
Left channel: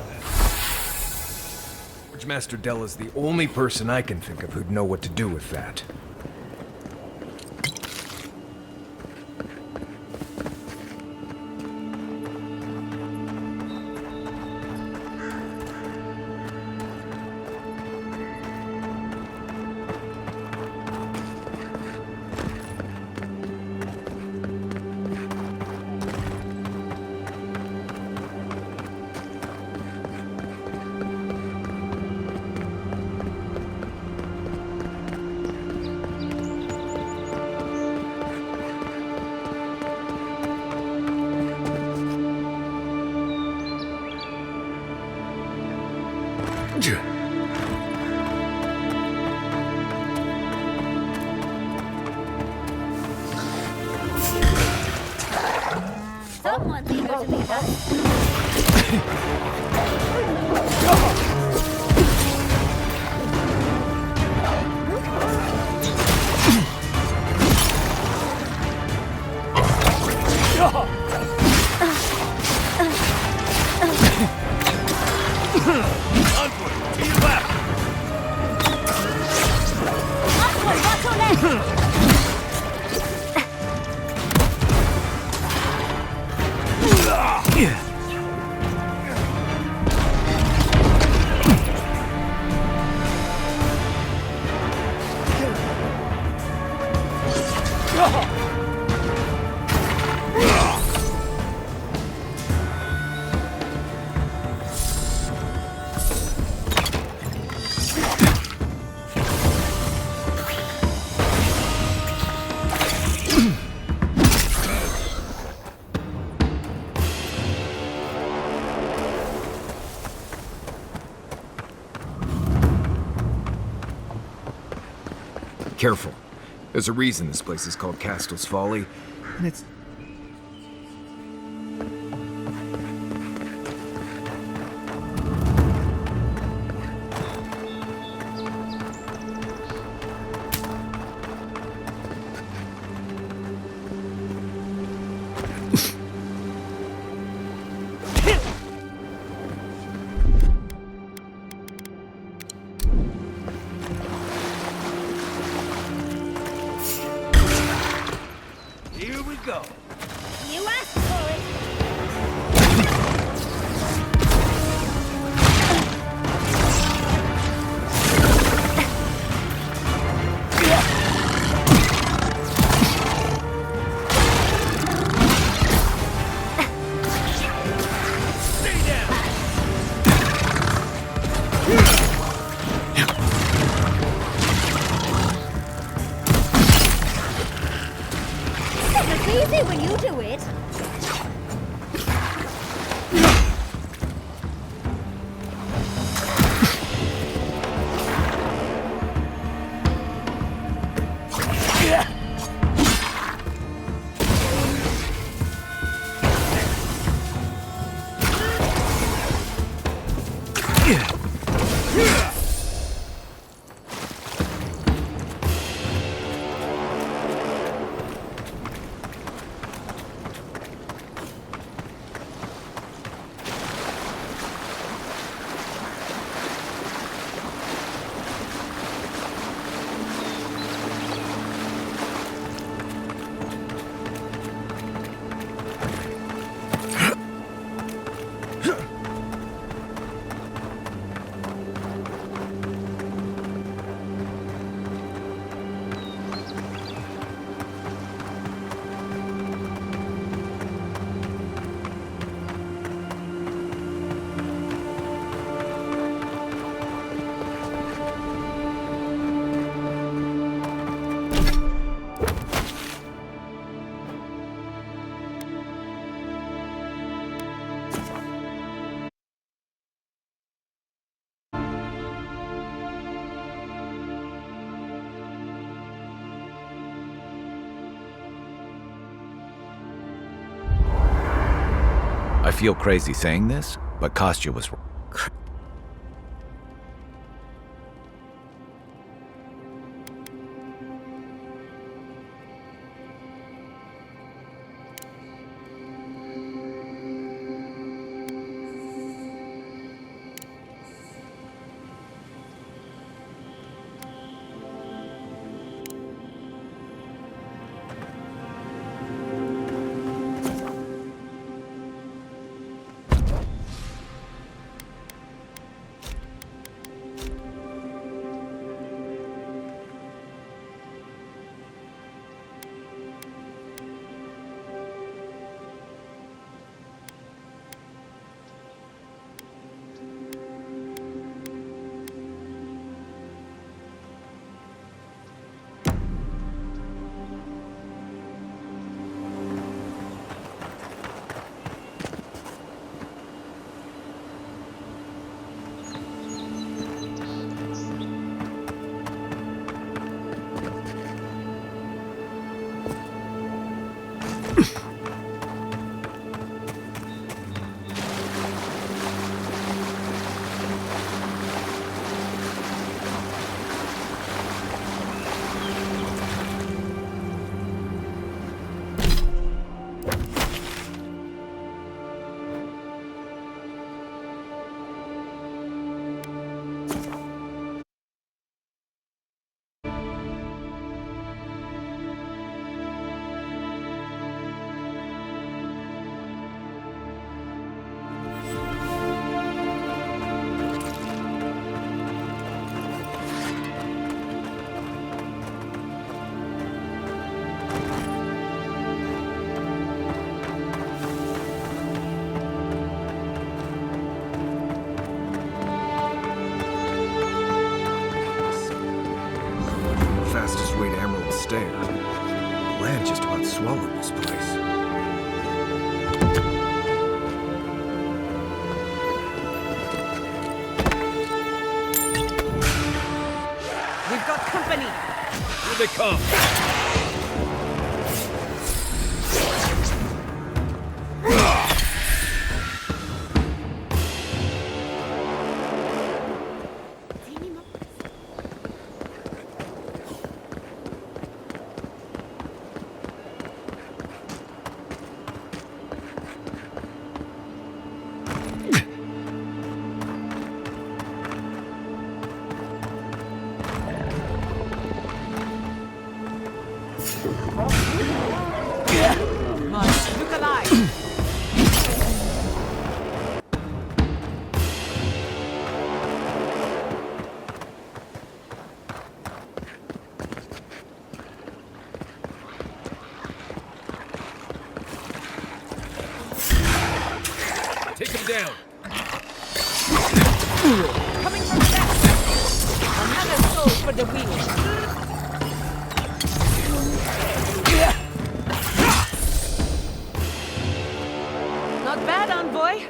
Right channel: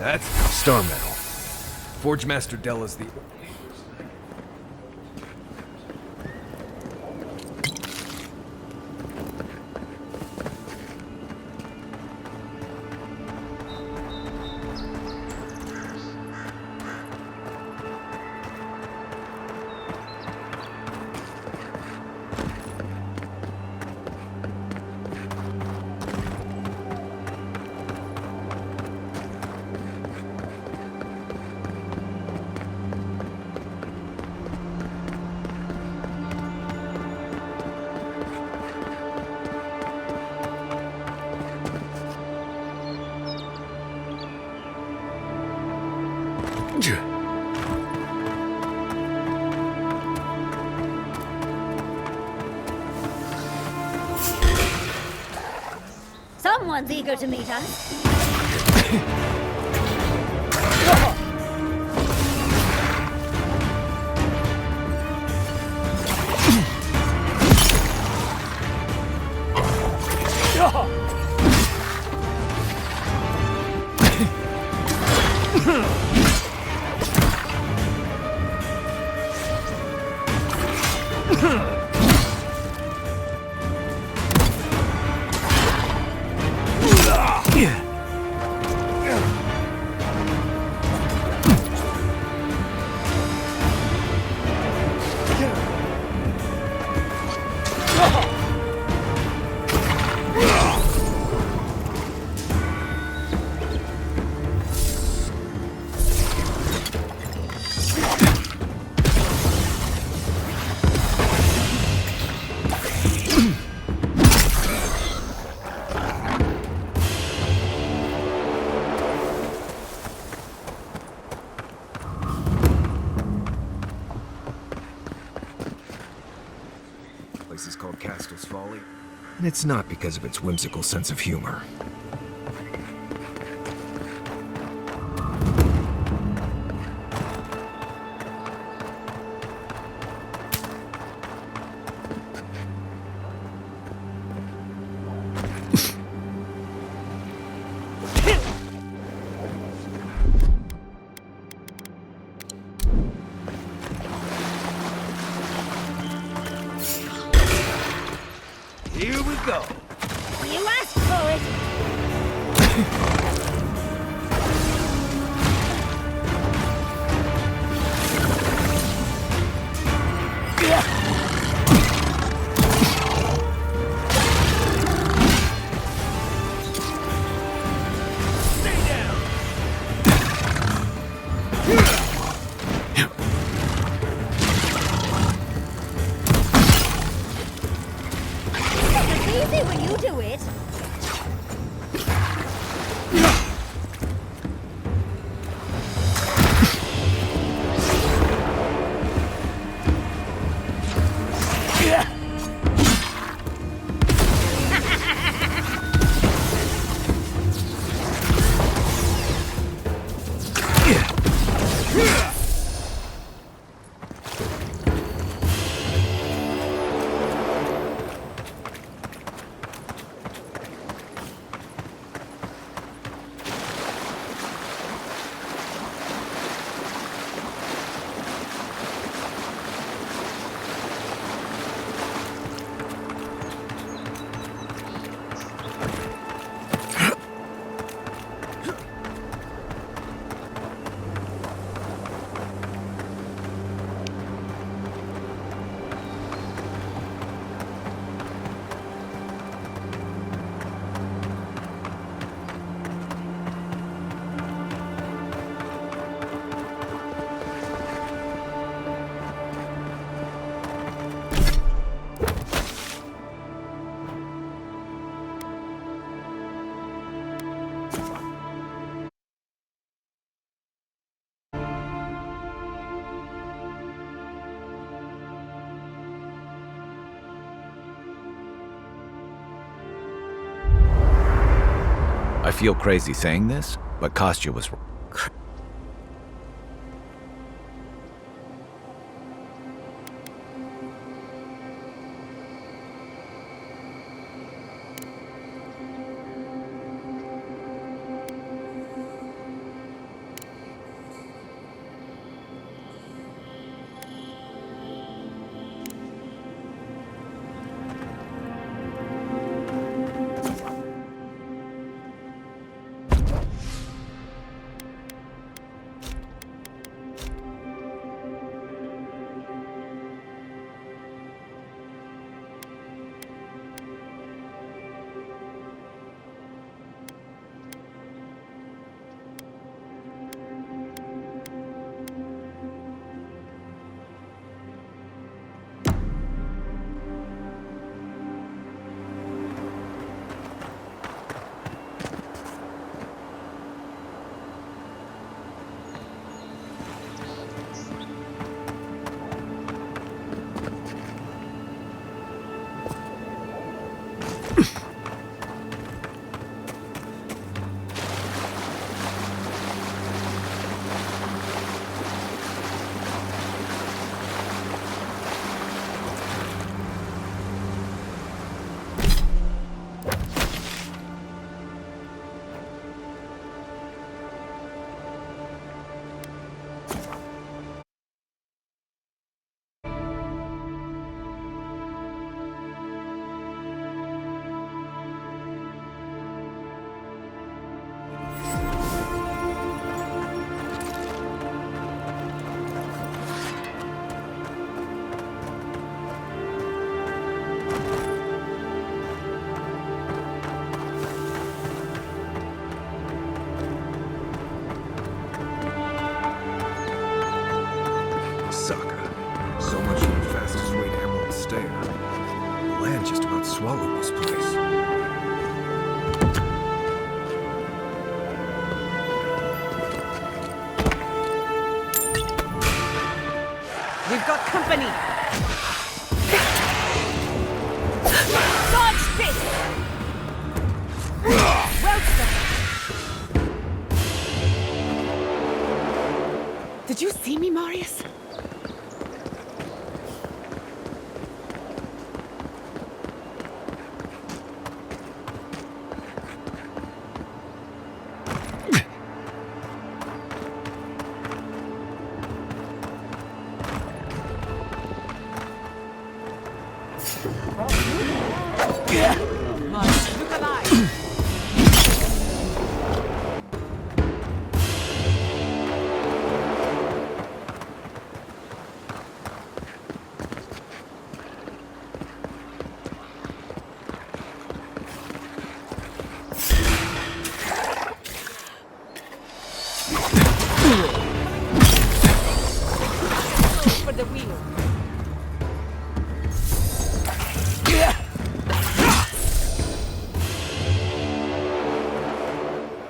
That's Star Metal. Forge Master Della's the only person I can think of who'd know what to do with that. Someone's eager to meet us. Careful. There's a reason this place is called Castel's Folly, and it's not because of its whimsical sense of humor. Here we go. You asked for it. Stay down. It's easy when you do it. I feel crazy saying this, but Kostya was wrong. Fastest way to Emerald Stair. The land just about swallowed this place. We've got company! Here they come! Dodge this! Did you see me, Marius? Look alive! Take him down! Coming from the left! Another soul for the wheel! Not bad, envoy.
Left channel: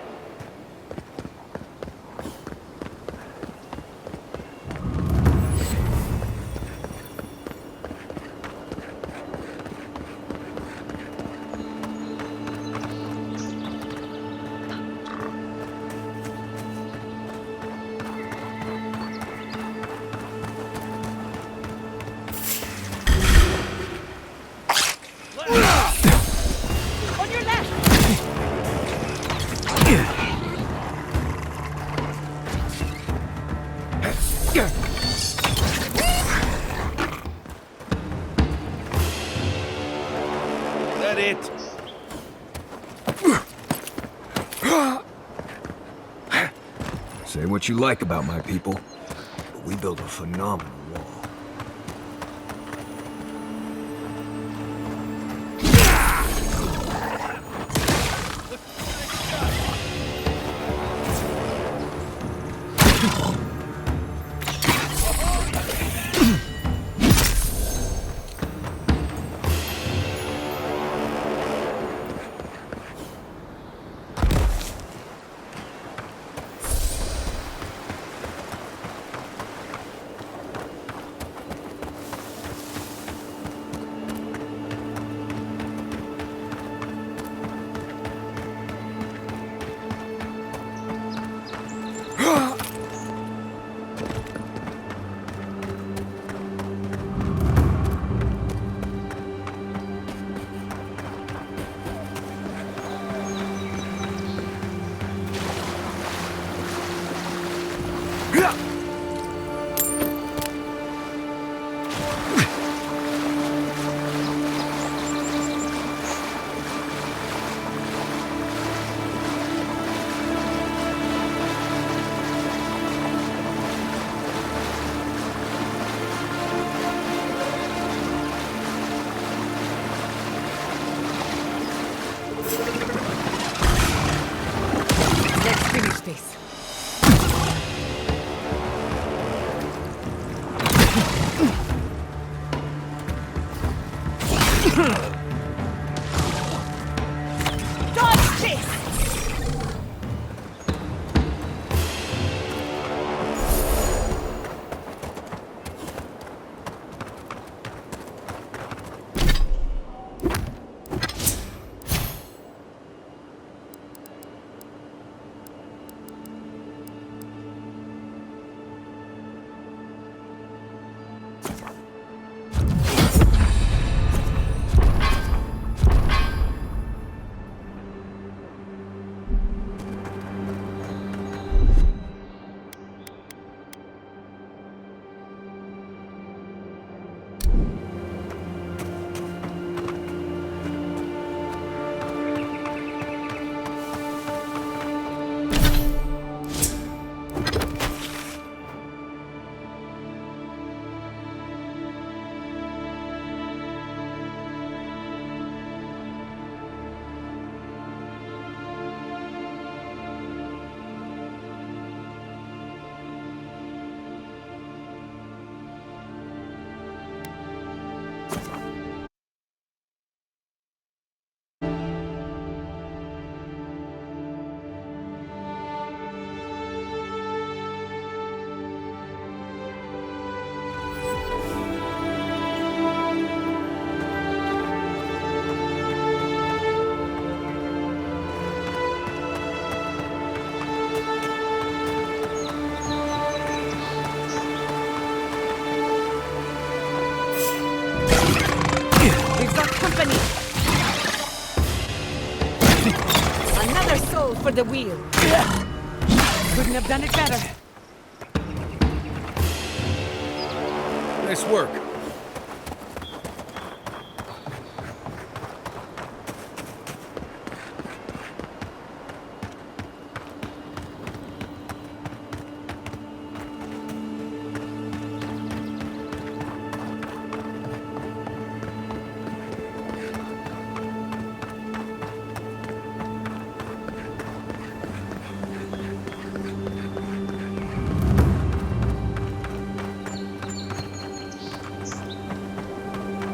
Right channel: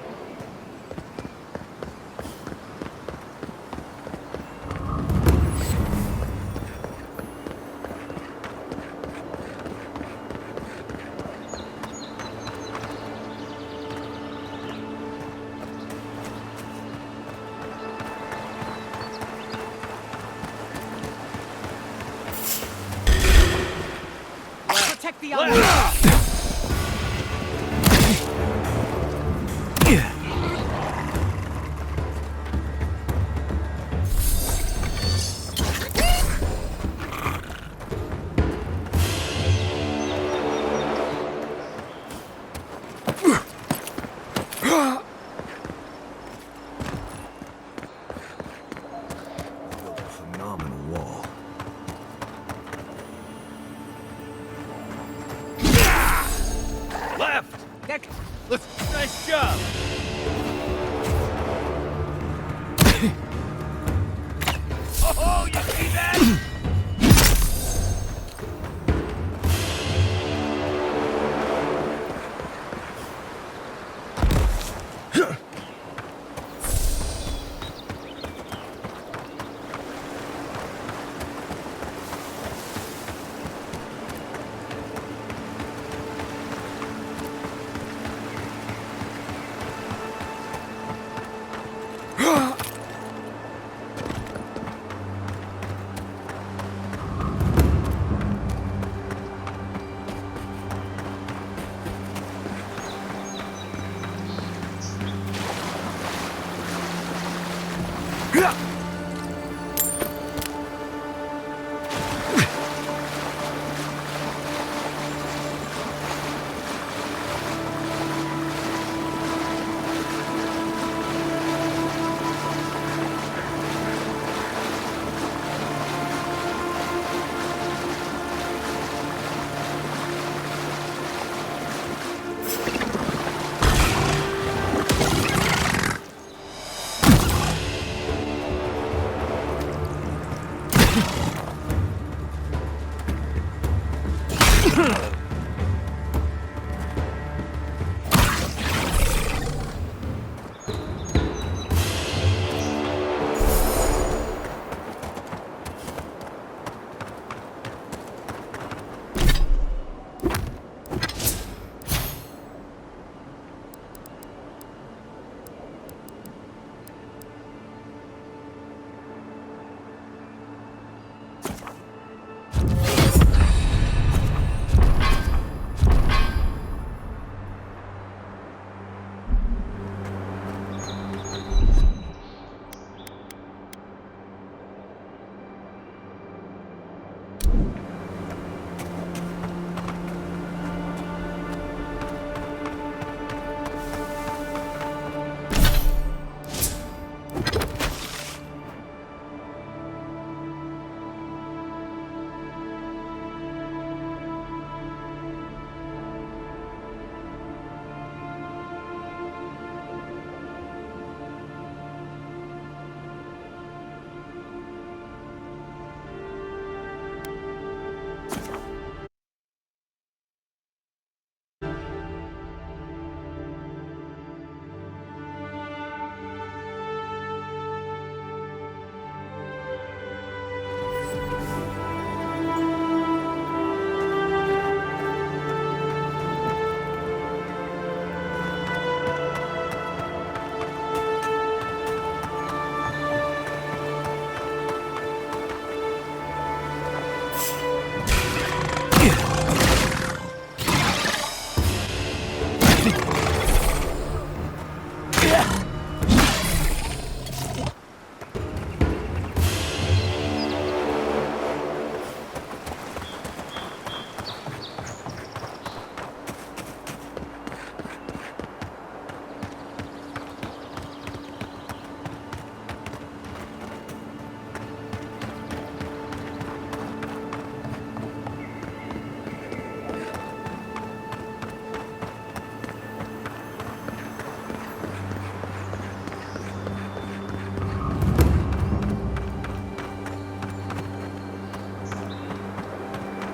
Protect the envoy. On your left! That it? Say what you like about my people. We built a phenomenal wall. Left! Nice job! Oh, you see that? For the wheel. Couldn't have done it better. Nice work.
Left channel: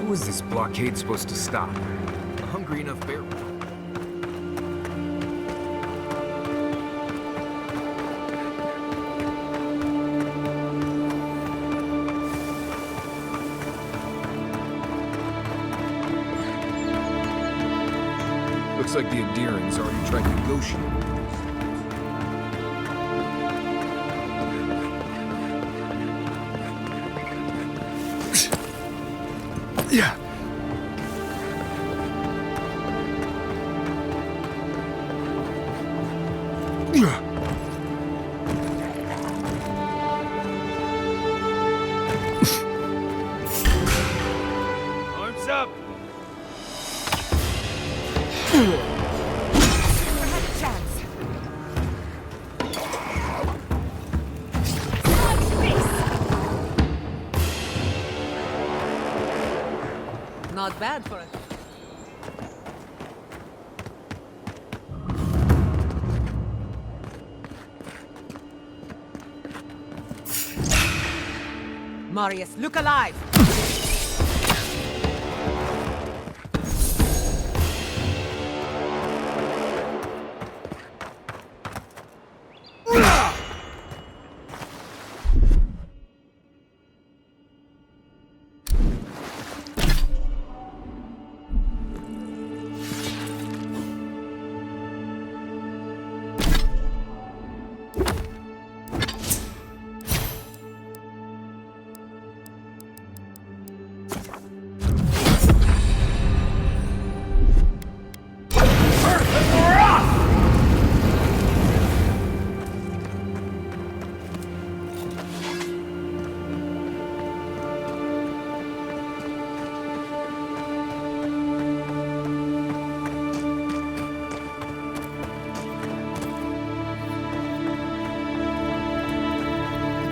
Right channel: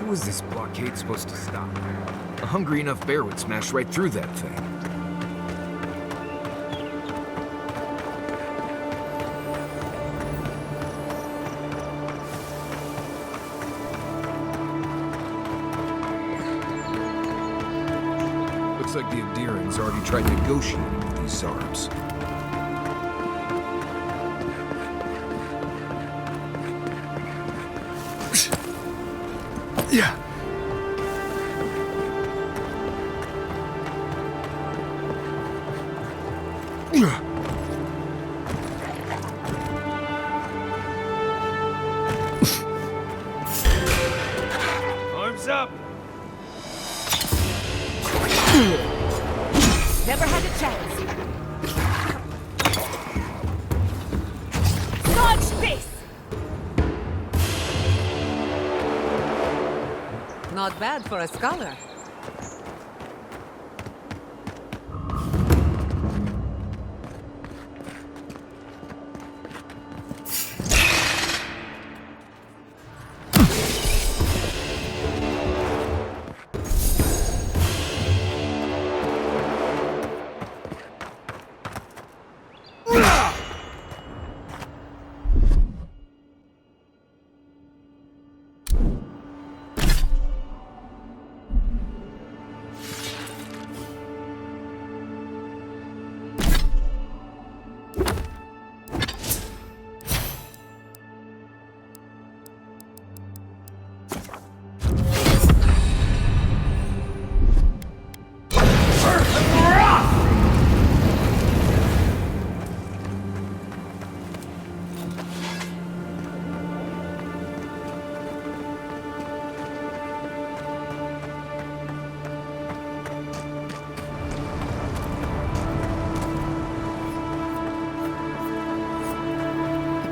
Who is this blockade supposed to stop? A hungry enough bear would smash right through that thing. Looks like the Adirans already tried negotiating with these Zarbs. Yeah. Arms up! Never had a chance. Dodge this! Not bad for a scholar. Marius, look alive!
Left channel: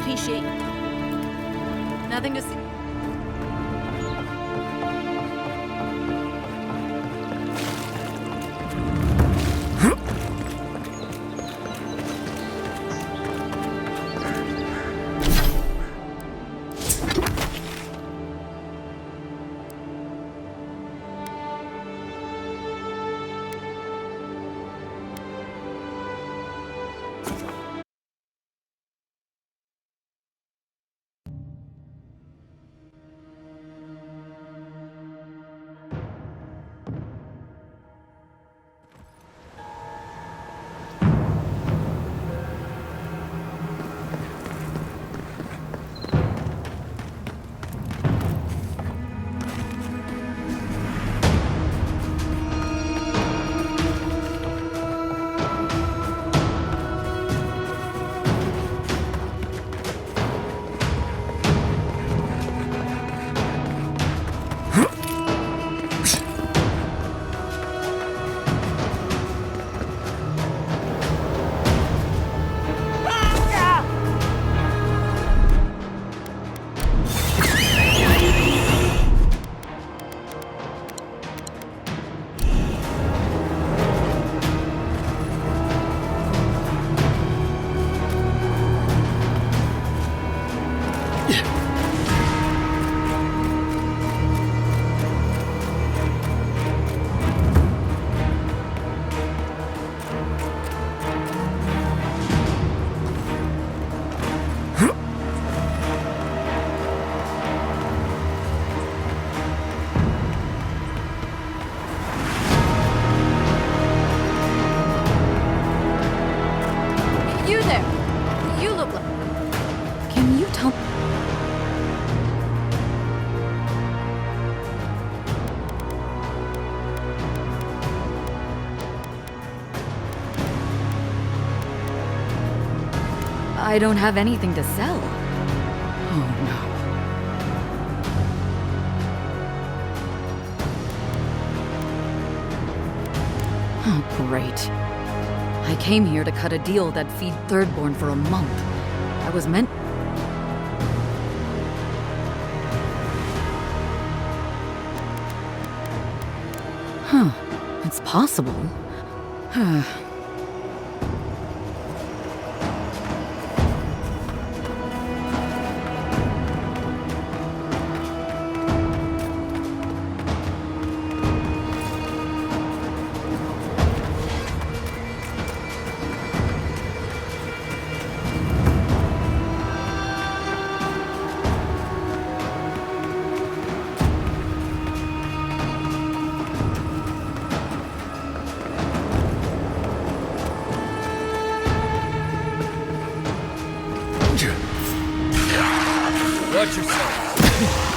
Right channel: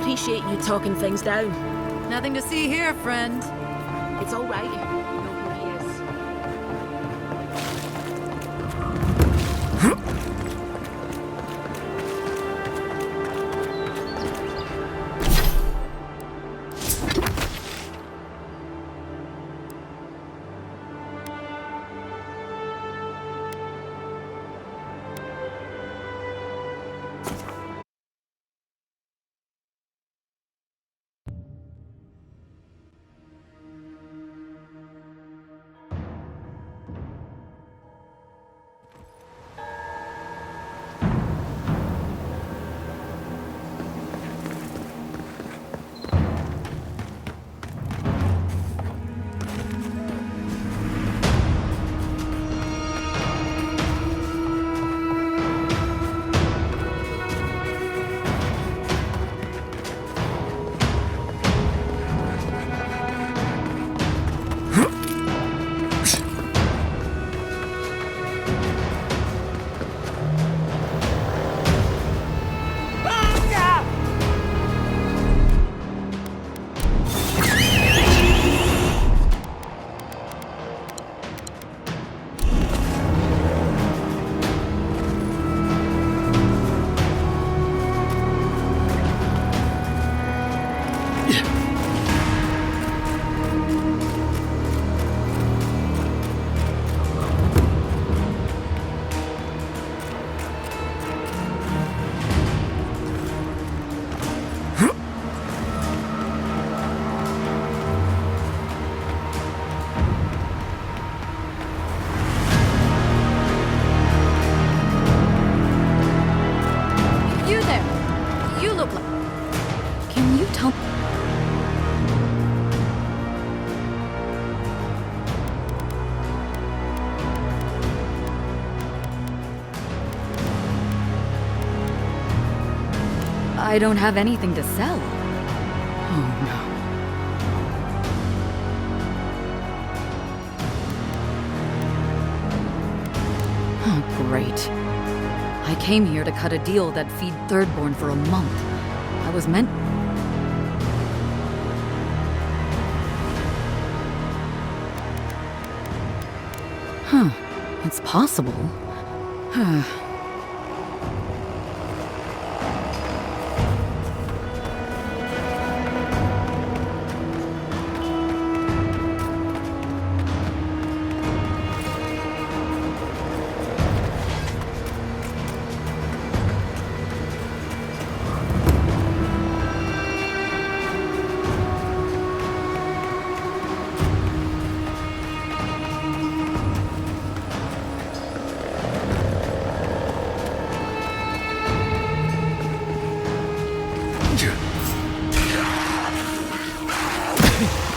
appreciate you talking things down. Nothing to see here, friend. It's all right. You there! You look like... Can you tell... I don't have anything to sell. Oh no. Oh, great. I came here to cut a deal that'd feed Thirdborn for a month. I was meant... Huh. It's possible.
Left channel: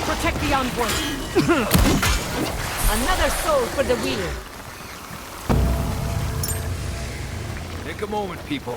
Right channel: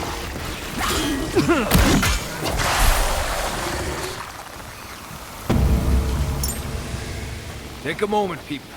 Protect the encore. Another soul for the wheel. Take a moment, people.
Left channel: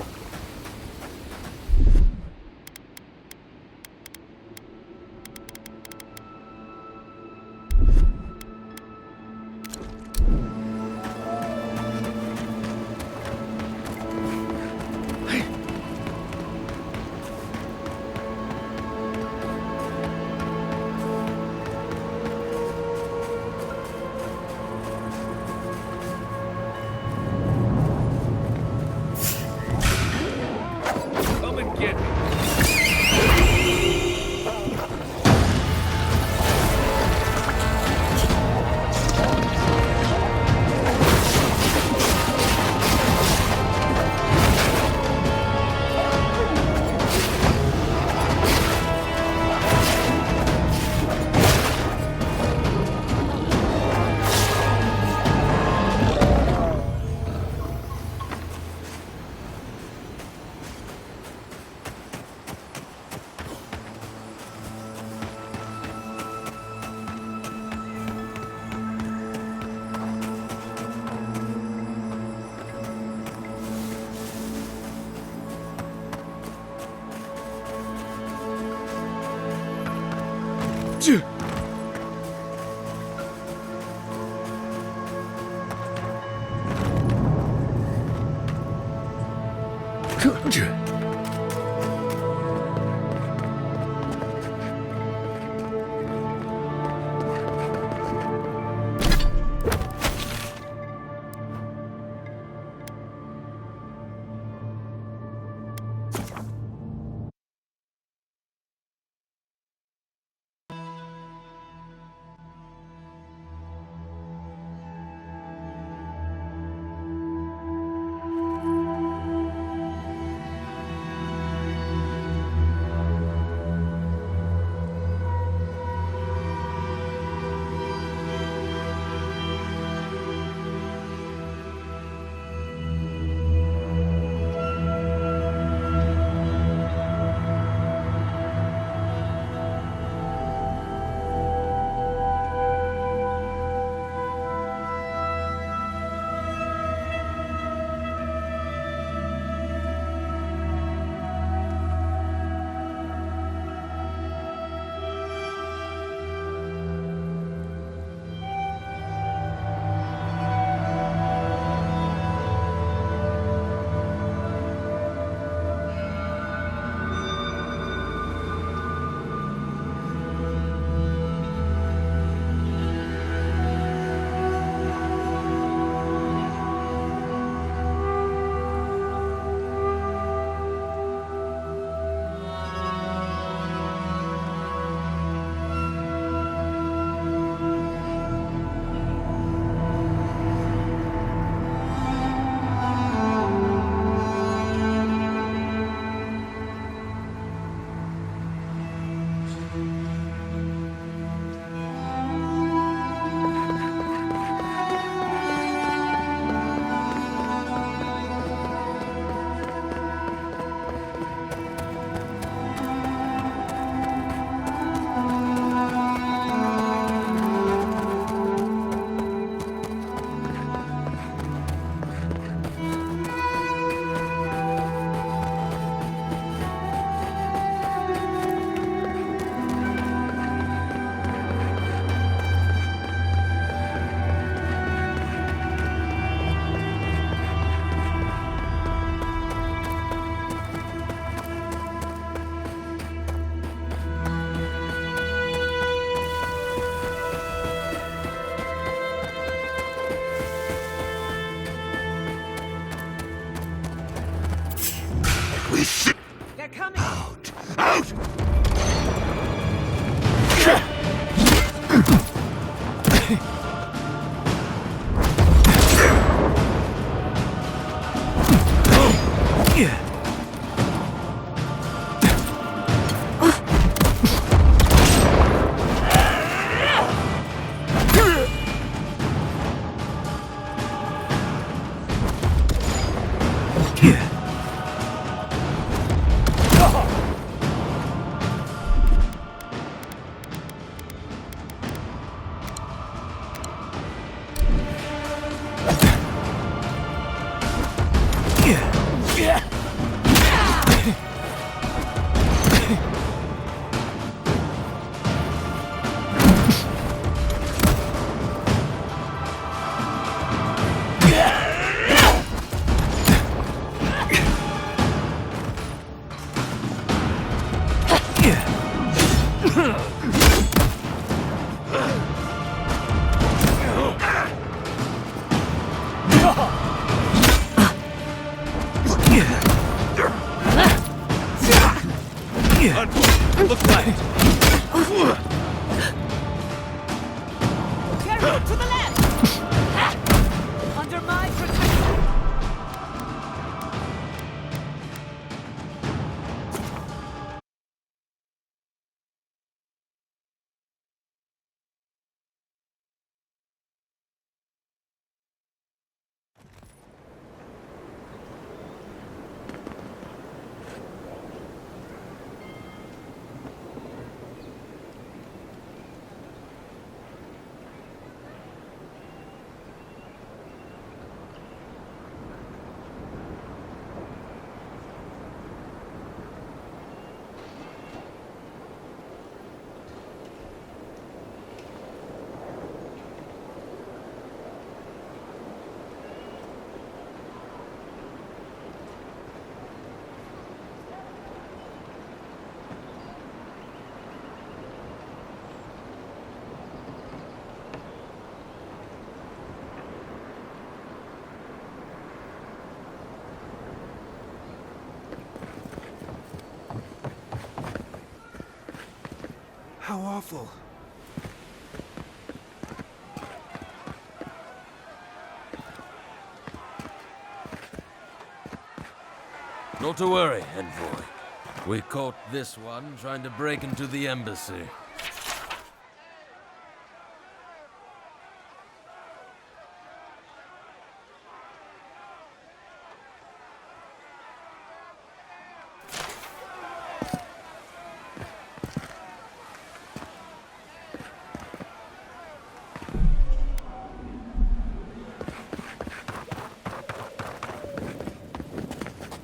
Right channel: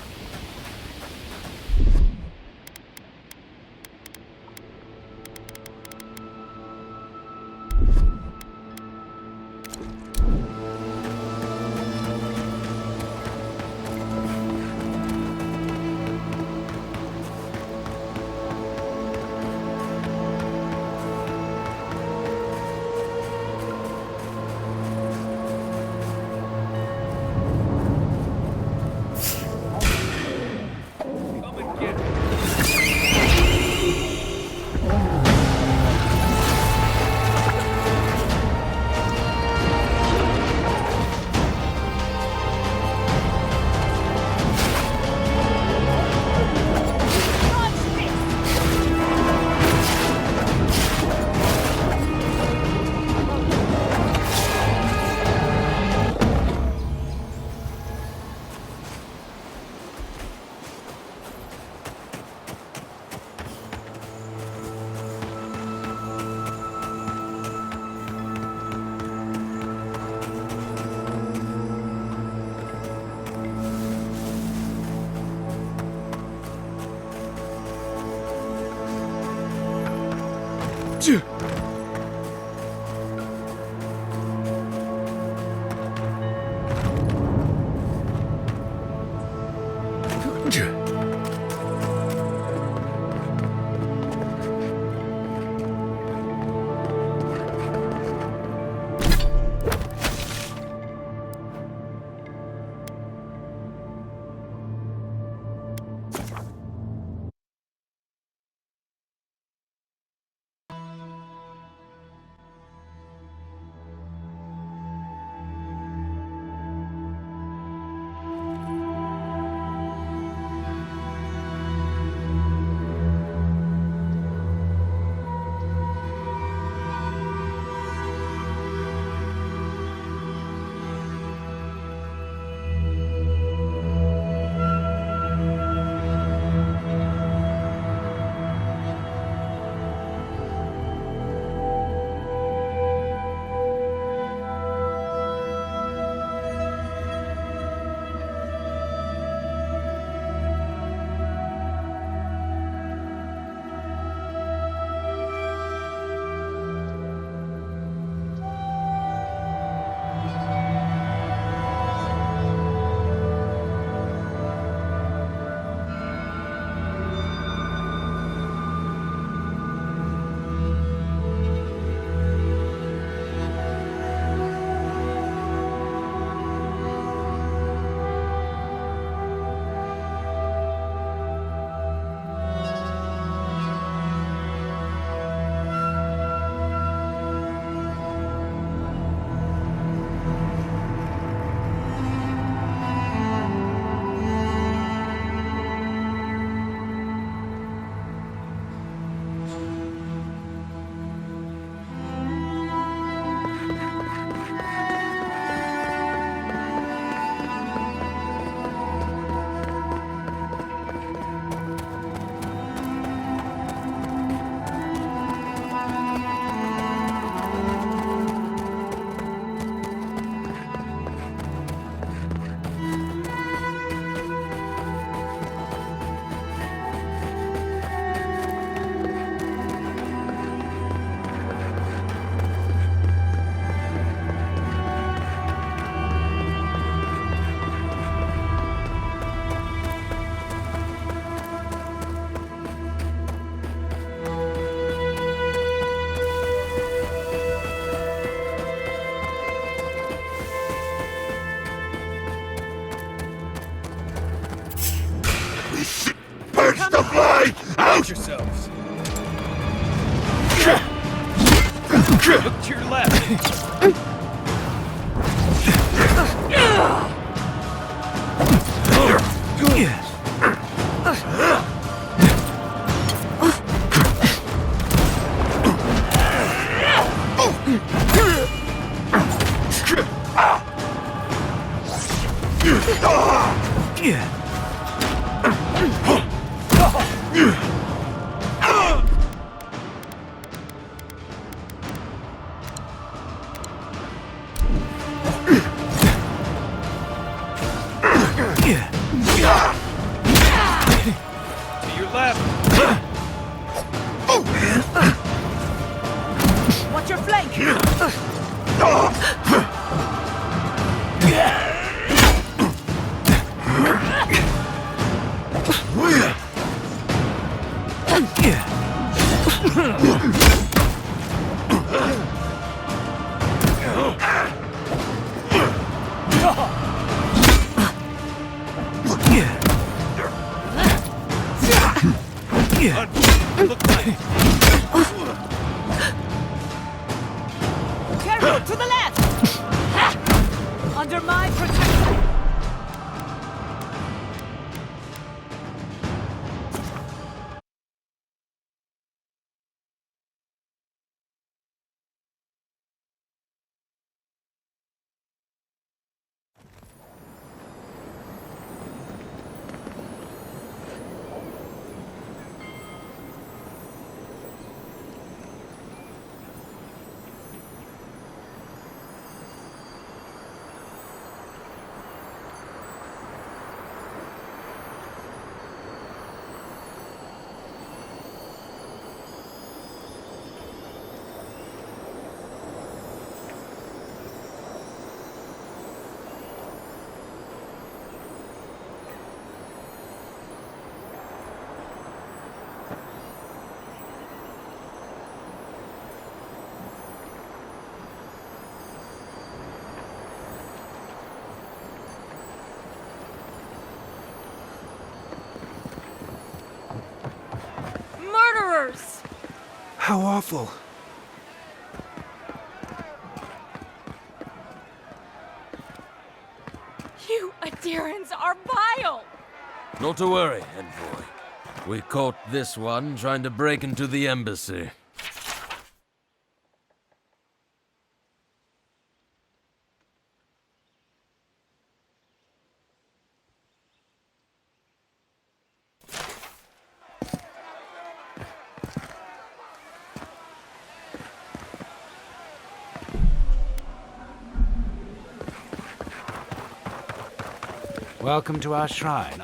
We should purge the fly out! Yourselves. Look to your left. Watch your flank! Look right. Careful, to the left! Under my protection! Murderers! How awful. You Adirans are vile! Not to worry, Envoy. We caught this one trying to break into the embassy. Welcome to our shrine,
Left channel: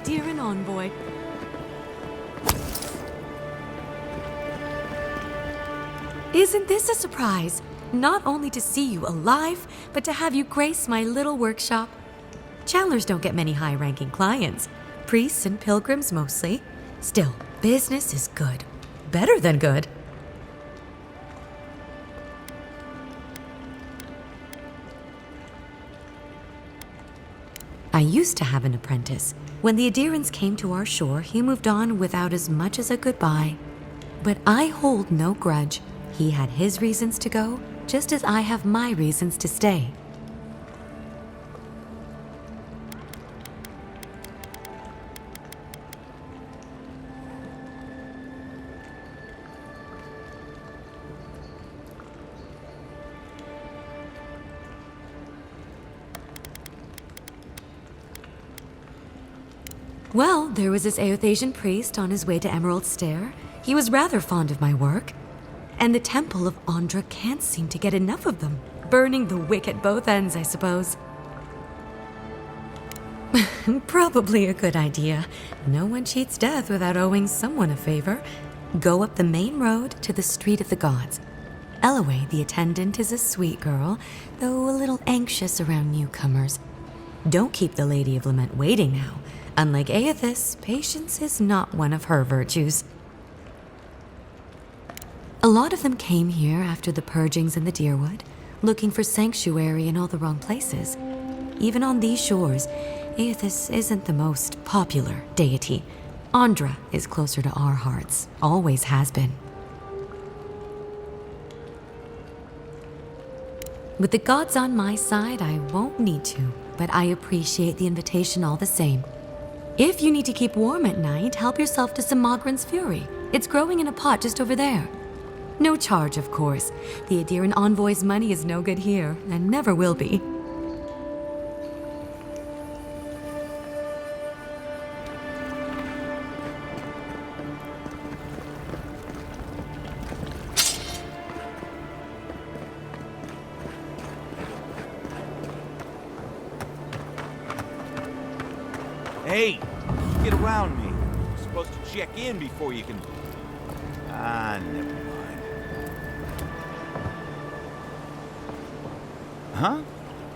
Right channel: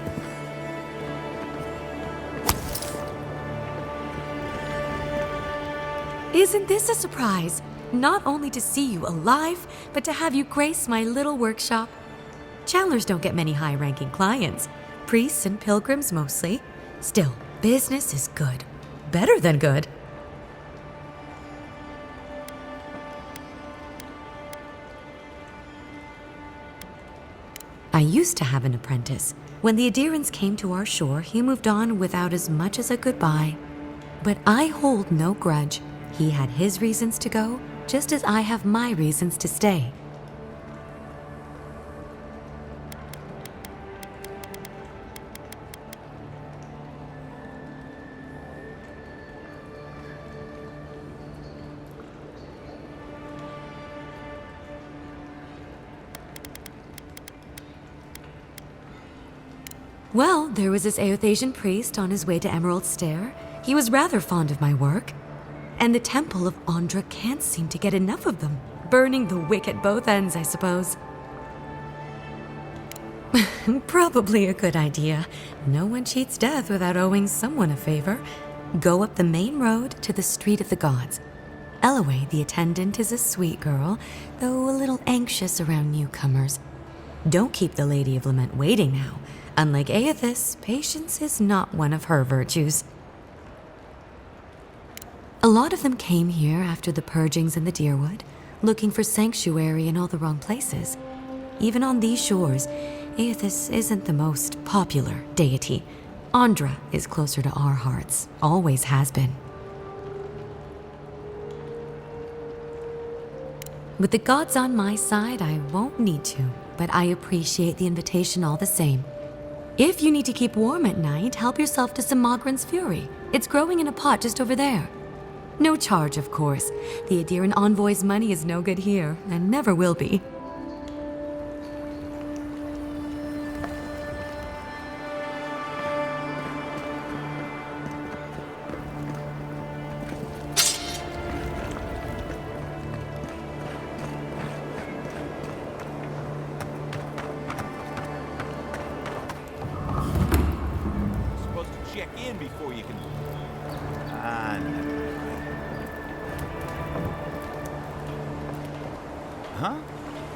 Aderan envoy. Isn't this a surprise? Not only to see you alive, but to have you grace my little workshop. Chandlers don't get many high-ranking clients. Priests and pilgrims mostly. Still, business is good. Better than good. I used to have an apprentice. When the Adirans came to our shore, he moved on without as much as a goodbye. But I hold no grudge. He had his reasons to go, just as I have my reasons to stay. Well, there was this Aothasian priest on his way to Emerald Stair. He was rather fond of my work. And the Temple of Andra can't seem to get enough of them. Burning the wick at both ends, I suppose. Probably a good idea. No one cheats death without owing someone a favor. Go up the main road to the Street of the Gods. Elaway, the attendant, is a sweet girl, though a little anxious around newcomers. Don't keep the Lady of Lament waiting now. Unlike Aethys, patience is not one of her virtues. A lot of them came here after the purgings in the Deerwood, looking for sanctuary in all the wrong places. Even on these shores, Aethys isn't the most popular deity. Andra is closer to our hearts, always has been. With the gods on my side, I won't need to, but I appreciate the invitation all the same. If you need to keep warm at night, help yourself to some Mogren's Fury. It's growing in a pot just over there. No charge, of course. The Aderan envoy's money is no good here, and never will be. Hey, get around me. You're supposed to check in before you can... Ah, never mind. Huh?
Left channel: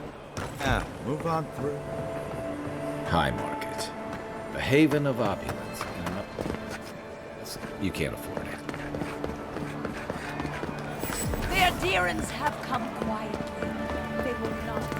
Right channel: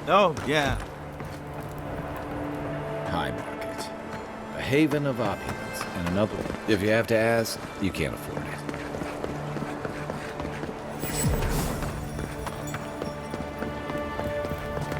Oh, yeah. Move on through. High Market. A haven of opulence, and another... If you have to ask, you can't afford it. The Adirans have come quiet. They will not.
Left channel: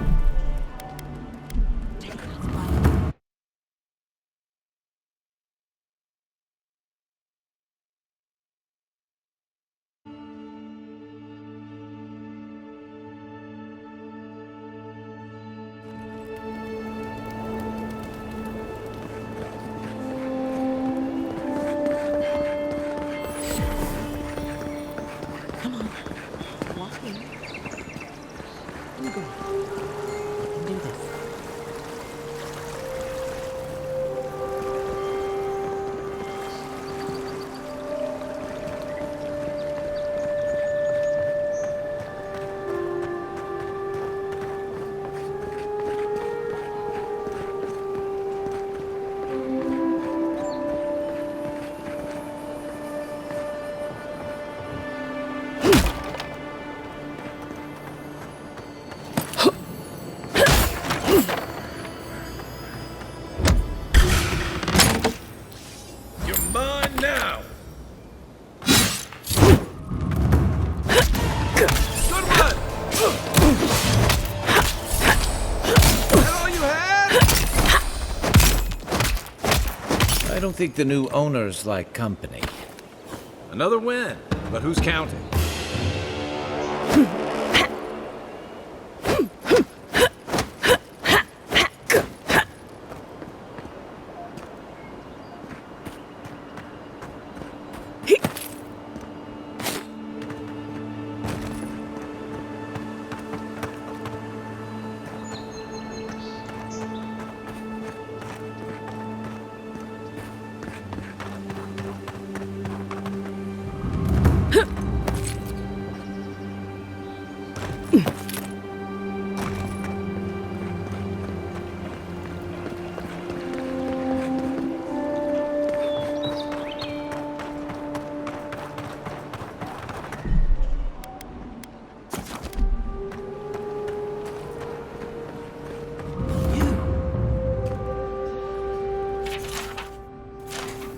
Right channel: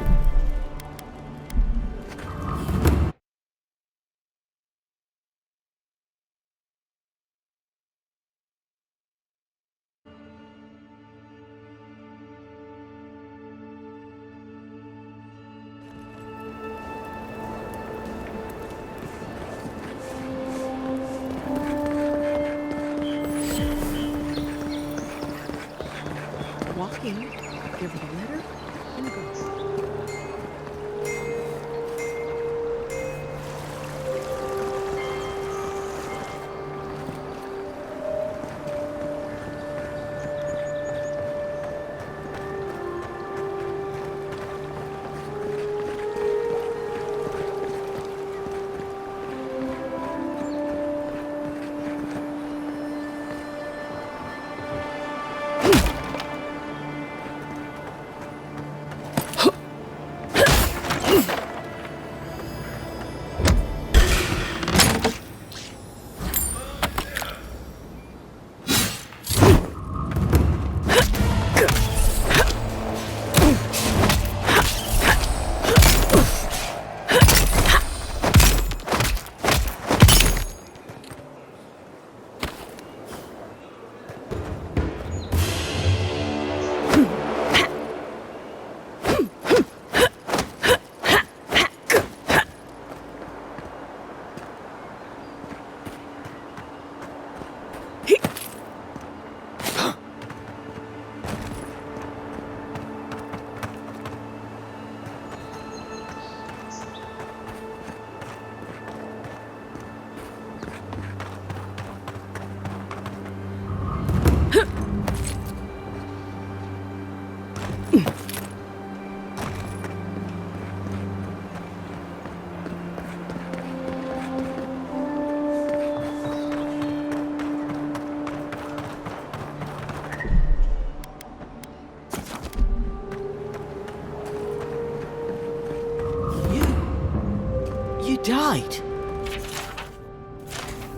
Walk in, give the letter, and go. And do this. I don't think the new owners like company. Another win, but who's counting?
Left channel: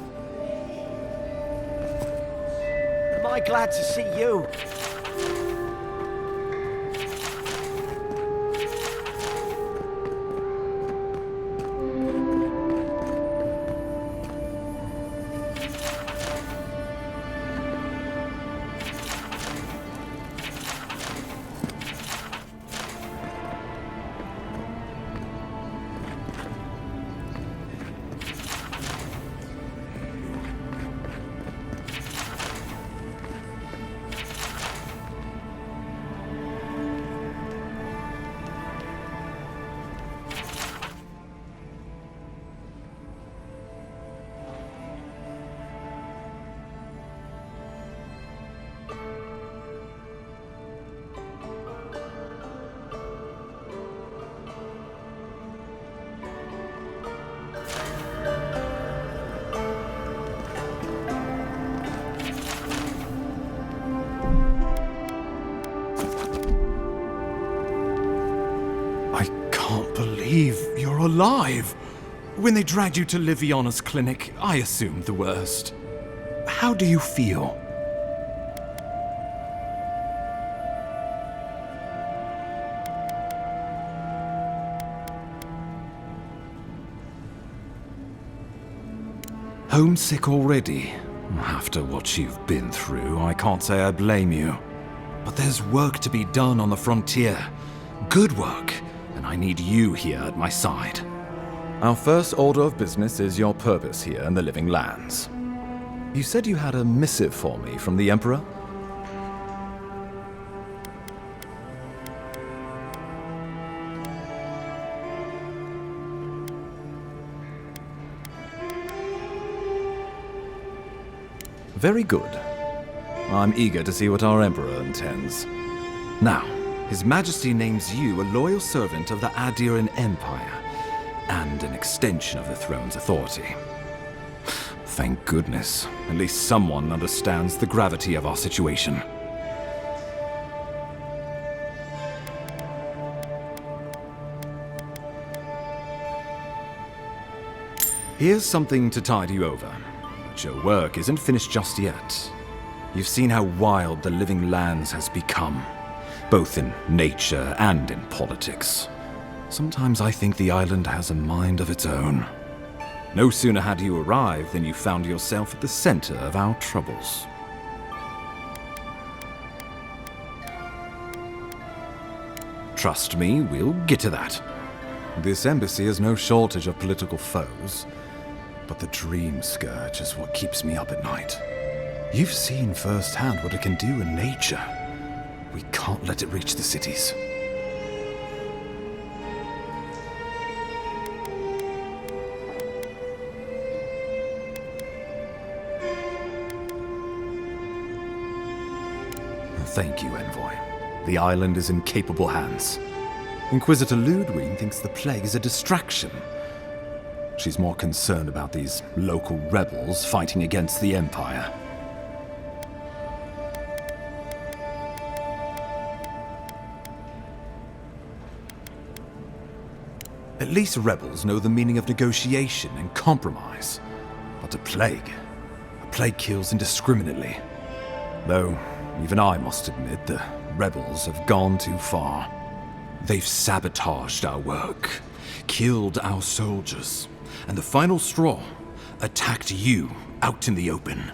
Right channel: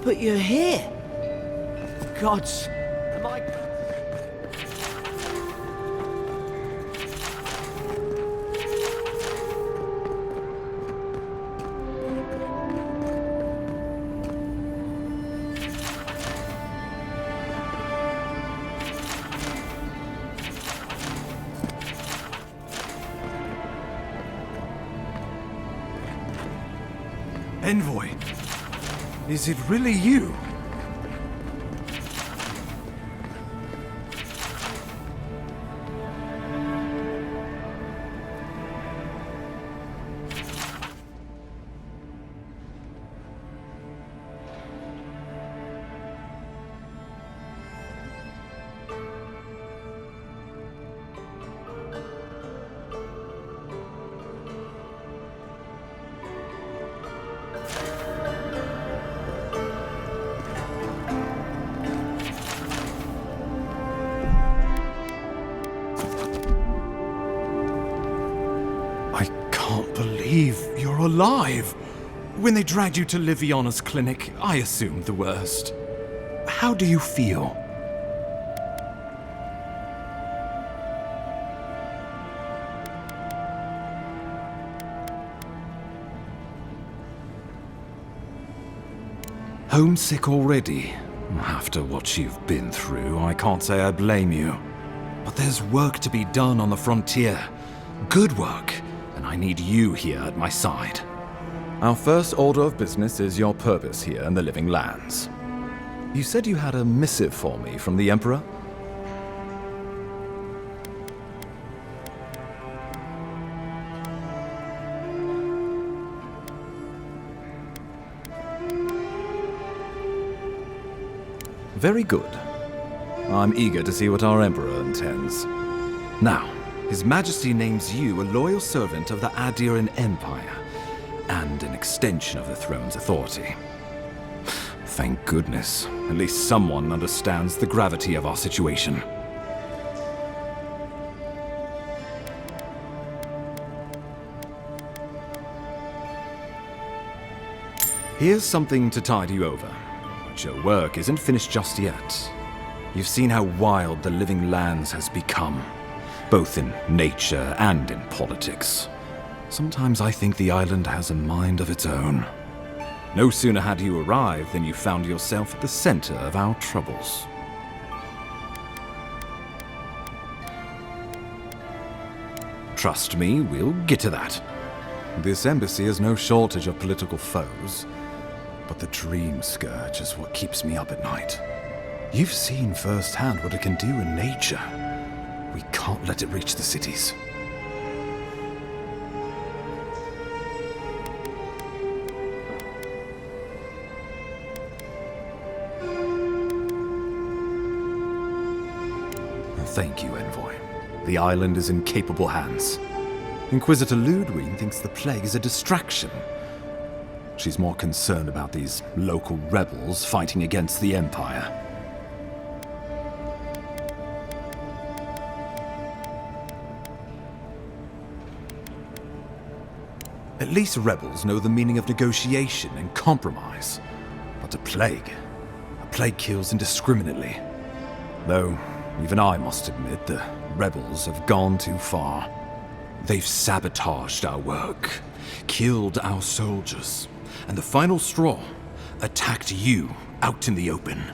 But you're here. Gods, am I glad to see you. Envoy, is it really you? Can't believe you're alive. When they dragged you to Liviana's clinic, I assumed the worst. How do you feel? Homesick already? After what you've been through, I can't say I blame you. But there's work to be done on the frontier. Good work. And I need you here at my side. Our first order of business is your purpose here in the Living Lands. You said you had a missive for me from the Emperor? Very good. I'm eager to see what our Emperor intends. Now, His Majesty names you a loyal servant of the Adiran Empire, and an extension of the throne's authority. Thank goodness, at least someone understands the gravity of our situation. Here's something to tide you over, but your work isn't finished just yet. You've seen how wild the Living Lands has become, both in nature and in politics. Sometimes I think the island has a mind of its own. No sooner had you arrived than you found yourself at the center of our troubles. Trust me, we'll get to that. This embassy has no shortage of political foes, but the Dream Scourge is what keeps me up at night. You've seen firsthand what it can do in nature. We can't let it reach the cities. Thank you, Envoy. The island is in capable hands. Inquisitor Ludwig thinks the plague is a distraction. She's more concerned about these local rebels fighting against the Empire. At least rebels know the meaning of negotiation and compromise. But a plague kills indiscriminately. Though, even I must admit, the rebels have gone too far. They've sabotaged our work, killed our soldiers, and the final straw, attacked you out in the open.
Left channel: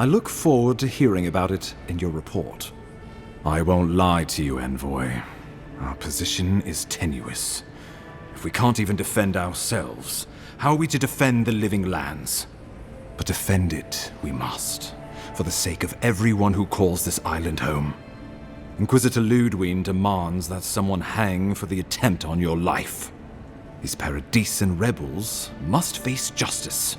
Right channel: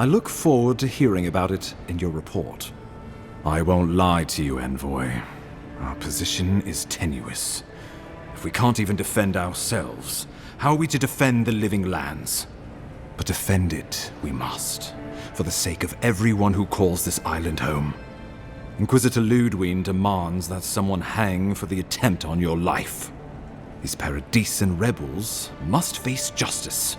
I look forward to hearing about it in your report. I won't lie to you, Envoy. Our position is tenuous. If we can't even defend ourselves, how are we to defend the living lands? But defend it we must, for the sake of everyone who calls this island home. Inquisitor Ludwig demands that someone hang for the attempt on your life. These Paradisian rebels must face justice.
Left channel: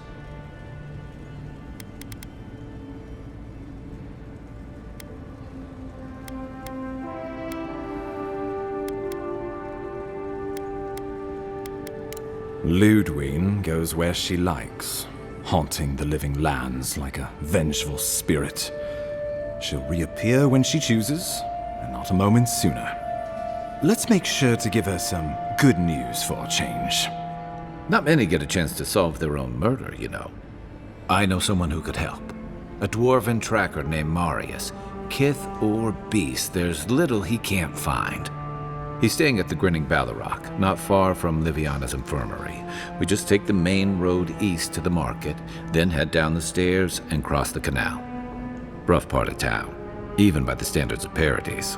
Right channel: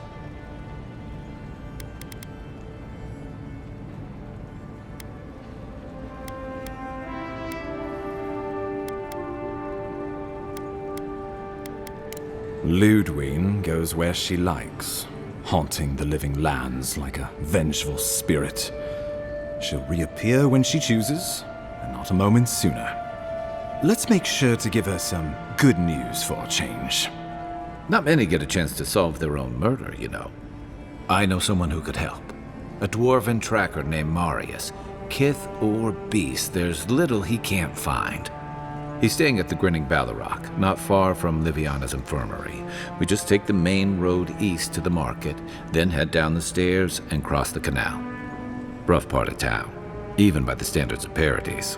Ludwig goes where she likes, haunting the living lands like a vengeful spirit. She'll reappear when she chooses, and not a moment sooner. Let's make sure to give her some good news for a change. Not many get a chance to solve their own murder, you know. I know someone who could help. A dwarven tracker named Marius. Kith or beast, there's little he can't find. He's staying at the Grinning Ballarrock, not far from Liviana's infirmary. We just take the main road east to the market, then head down the stairs and cross the canal. Rough part of town, even by the standards of Paradise.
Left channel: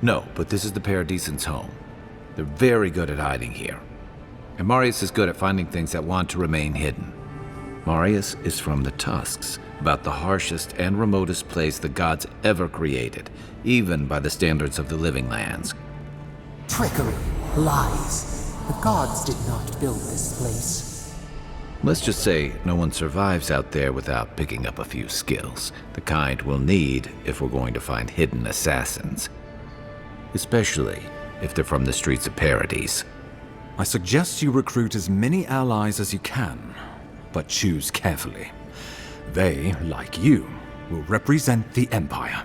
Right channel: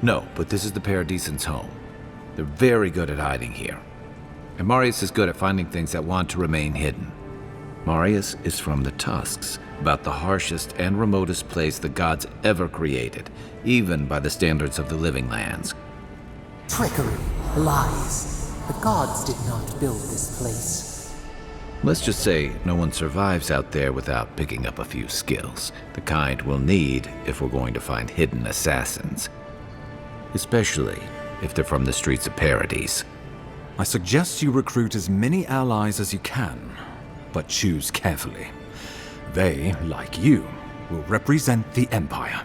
No, but this is the Paradisians' home. They're very good at hiding here. And Marius is good at finding things that want to remain hidden. Marius is from the Tusks, about the harshest and remotest place the gods ever created, even by the standards of the living lands. Trickery, lies. The gods did not build this place. Let's just say no one survives out there without picking up a few skills, the kind we'll need if we're going to find hidden assassins. Especially if they're from the streets of Paradise. I suggest you recruit as many allies as you can, but choose carefully. They, like you, will represent the Empire.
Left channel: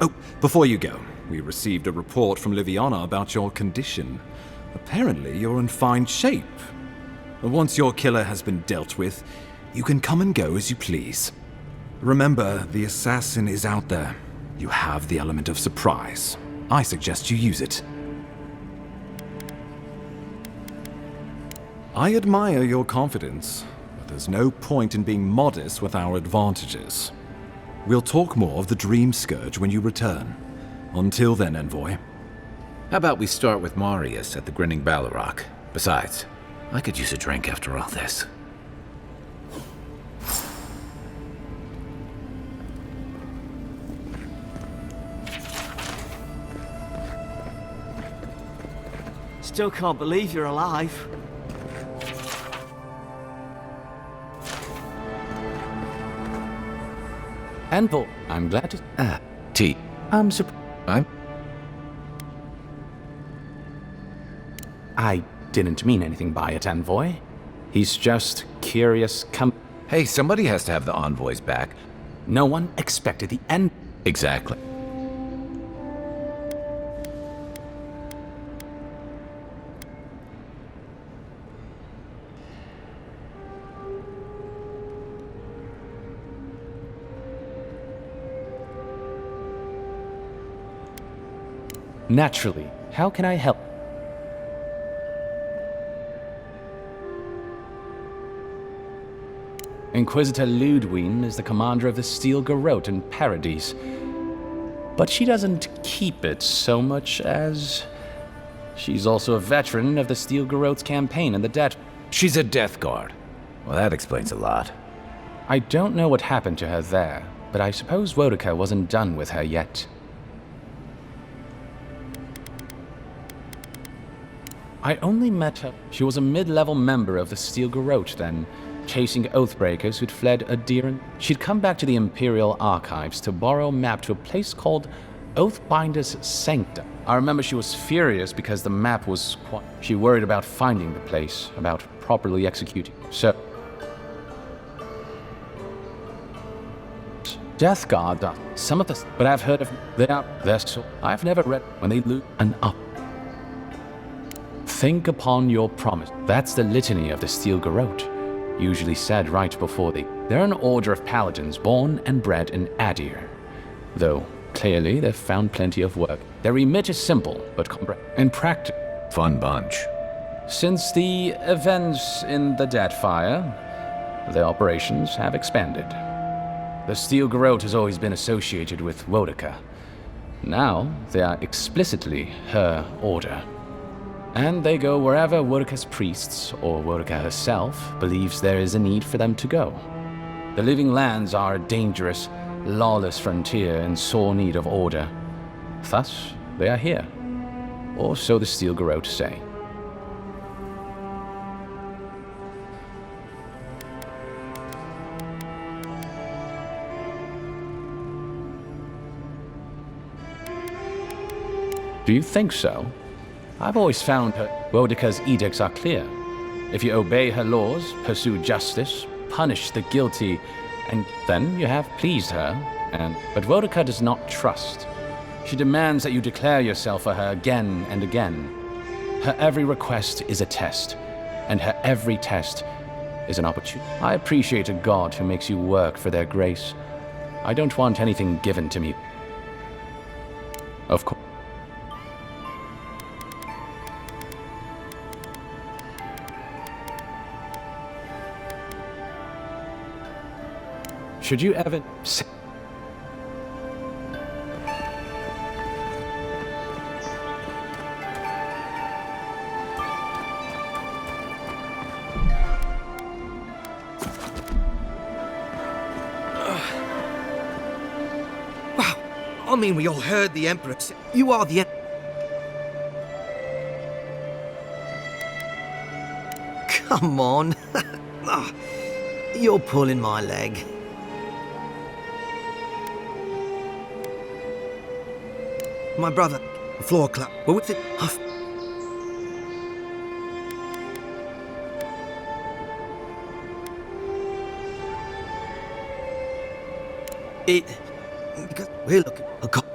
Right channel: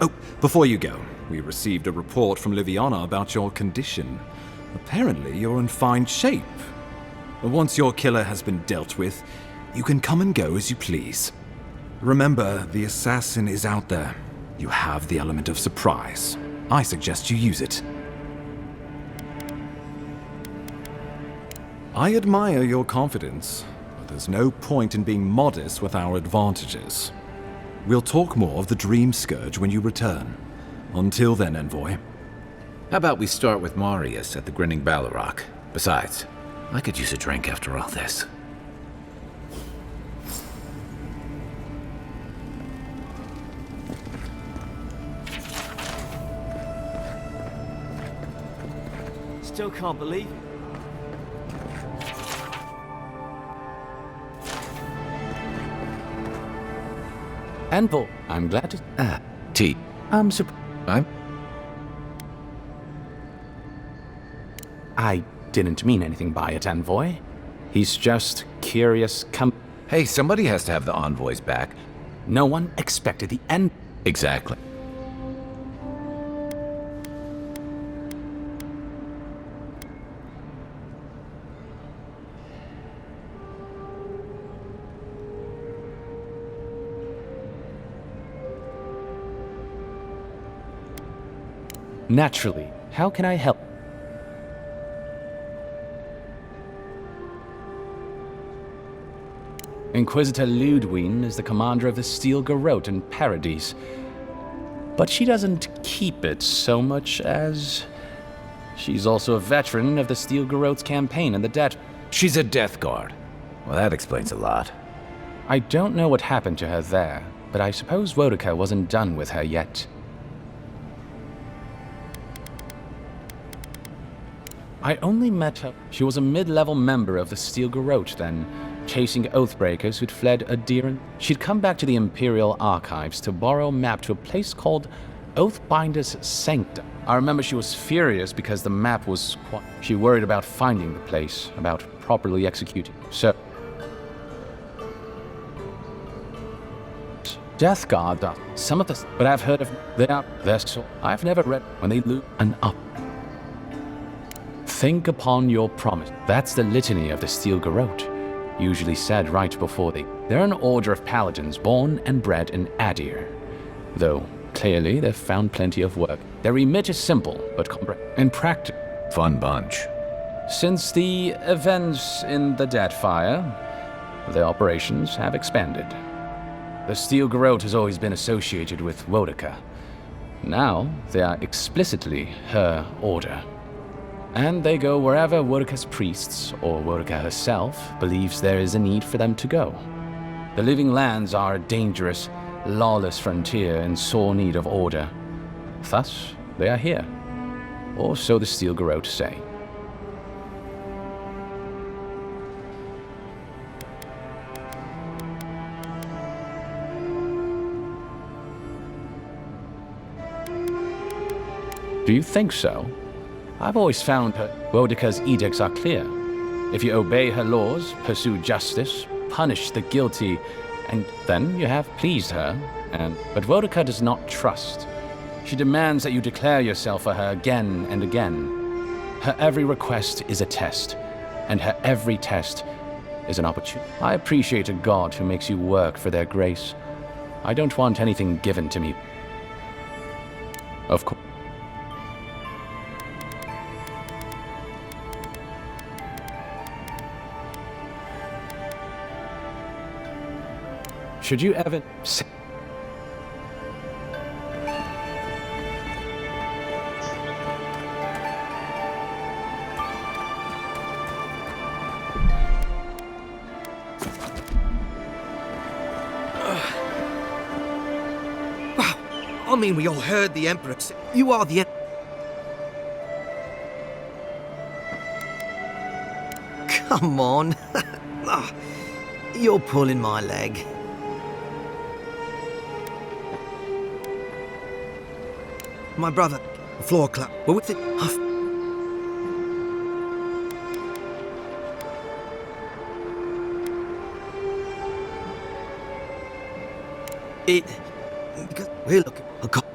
Oh, before you go, we received a report from Liviana about your condition. Apparently, you're in fine shape. Once your killer has been dealt with, you can come and go as you please. Remember, the assassin is out there. You have the element of surprise. I suggest you use it. I admire your confidence, but there's no point in being modest with our advantages. We'll talk more of the Dream Scourge when you return. Until then, Envoy. How about we start with Marius at the Grinning Ballarrock? Besides, I could use a drink after all this. Still can't believe you're alive. Envoy, I'm glad to... T. I'm surprised. I didn't mean anything by it, Envoy. He's just curious Hey, somebody has to have the envoys back. No one expected the end. Exactly. Naturally. How can I help? Inquisitor Ludwig is the commander of the Steel Garrote in Paradise. But she doesn't keep it so much as... She's also a veteran of the Steel Garrote's campaign in the Death... She's a Death Guard. Well, that explains a lot. I don't know what happened to her there, but I suppose Wodica wasn't done with her yet. I only met her. She was a mid-level member of the Steel Garrote then, chasing Oathbreakers who'd fled Adiran. She'd come back to the Imperial Archives to borrow a map to a place called Oathbinder's Sanctum. I remember she was furious because the map was she worried about finding the place, about properly executing. So... Death Guard, some of the... But I've heard of... They're so... I've never read when they loot and up. Think upon your promise. That's the litany of the Steel Garrote, usually said right before They're an order of paladins born and bred in Adir. Though, clearly, they've found plenty of work. Their remit is simple, but in practice... Fun bunch. Since the events in the Deadfire, their operations have expanded. The Steel Garrote has always been associated with Wodeka. Now, they are explicitly her order. And they go wherever Wodeka's priests, or Wodeka herself, believes there is a need for them to go. The Living Lands are a dangerous, lawless frontier in sore need of order. Thus, they are here. Or so the Steel Garrote say. Do you think so? I've always found Wodeka's edicts are clear. If you obey her laws, pursue justice, punish the guilty, and then you have pleased her. But Wodeka does not trust. She demands that you declare yourself for her again and again. Her every request is a test, and her every test is an opportunity. I appreciate a god who makes you work for their grace. I don't want anything given to me. Of course. Should you ever say... Wow, I mean, we all heard the Emperor say, you are the Come on. Ah, you're pulling my leg. My brother, a floor clap. Well, with it, because we're looking a cop.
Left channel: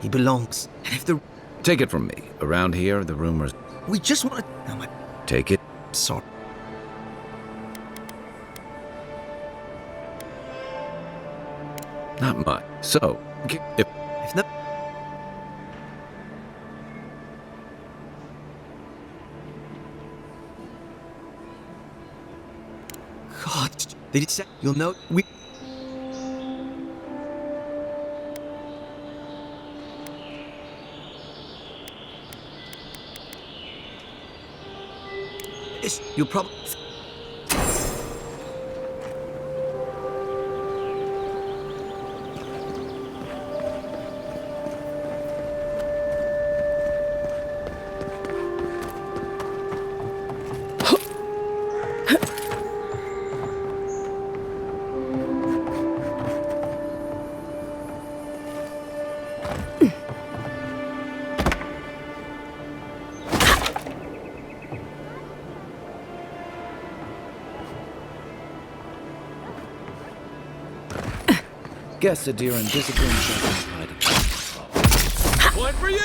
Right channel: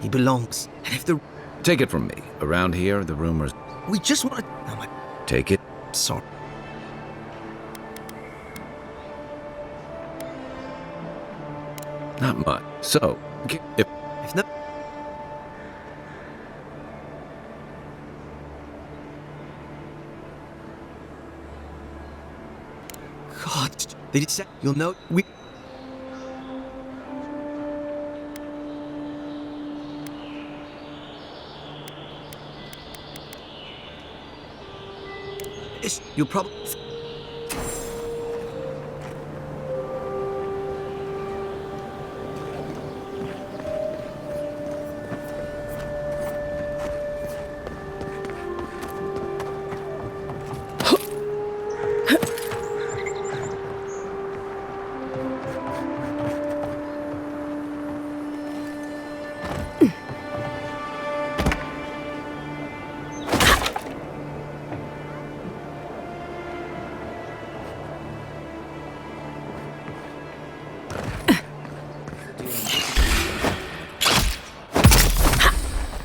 He belongs. And if the Take it from me. Around here, the rumors... we just want to. Take it. Sorry. Not much. So, if no... God, they did say you'll know we... You'll probably... Guess the deer and discipline's not One for you!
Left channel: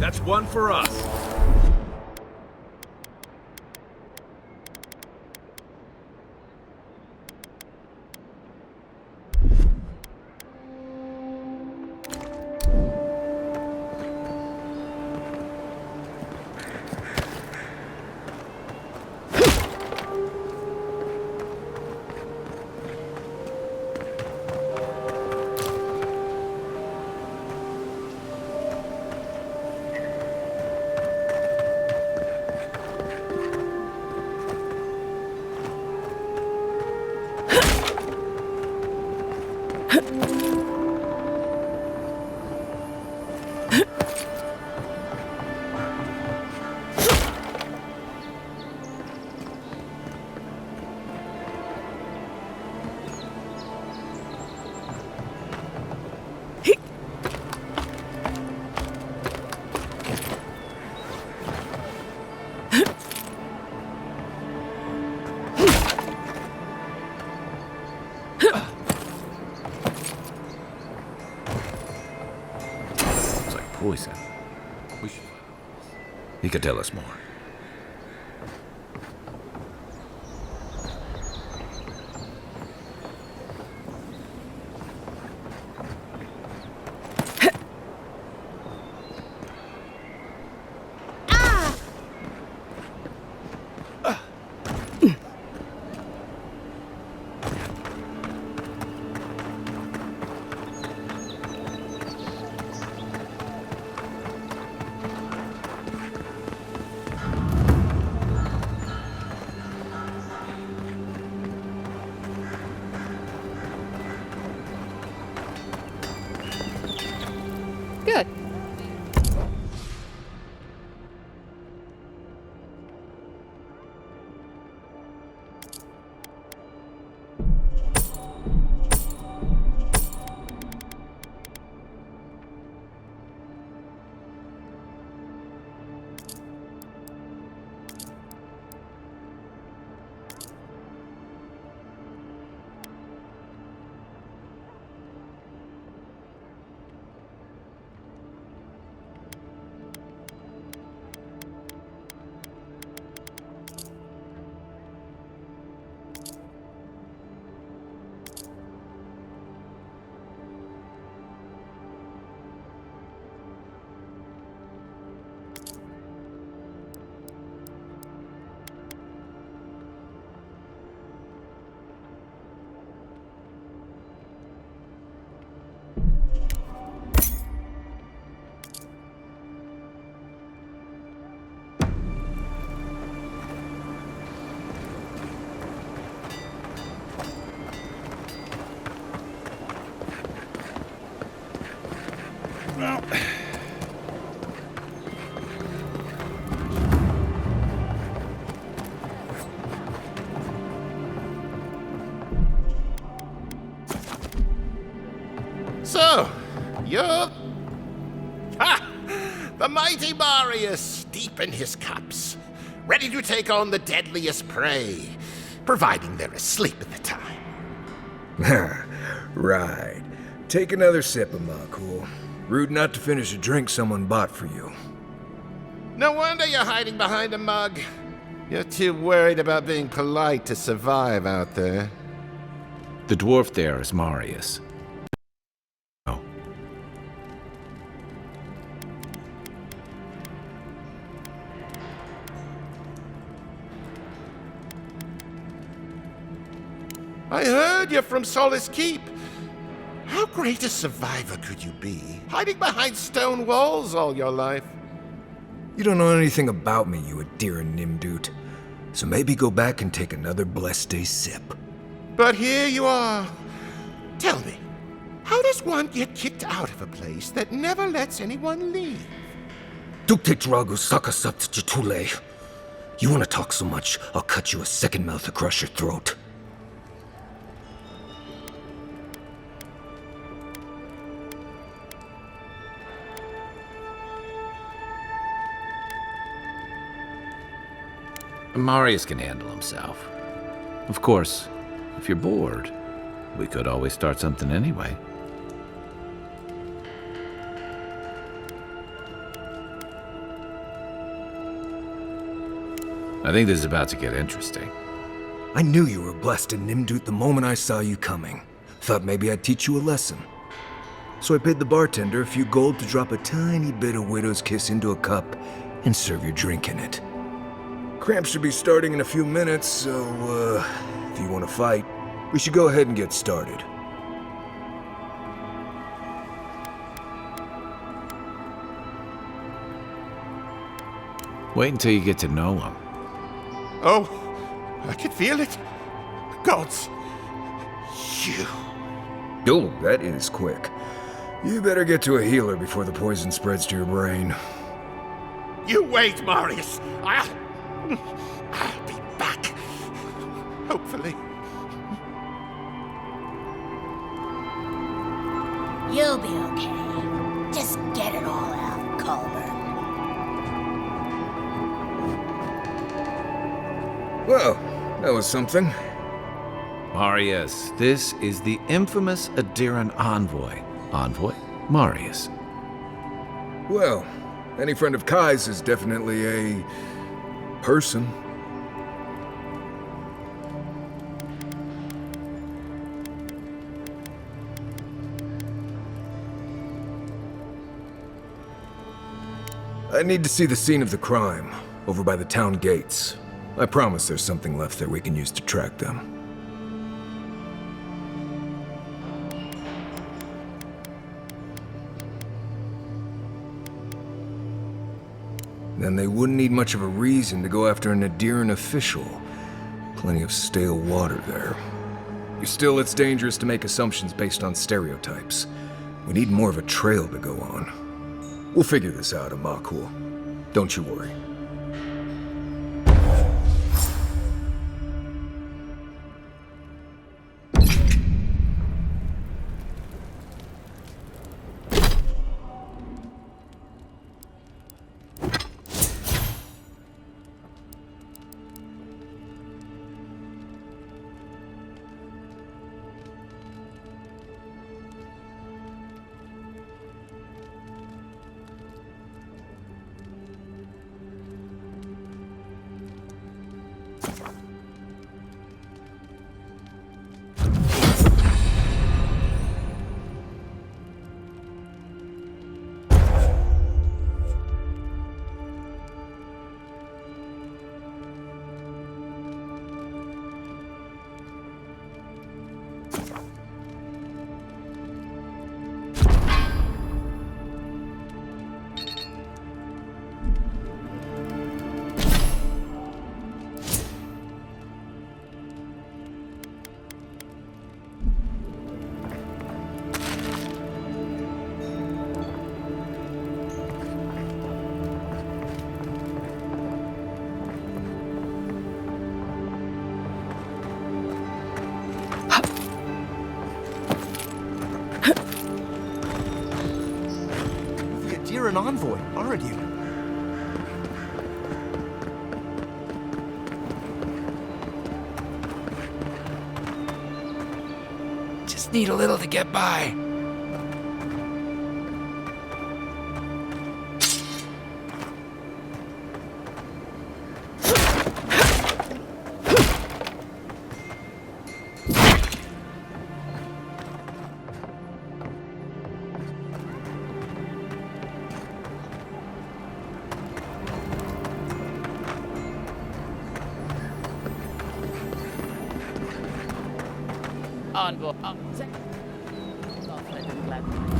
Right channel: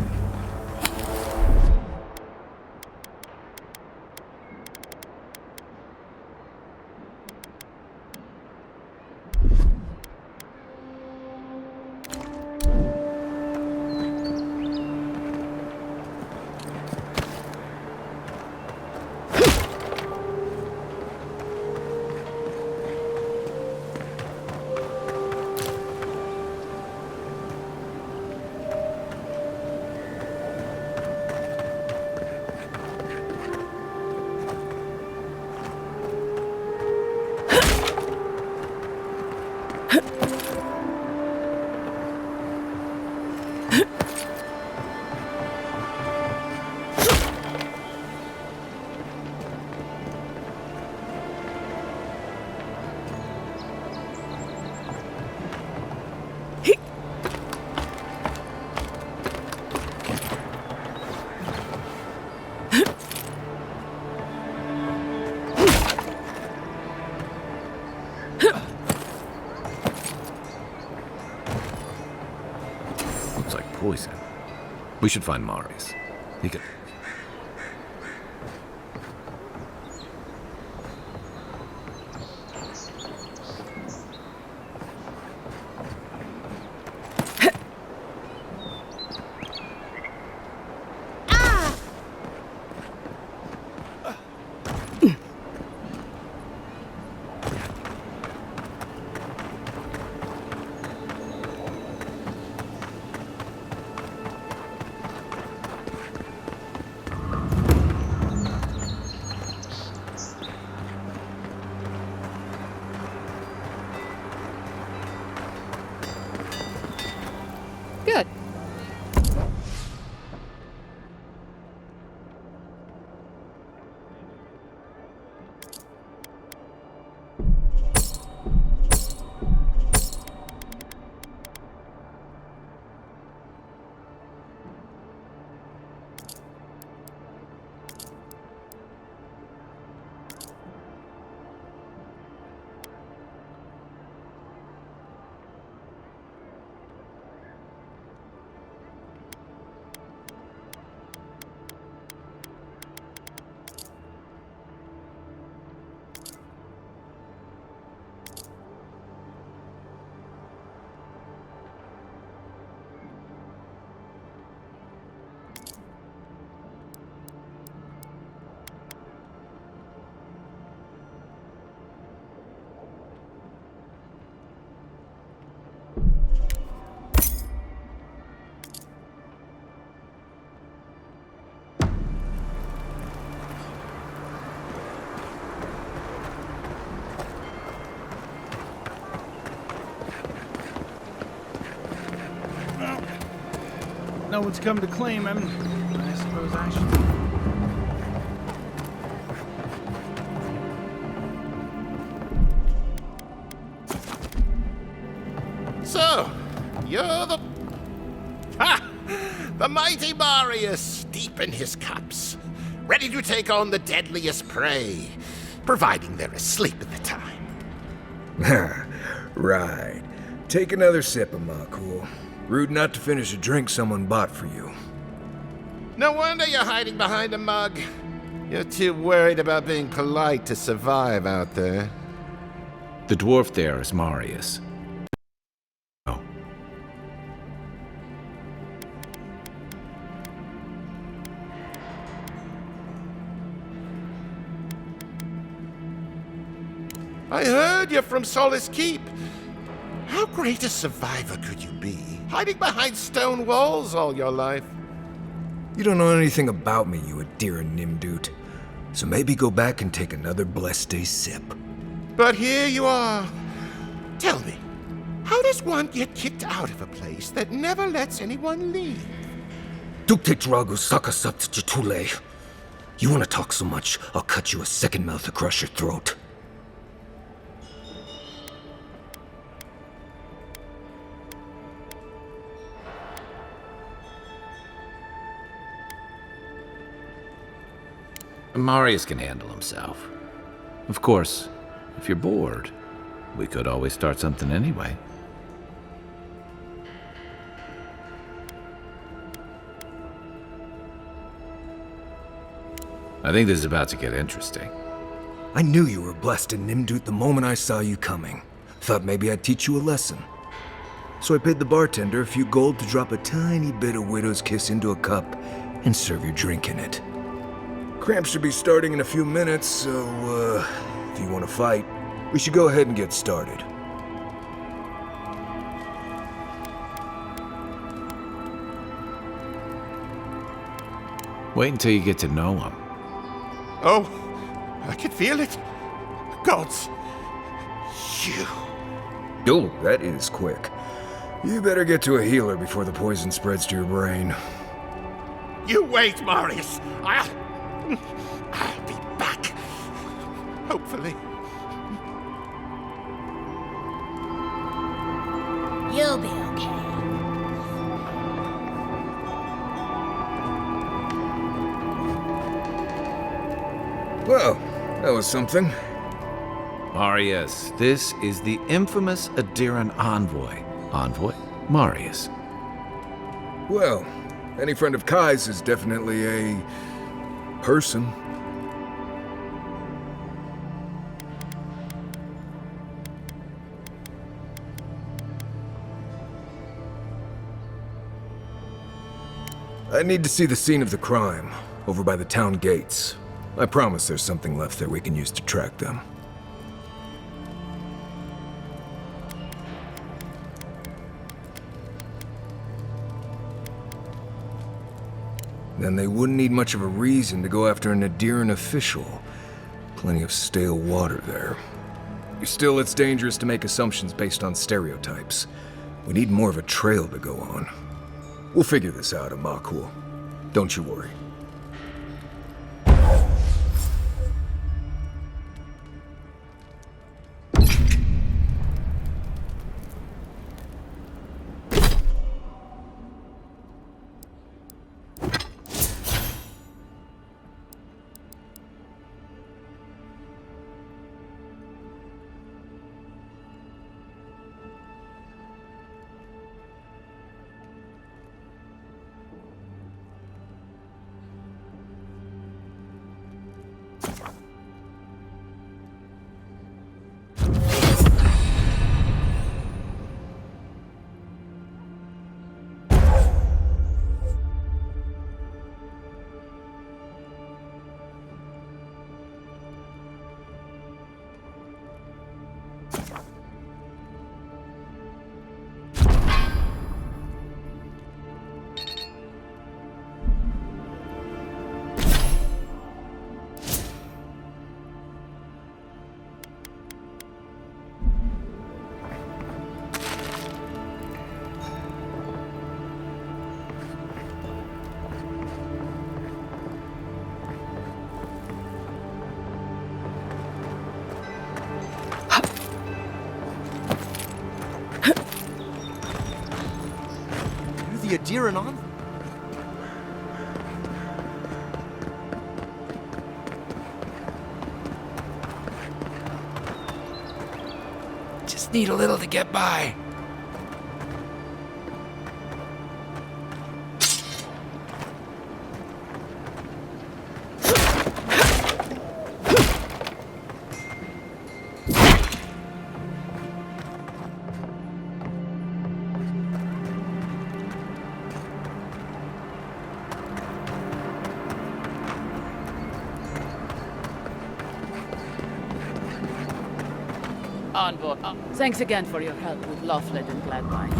That's one for us. poison. We should find Marius. He could tell us more. goats come to claim him, I suppose I should. So, you're the... Ha! The mighty Marius, deep in his cups, ready to take on the deadliest prey, providing they're asleep at the time. Right. Take another sip, Amakul. Rude not to finish a drink someone bought for you. No wonder you're hiding behind a mug. You're too worried about being polite to survive out there. The dwarf there is Marius. Oh. I heard you're from Solace Keep. How great a survivor could you be, hiding behind stone walls all your life? You don't know anything about me, you Adiran Nimdut. So maybe go back and take another blessed day sip. But here you are. Tell me, how does one get kicked out of a place that never lets anyone leave? Duktetragu sakasapt jitule. You want to talk so much, I'll cut you a second mouth across your throat. Marius can handle himself. Of course, if you're bored, we could always start something anyway. I think this is about to get interesting. I knew you were blessed in Nimdut the moment I saw you coming. Thought maybe I'd teach you a lesson. So I paid the bartender a few gold to drop a tiny bit of Widow's Kiss into a cup and serve your drink in it. Cramps should be starting in a few minutes, so, if you want to fight, we should go ahead and get started. Wait until you get to know him. Oh, I can feel it. Gods, you. Oh, that is quick. You better get to a healer before the poison spreads to your brain. You wait, Marius. I'll be back. Hopefully. You'll be okay. Just get it all out, Culver. Well, that was something. Marius, this is the infamous Adiran envoy. Envoy? Marius. Well, any friend of Kai's is definitely a... person. I need to see the scene of the crime, over by the town gates. I promise there's something left there we can use to track them. Then they wouldn't need much of a reason to go after an Adiran official. Plenty of stale water there. Still, it's dangerous to make assumptions based on stereotypes. We need more of a trail to go on. We'll figure this out, Amakul. Don't you worry. Deeren envoy, aren't you? Just need a little to get by. Envoy, thanks again for your help with Lothlet and Gladwine.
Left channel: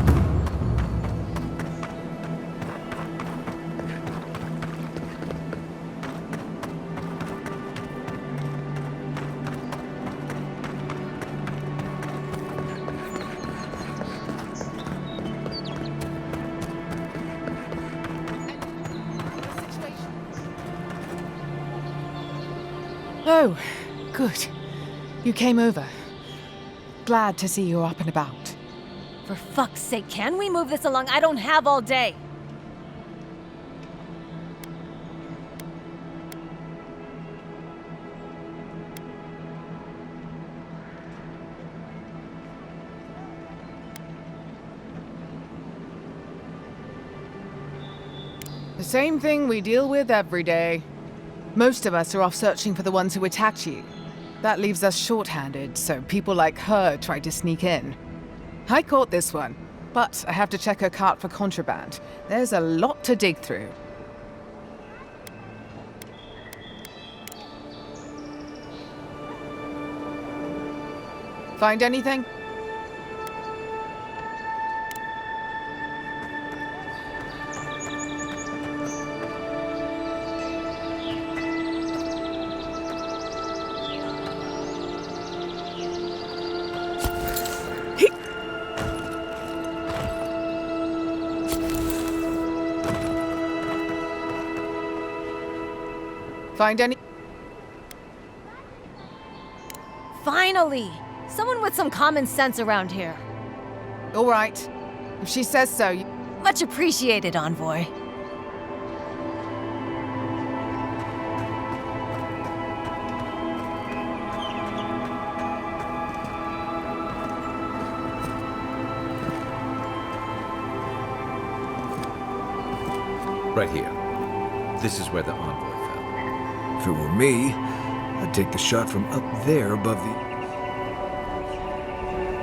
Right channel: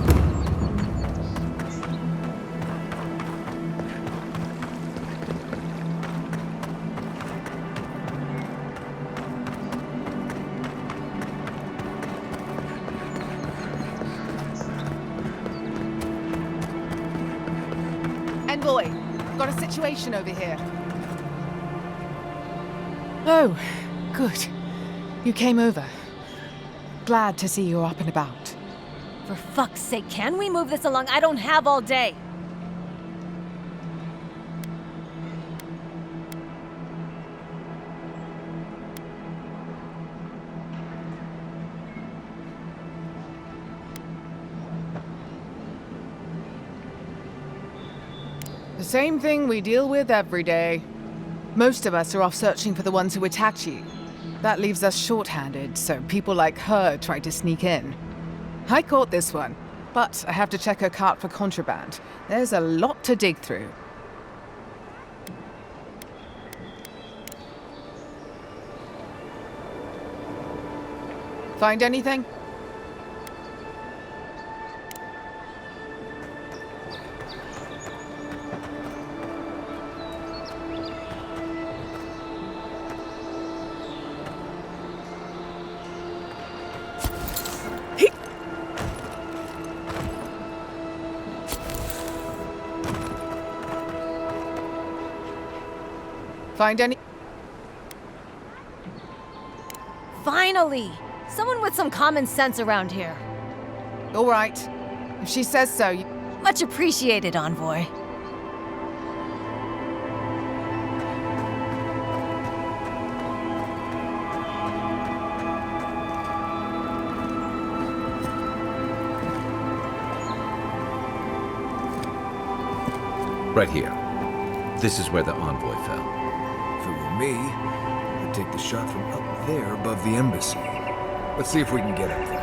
Envoy, got a situation over here. Oh, good. You came over. Glad to see you're up and about. For fuck's sake, can we move this along? I don't have all day. The same thing we deal with every day. Most of us are off searching for the ones who attacked you. That leaves us short-handed, so people like her try to sneak in. I caught this one, but I have to check her cart for contraband. There's a lot to dig through. Find anything? Find any? Finally! Someone with some common sense around here. All right. If she says so, you... Much appreciated, Envoy. Right here. This is where the envoy fell. If it were me, I'd take the shot from up there above the embassy. Let's see if we can get up there.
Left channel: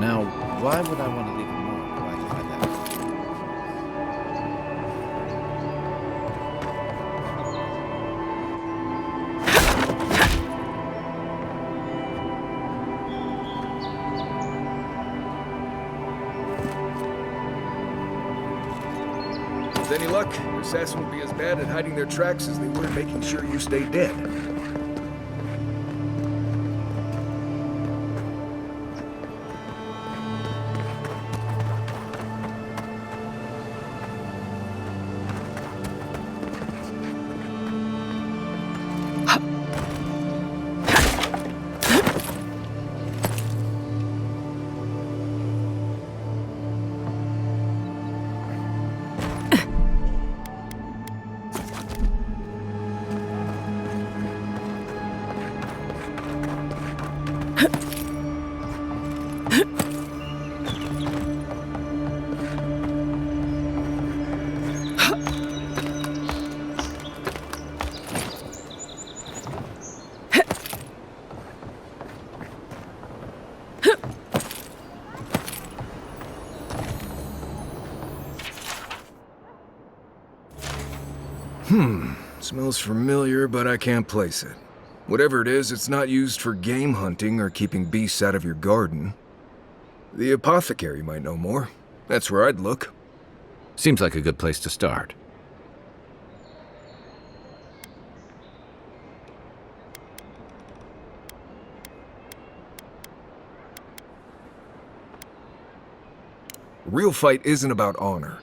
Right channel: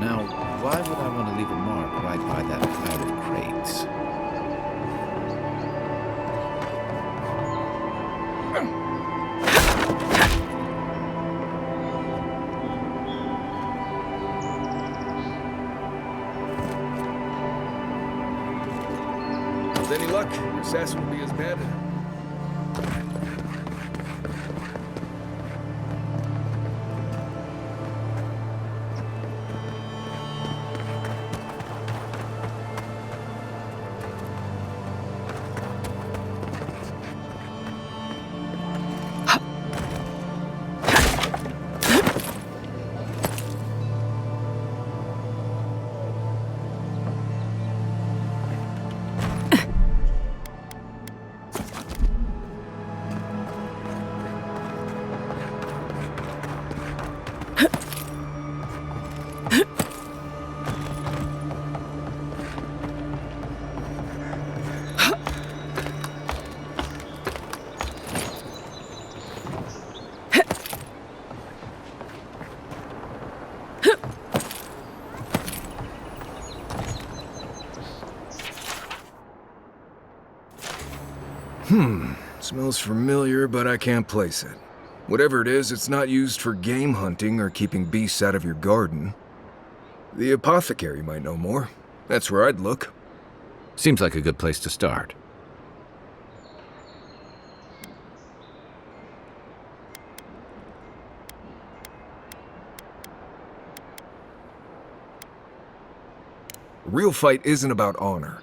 Now, why would I want to leave a mark right by that pile of crates? With any luck, your assassin will be as bad at hiding their tracks as they were at making sure you stay dead. Smells familiar, but I can't place it. Whatever it is, it's not used for game hunting or keeping beasts out of your garden. The apothecary might know more. That's where I'd look. Seems like a good place to start. A real fight isn't about honor.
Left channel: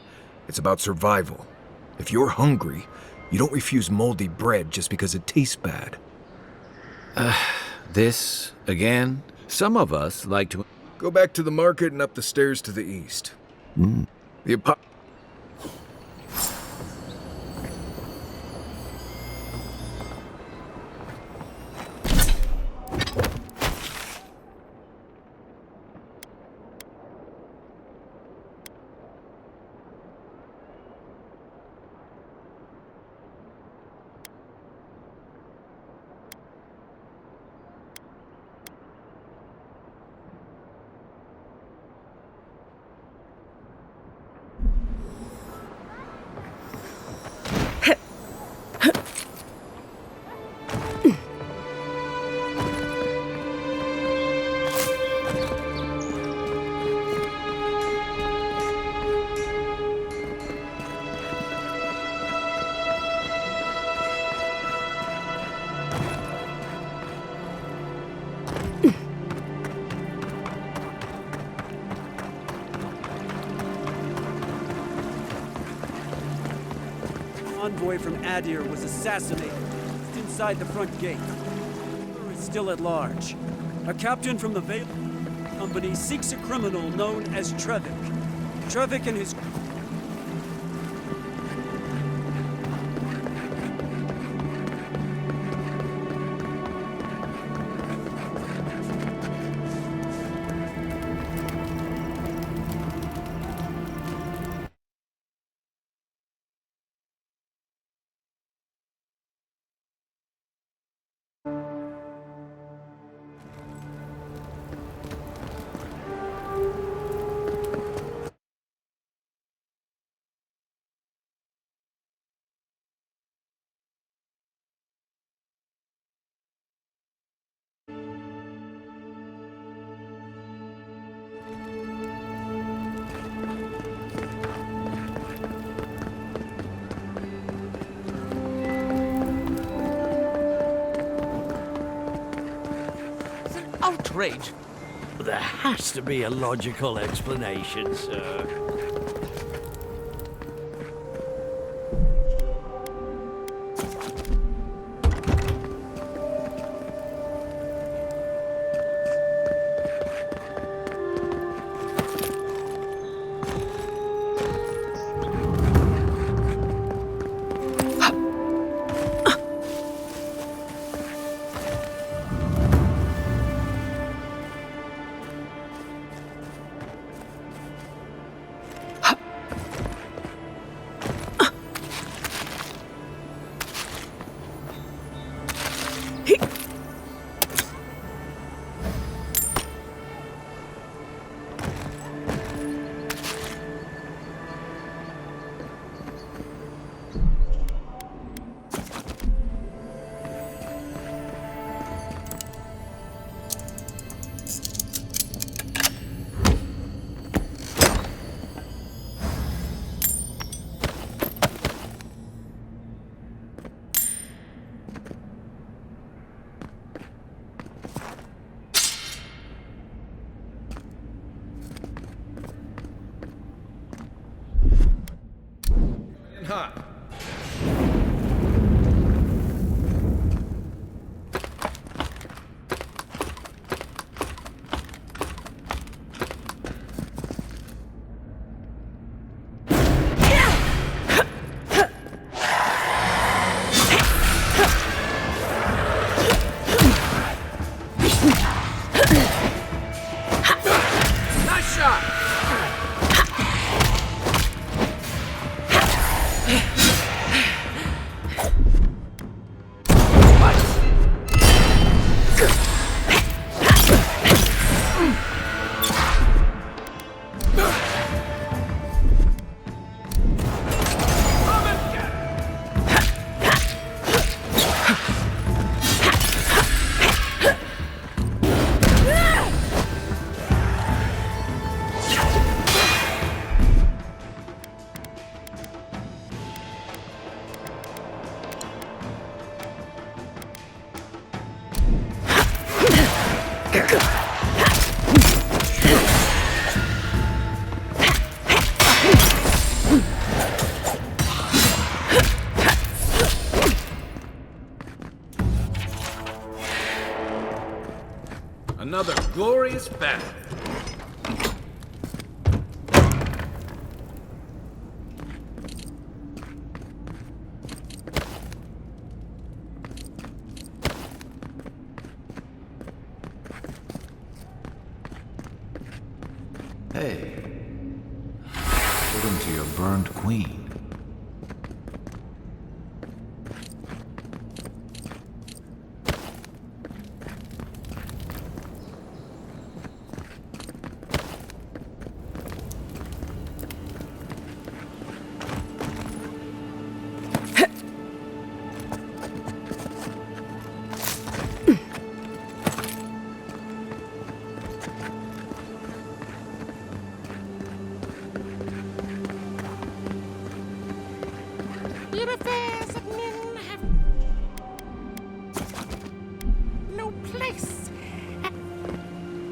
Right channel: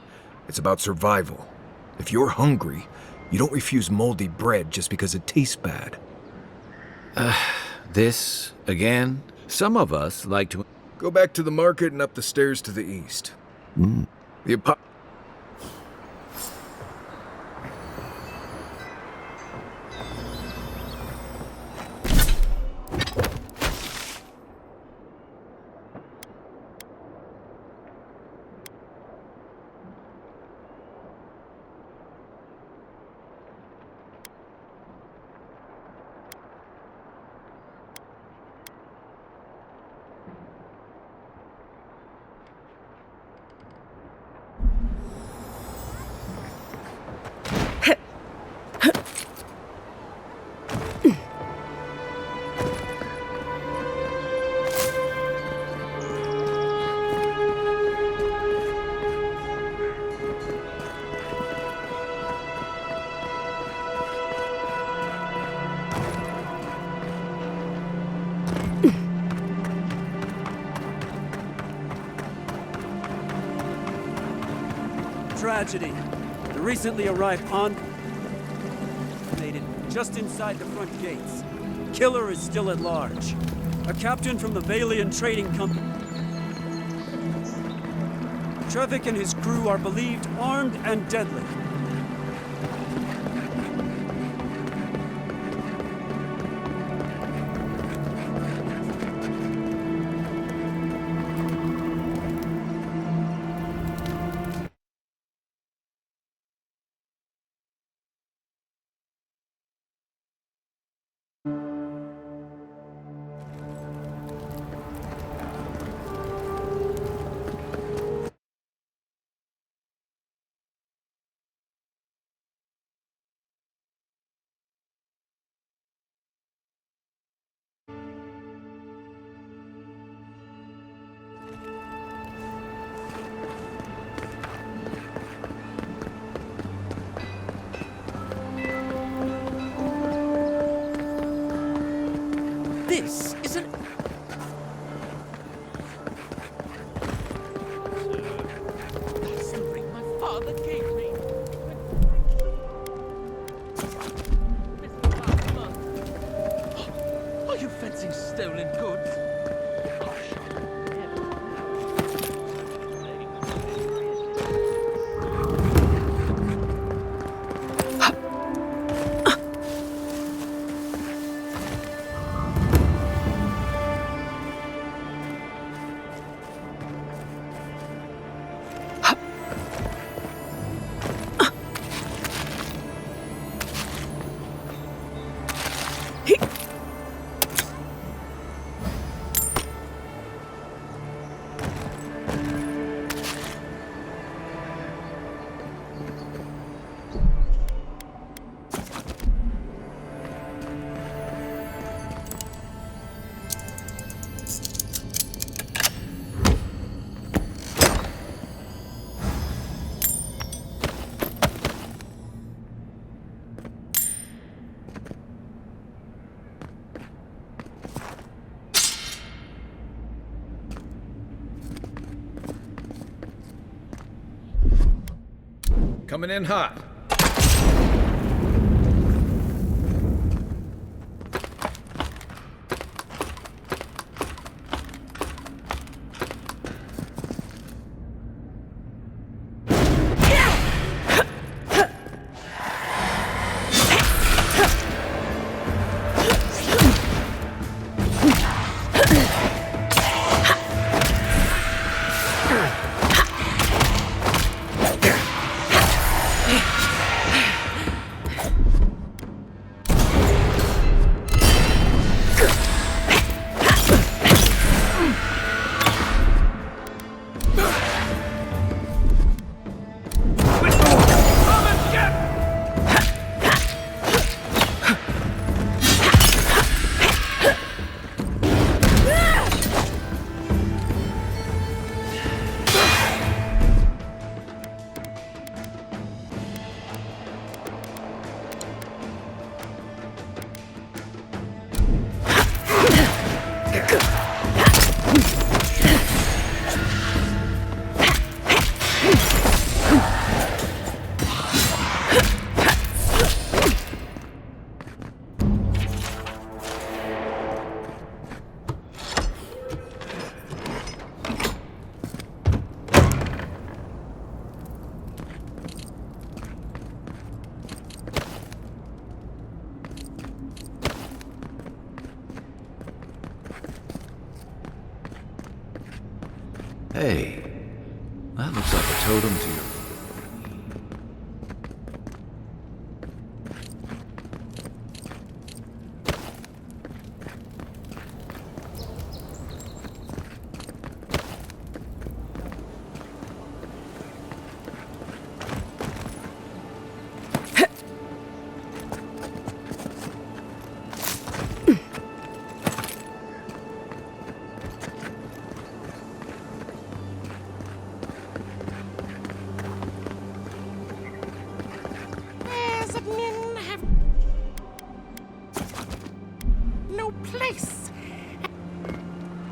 It's about survival. If you're hungry, you don't refuse moldy bread just because it tastes bad. This, again? Some of us like to... Go back to the market and up the stairs to the east. The apo- Tragedy. The recently arrived envoy from Adir was assassinated just inside the front gates. The killer is still at large. A captain from the Valian Trading Company seeks a criminal known as Trevik. Trevik and his crew are believed armed and deadly. This is an outrage. There has to be a logical explanation, sir. Something my father gave me. Are you fencing stolen goods? Coming in hot. another glorious battle. Hey, that looks like a totem to your burned queen.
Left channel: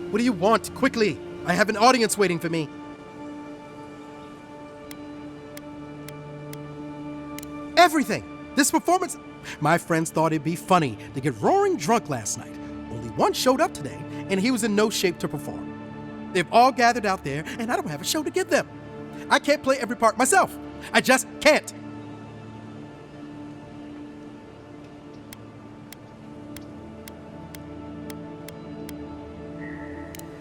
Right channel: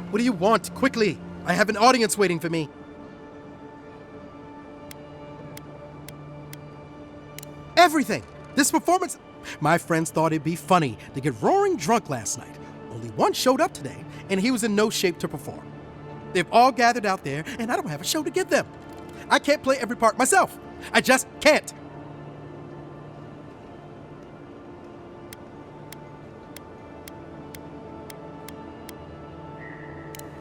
What do you want? Quickly! I have an audience waiting for me. Everything! This performance... My friends thought it'd be funny to get roaring drunk last night. Only one showed up today, and he was in no shape to perform. They've all gathered out there, and I don't have a show to give them. I can't play every part myself. I just can't.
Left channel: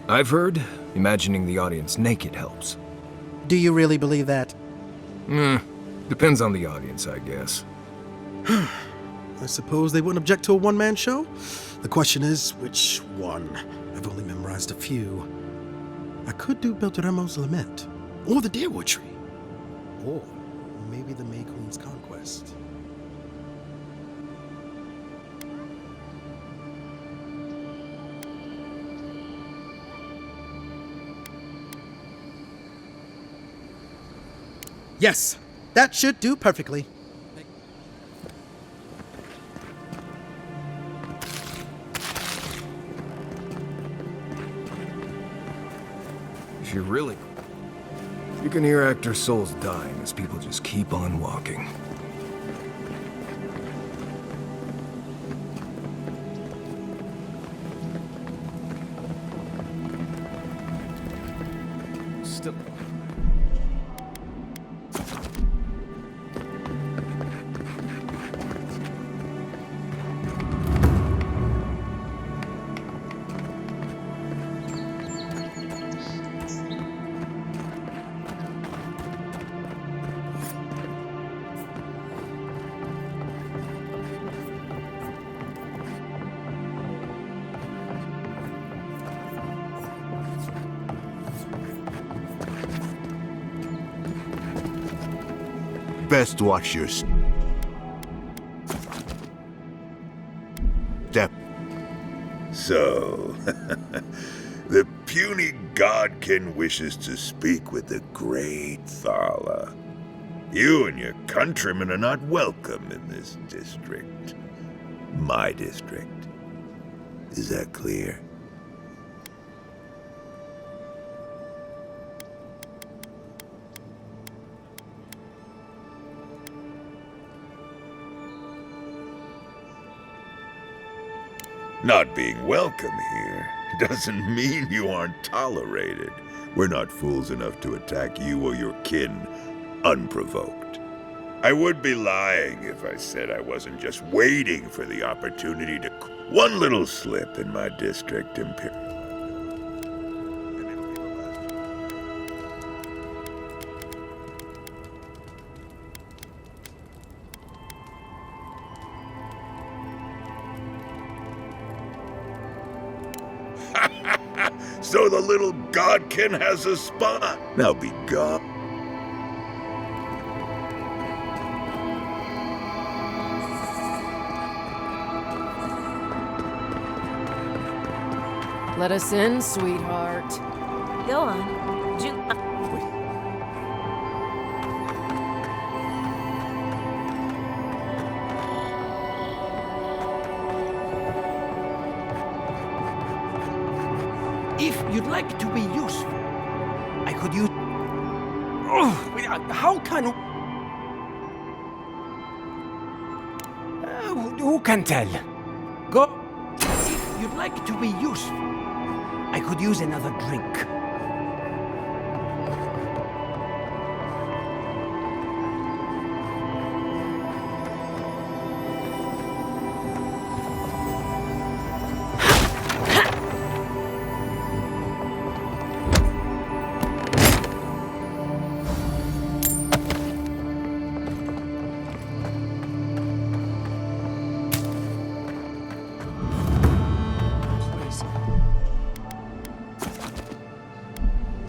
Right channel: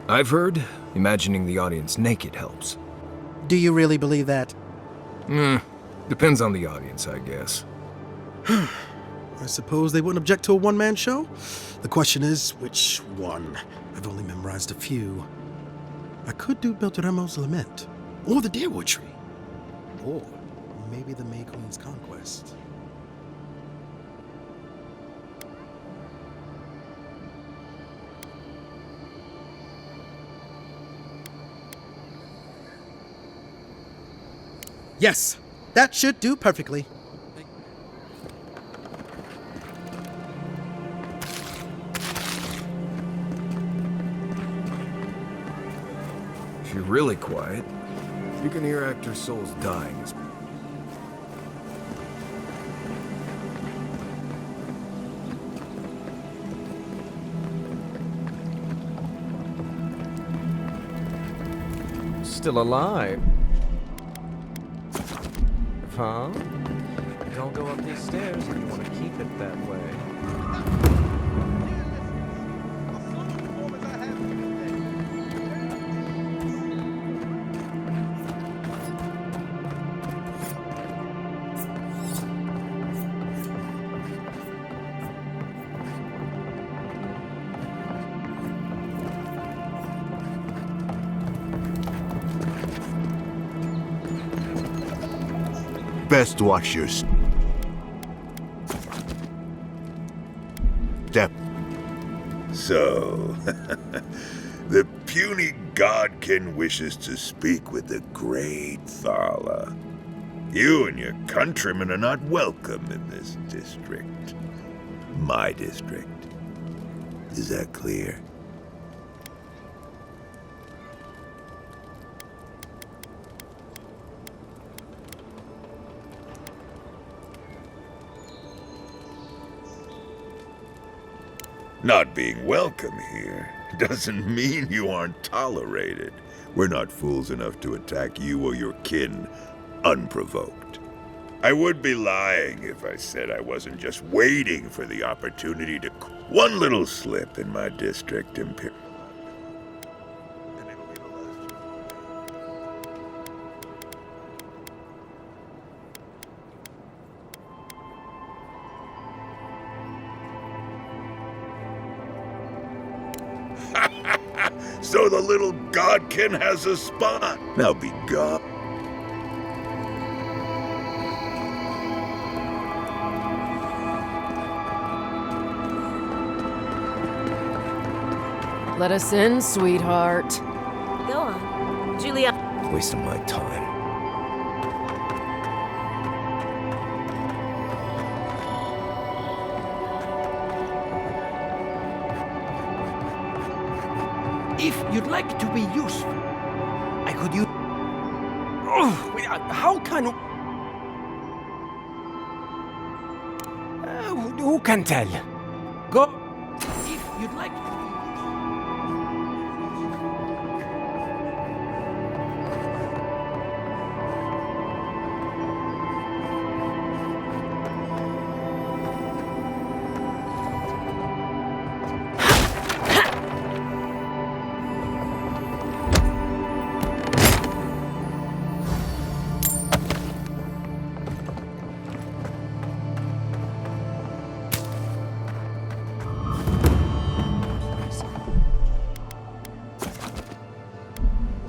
I've heard imagining the audience naked helps. Do you really believe that? Depends on the audience, I guess. I suppose they wouldn't object to a one-man show? The question is, which one? I've only memorized a few. I could do Beltramo's Lament, or the Deerwood Tree, or maybe the May Queen's Conquest. Yes, that should do perfectly. If you're really quiet, you can hear actors' souls dying as people just keep on walking. Still alive. Huh? Don't go up these stairs if you want to keep it that way. Best watch your step. So, the puny godkin wishes to speak with the great Thala. You and your countrymen are not welcome in this district. My district. Is that clear? Not being welcome here doesn't mean you aren't tolerated. We're not fools enough to attack you or your kin unprovoked. I would be lying if I said I wasn't just waiting for the opportunity to... One little slip in my district, Imperial. And it'll be the last you So the little godkin has a spot. Now be gone. Let us in, sweetheart. Go on, Julia. Wasting my time. If you'd like to be useful, I could use... Oh, how can... who can tell? Go... If you'd like to be useful, I could use another drink.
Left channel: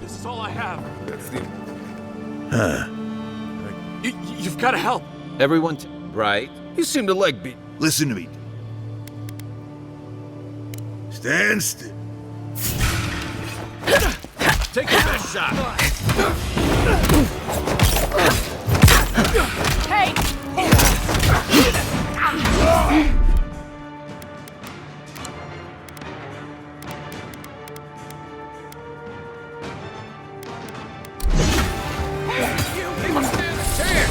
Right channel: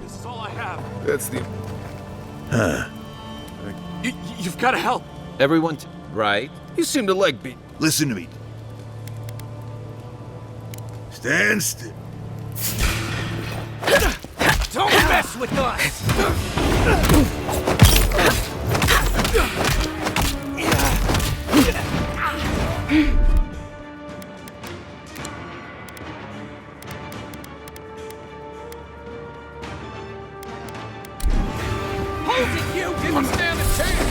This is all I have. That's the... Huh. You've got to help. Everyone... Right. You seem to like being... Listen to me. Stand still. Don't mess up. You didn't stand a chance.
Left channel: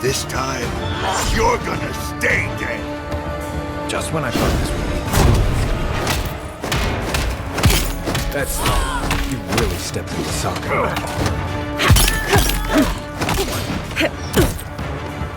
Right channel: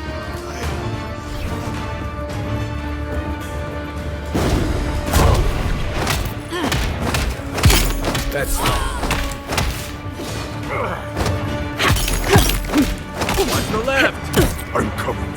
This time, you're gonna stay dead. Just when I thought this was... That's not... You really stepped in something. Watch the left. I'm coming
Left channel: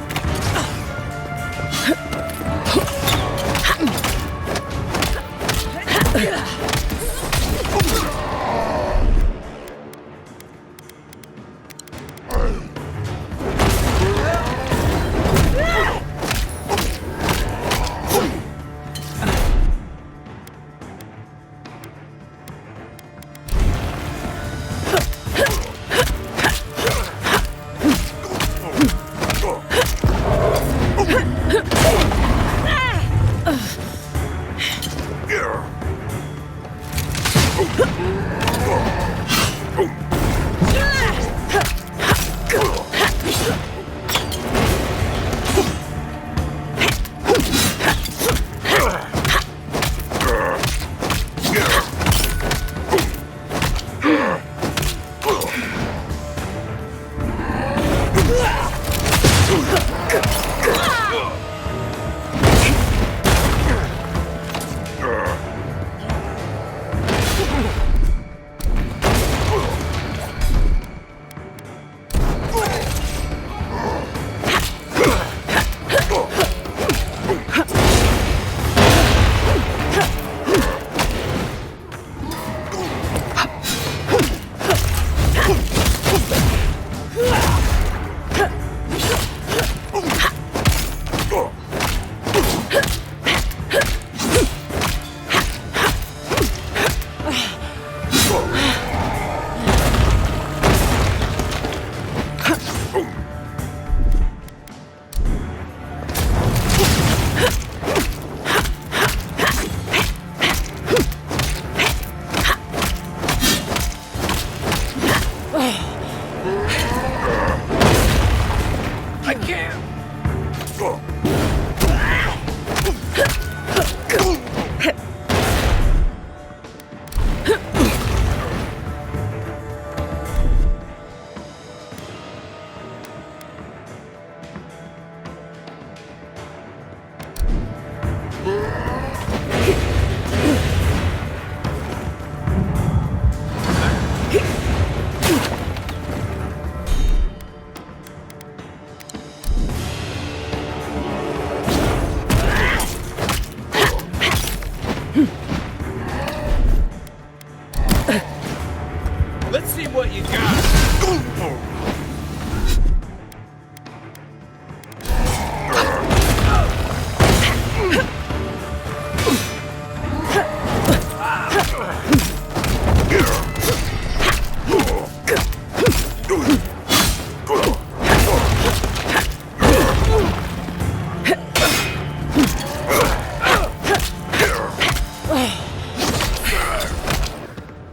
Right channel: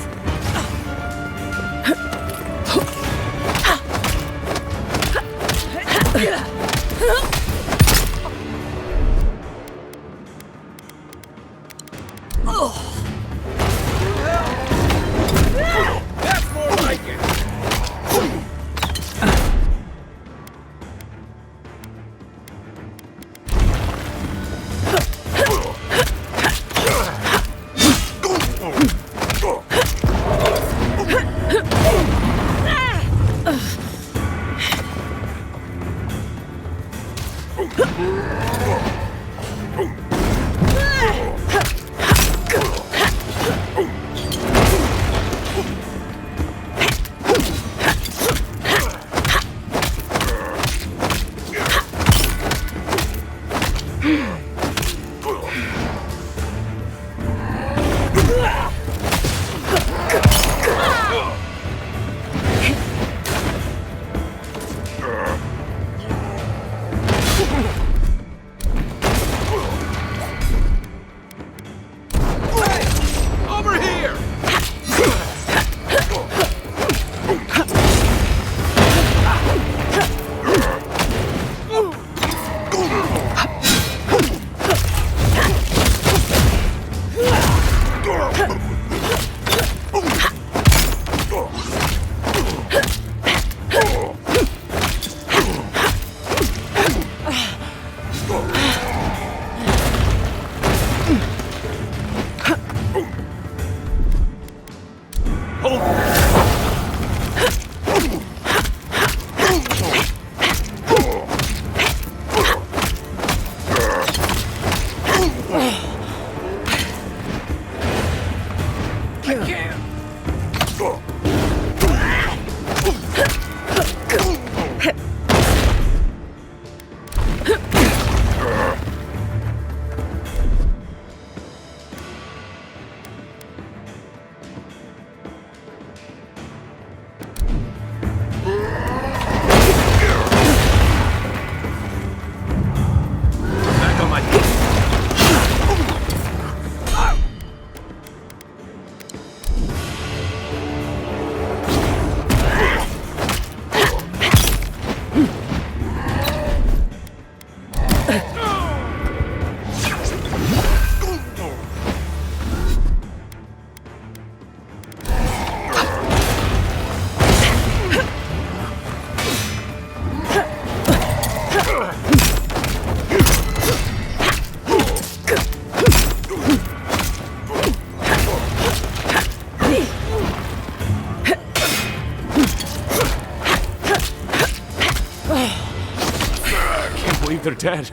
they're dead.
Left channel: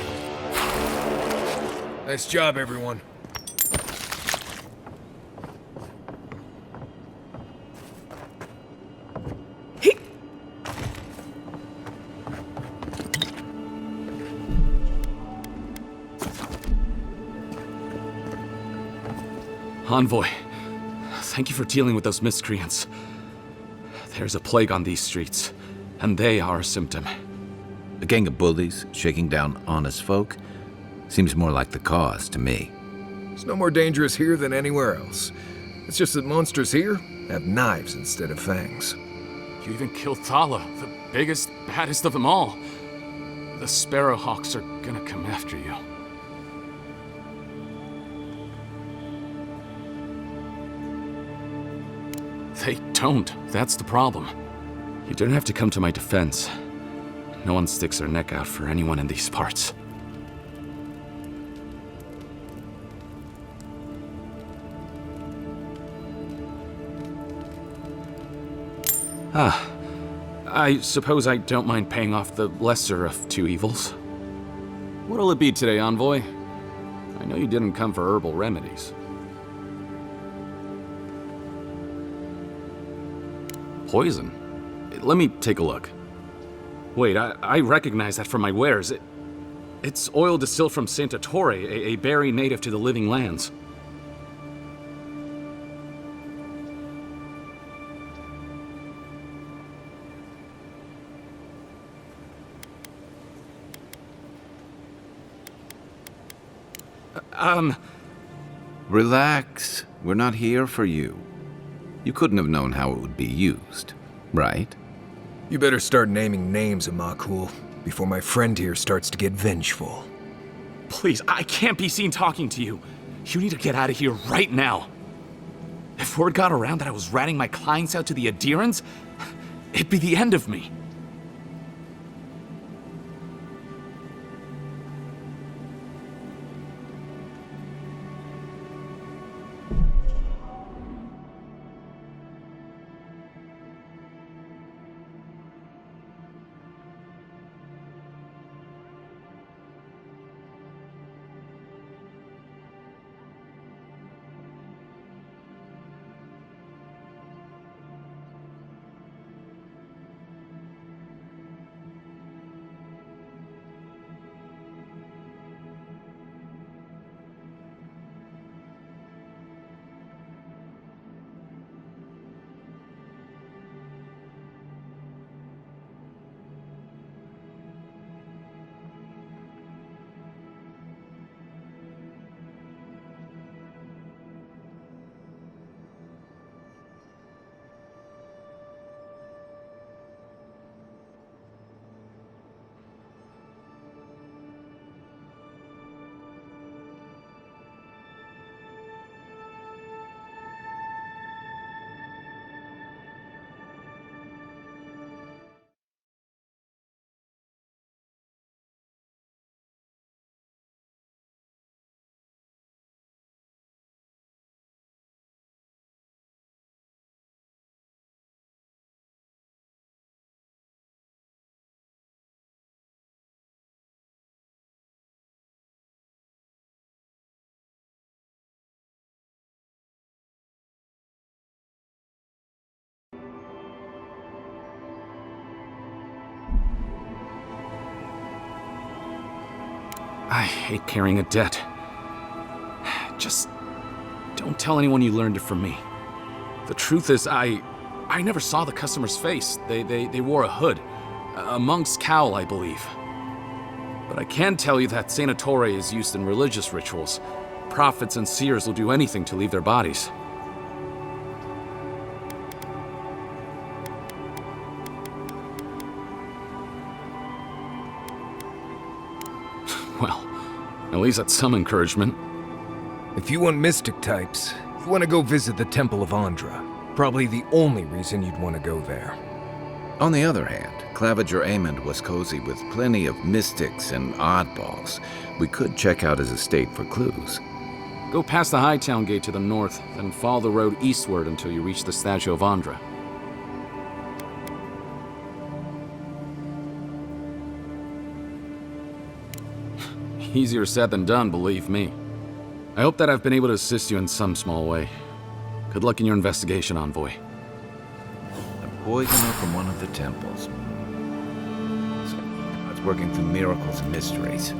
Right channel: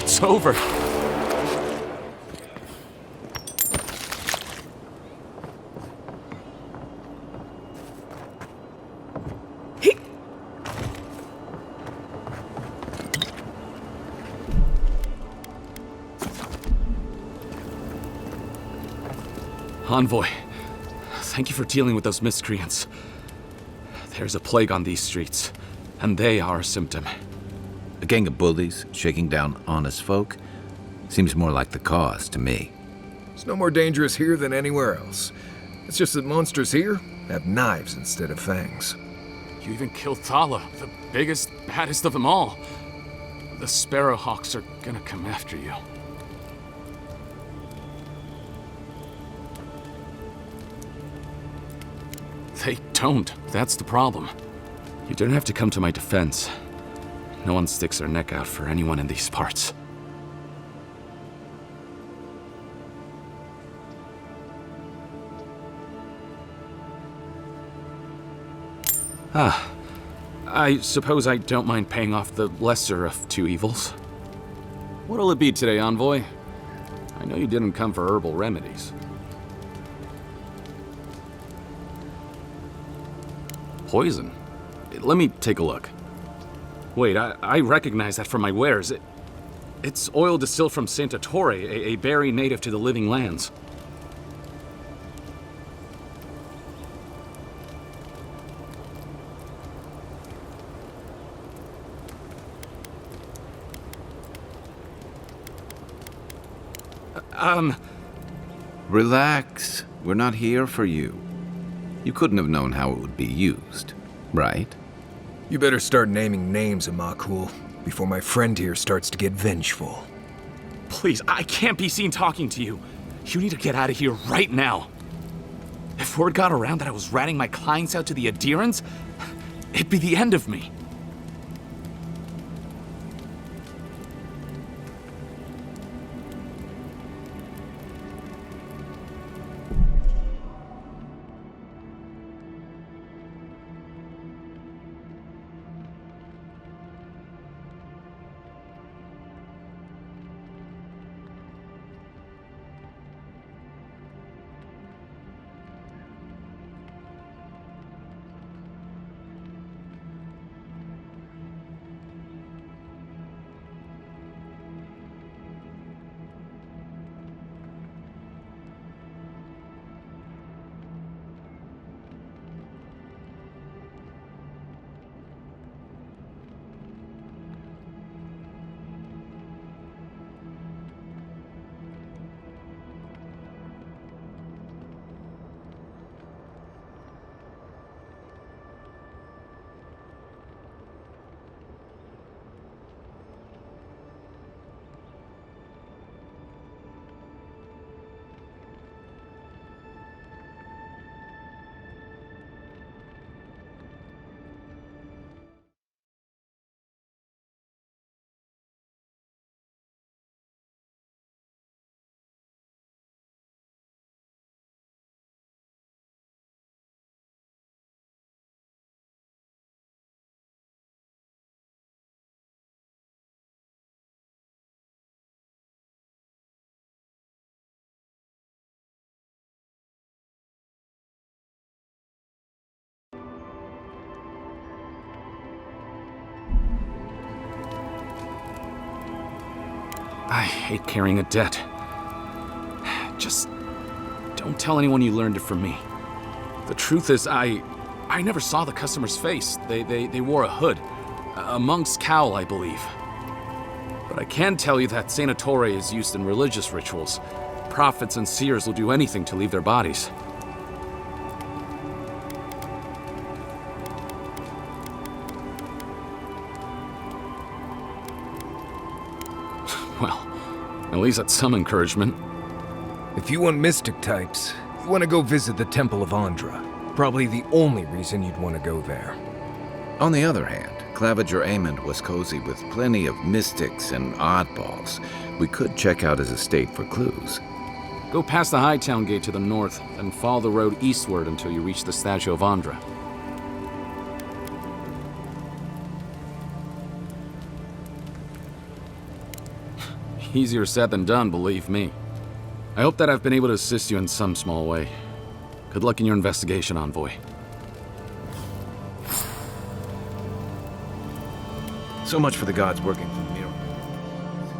It's over. Nice job, everyone. Envoy, thank you for dealing with those miscreants. There's a plague on these streets, and they are a symptom. A gang of bullies shaking down honest folk seems more like the cause to me. It's no more dangerous here than anywhere else. It's just that monsters here have knives instead of fangs. You even killed Thala, the biggest, baddest of them all. The Sparrowhawks are gonna come after you. They don't. That's the problem. You don't have to come to my defense. No one sticks their neck out for anyone in these parts. I suppose I don't mind paying off the lesser of two evils. What'll it be today, Envoy? I know you didn't come for herbal remedies. Poison? Let me take a look. Wait, I recognize that from my wares. It's oil distilled from Santa Torre, a berry native to the Living Lands. Relax. We're not here for you. You couldn't have known how it would be used, right? You better start naming names, Amakul, before my friend here starts to get vengeful. Please, I can't be seen talking to you. You need to get out of here right now. If word got around that I was ratting my clients out to the adherents, it'd be the end of me. I hate carrying a debt. Just don't tell anyone you learned it from me. The truth is, I never saw the customer's face. They wore a hood. A monk's cowl, I believe. But I can tell you that Santa Torre is used in religious rituals. Prophets and seers will do anything to leave their bodies. Well, at least that's some encouragement. If you want mystic types, you want to go visit the Temple of Andra. Probably the only reason you'd want to go there. On the other hand, Claviger Amond was cozy with plenty of mystics and oddballs. We could check out his estate for clues. Go past the Hightown Gate to the north, then follow the road eastward until you reach the statue of Andra. Easier said than done, believe me. I hope that I've been able to assist you in some small way. Good luck in your investigation, Envoy. The poisoner from one of the temples. So much for the gods working through miracles and mysteries.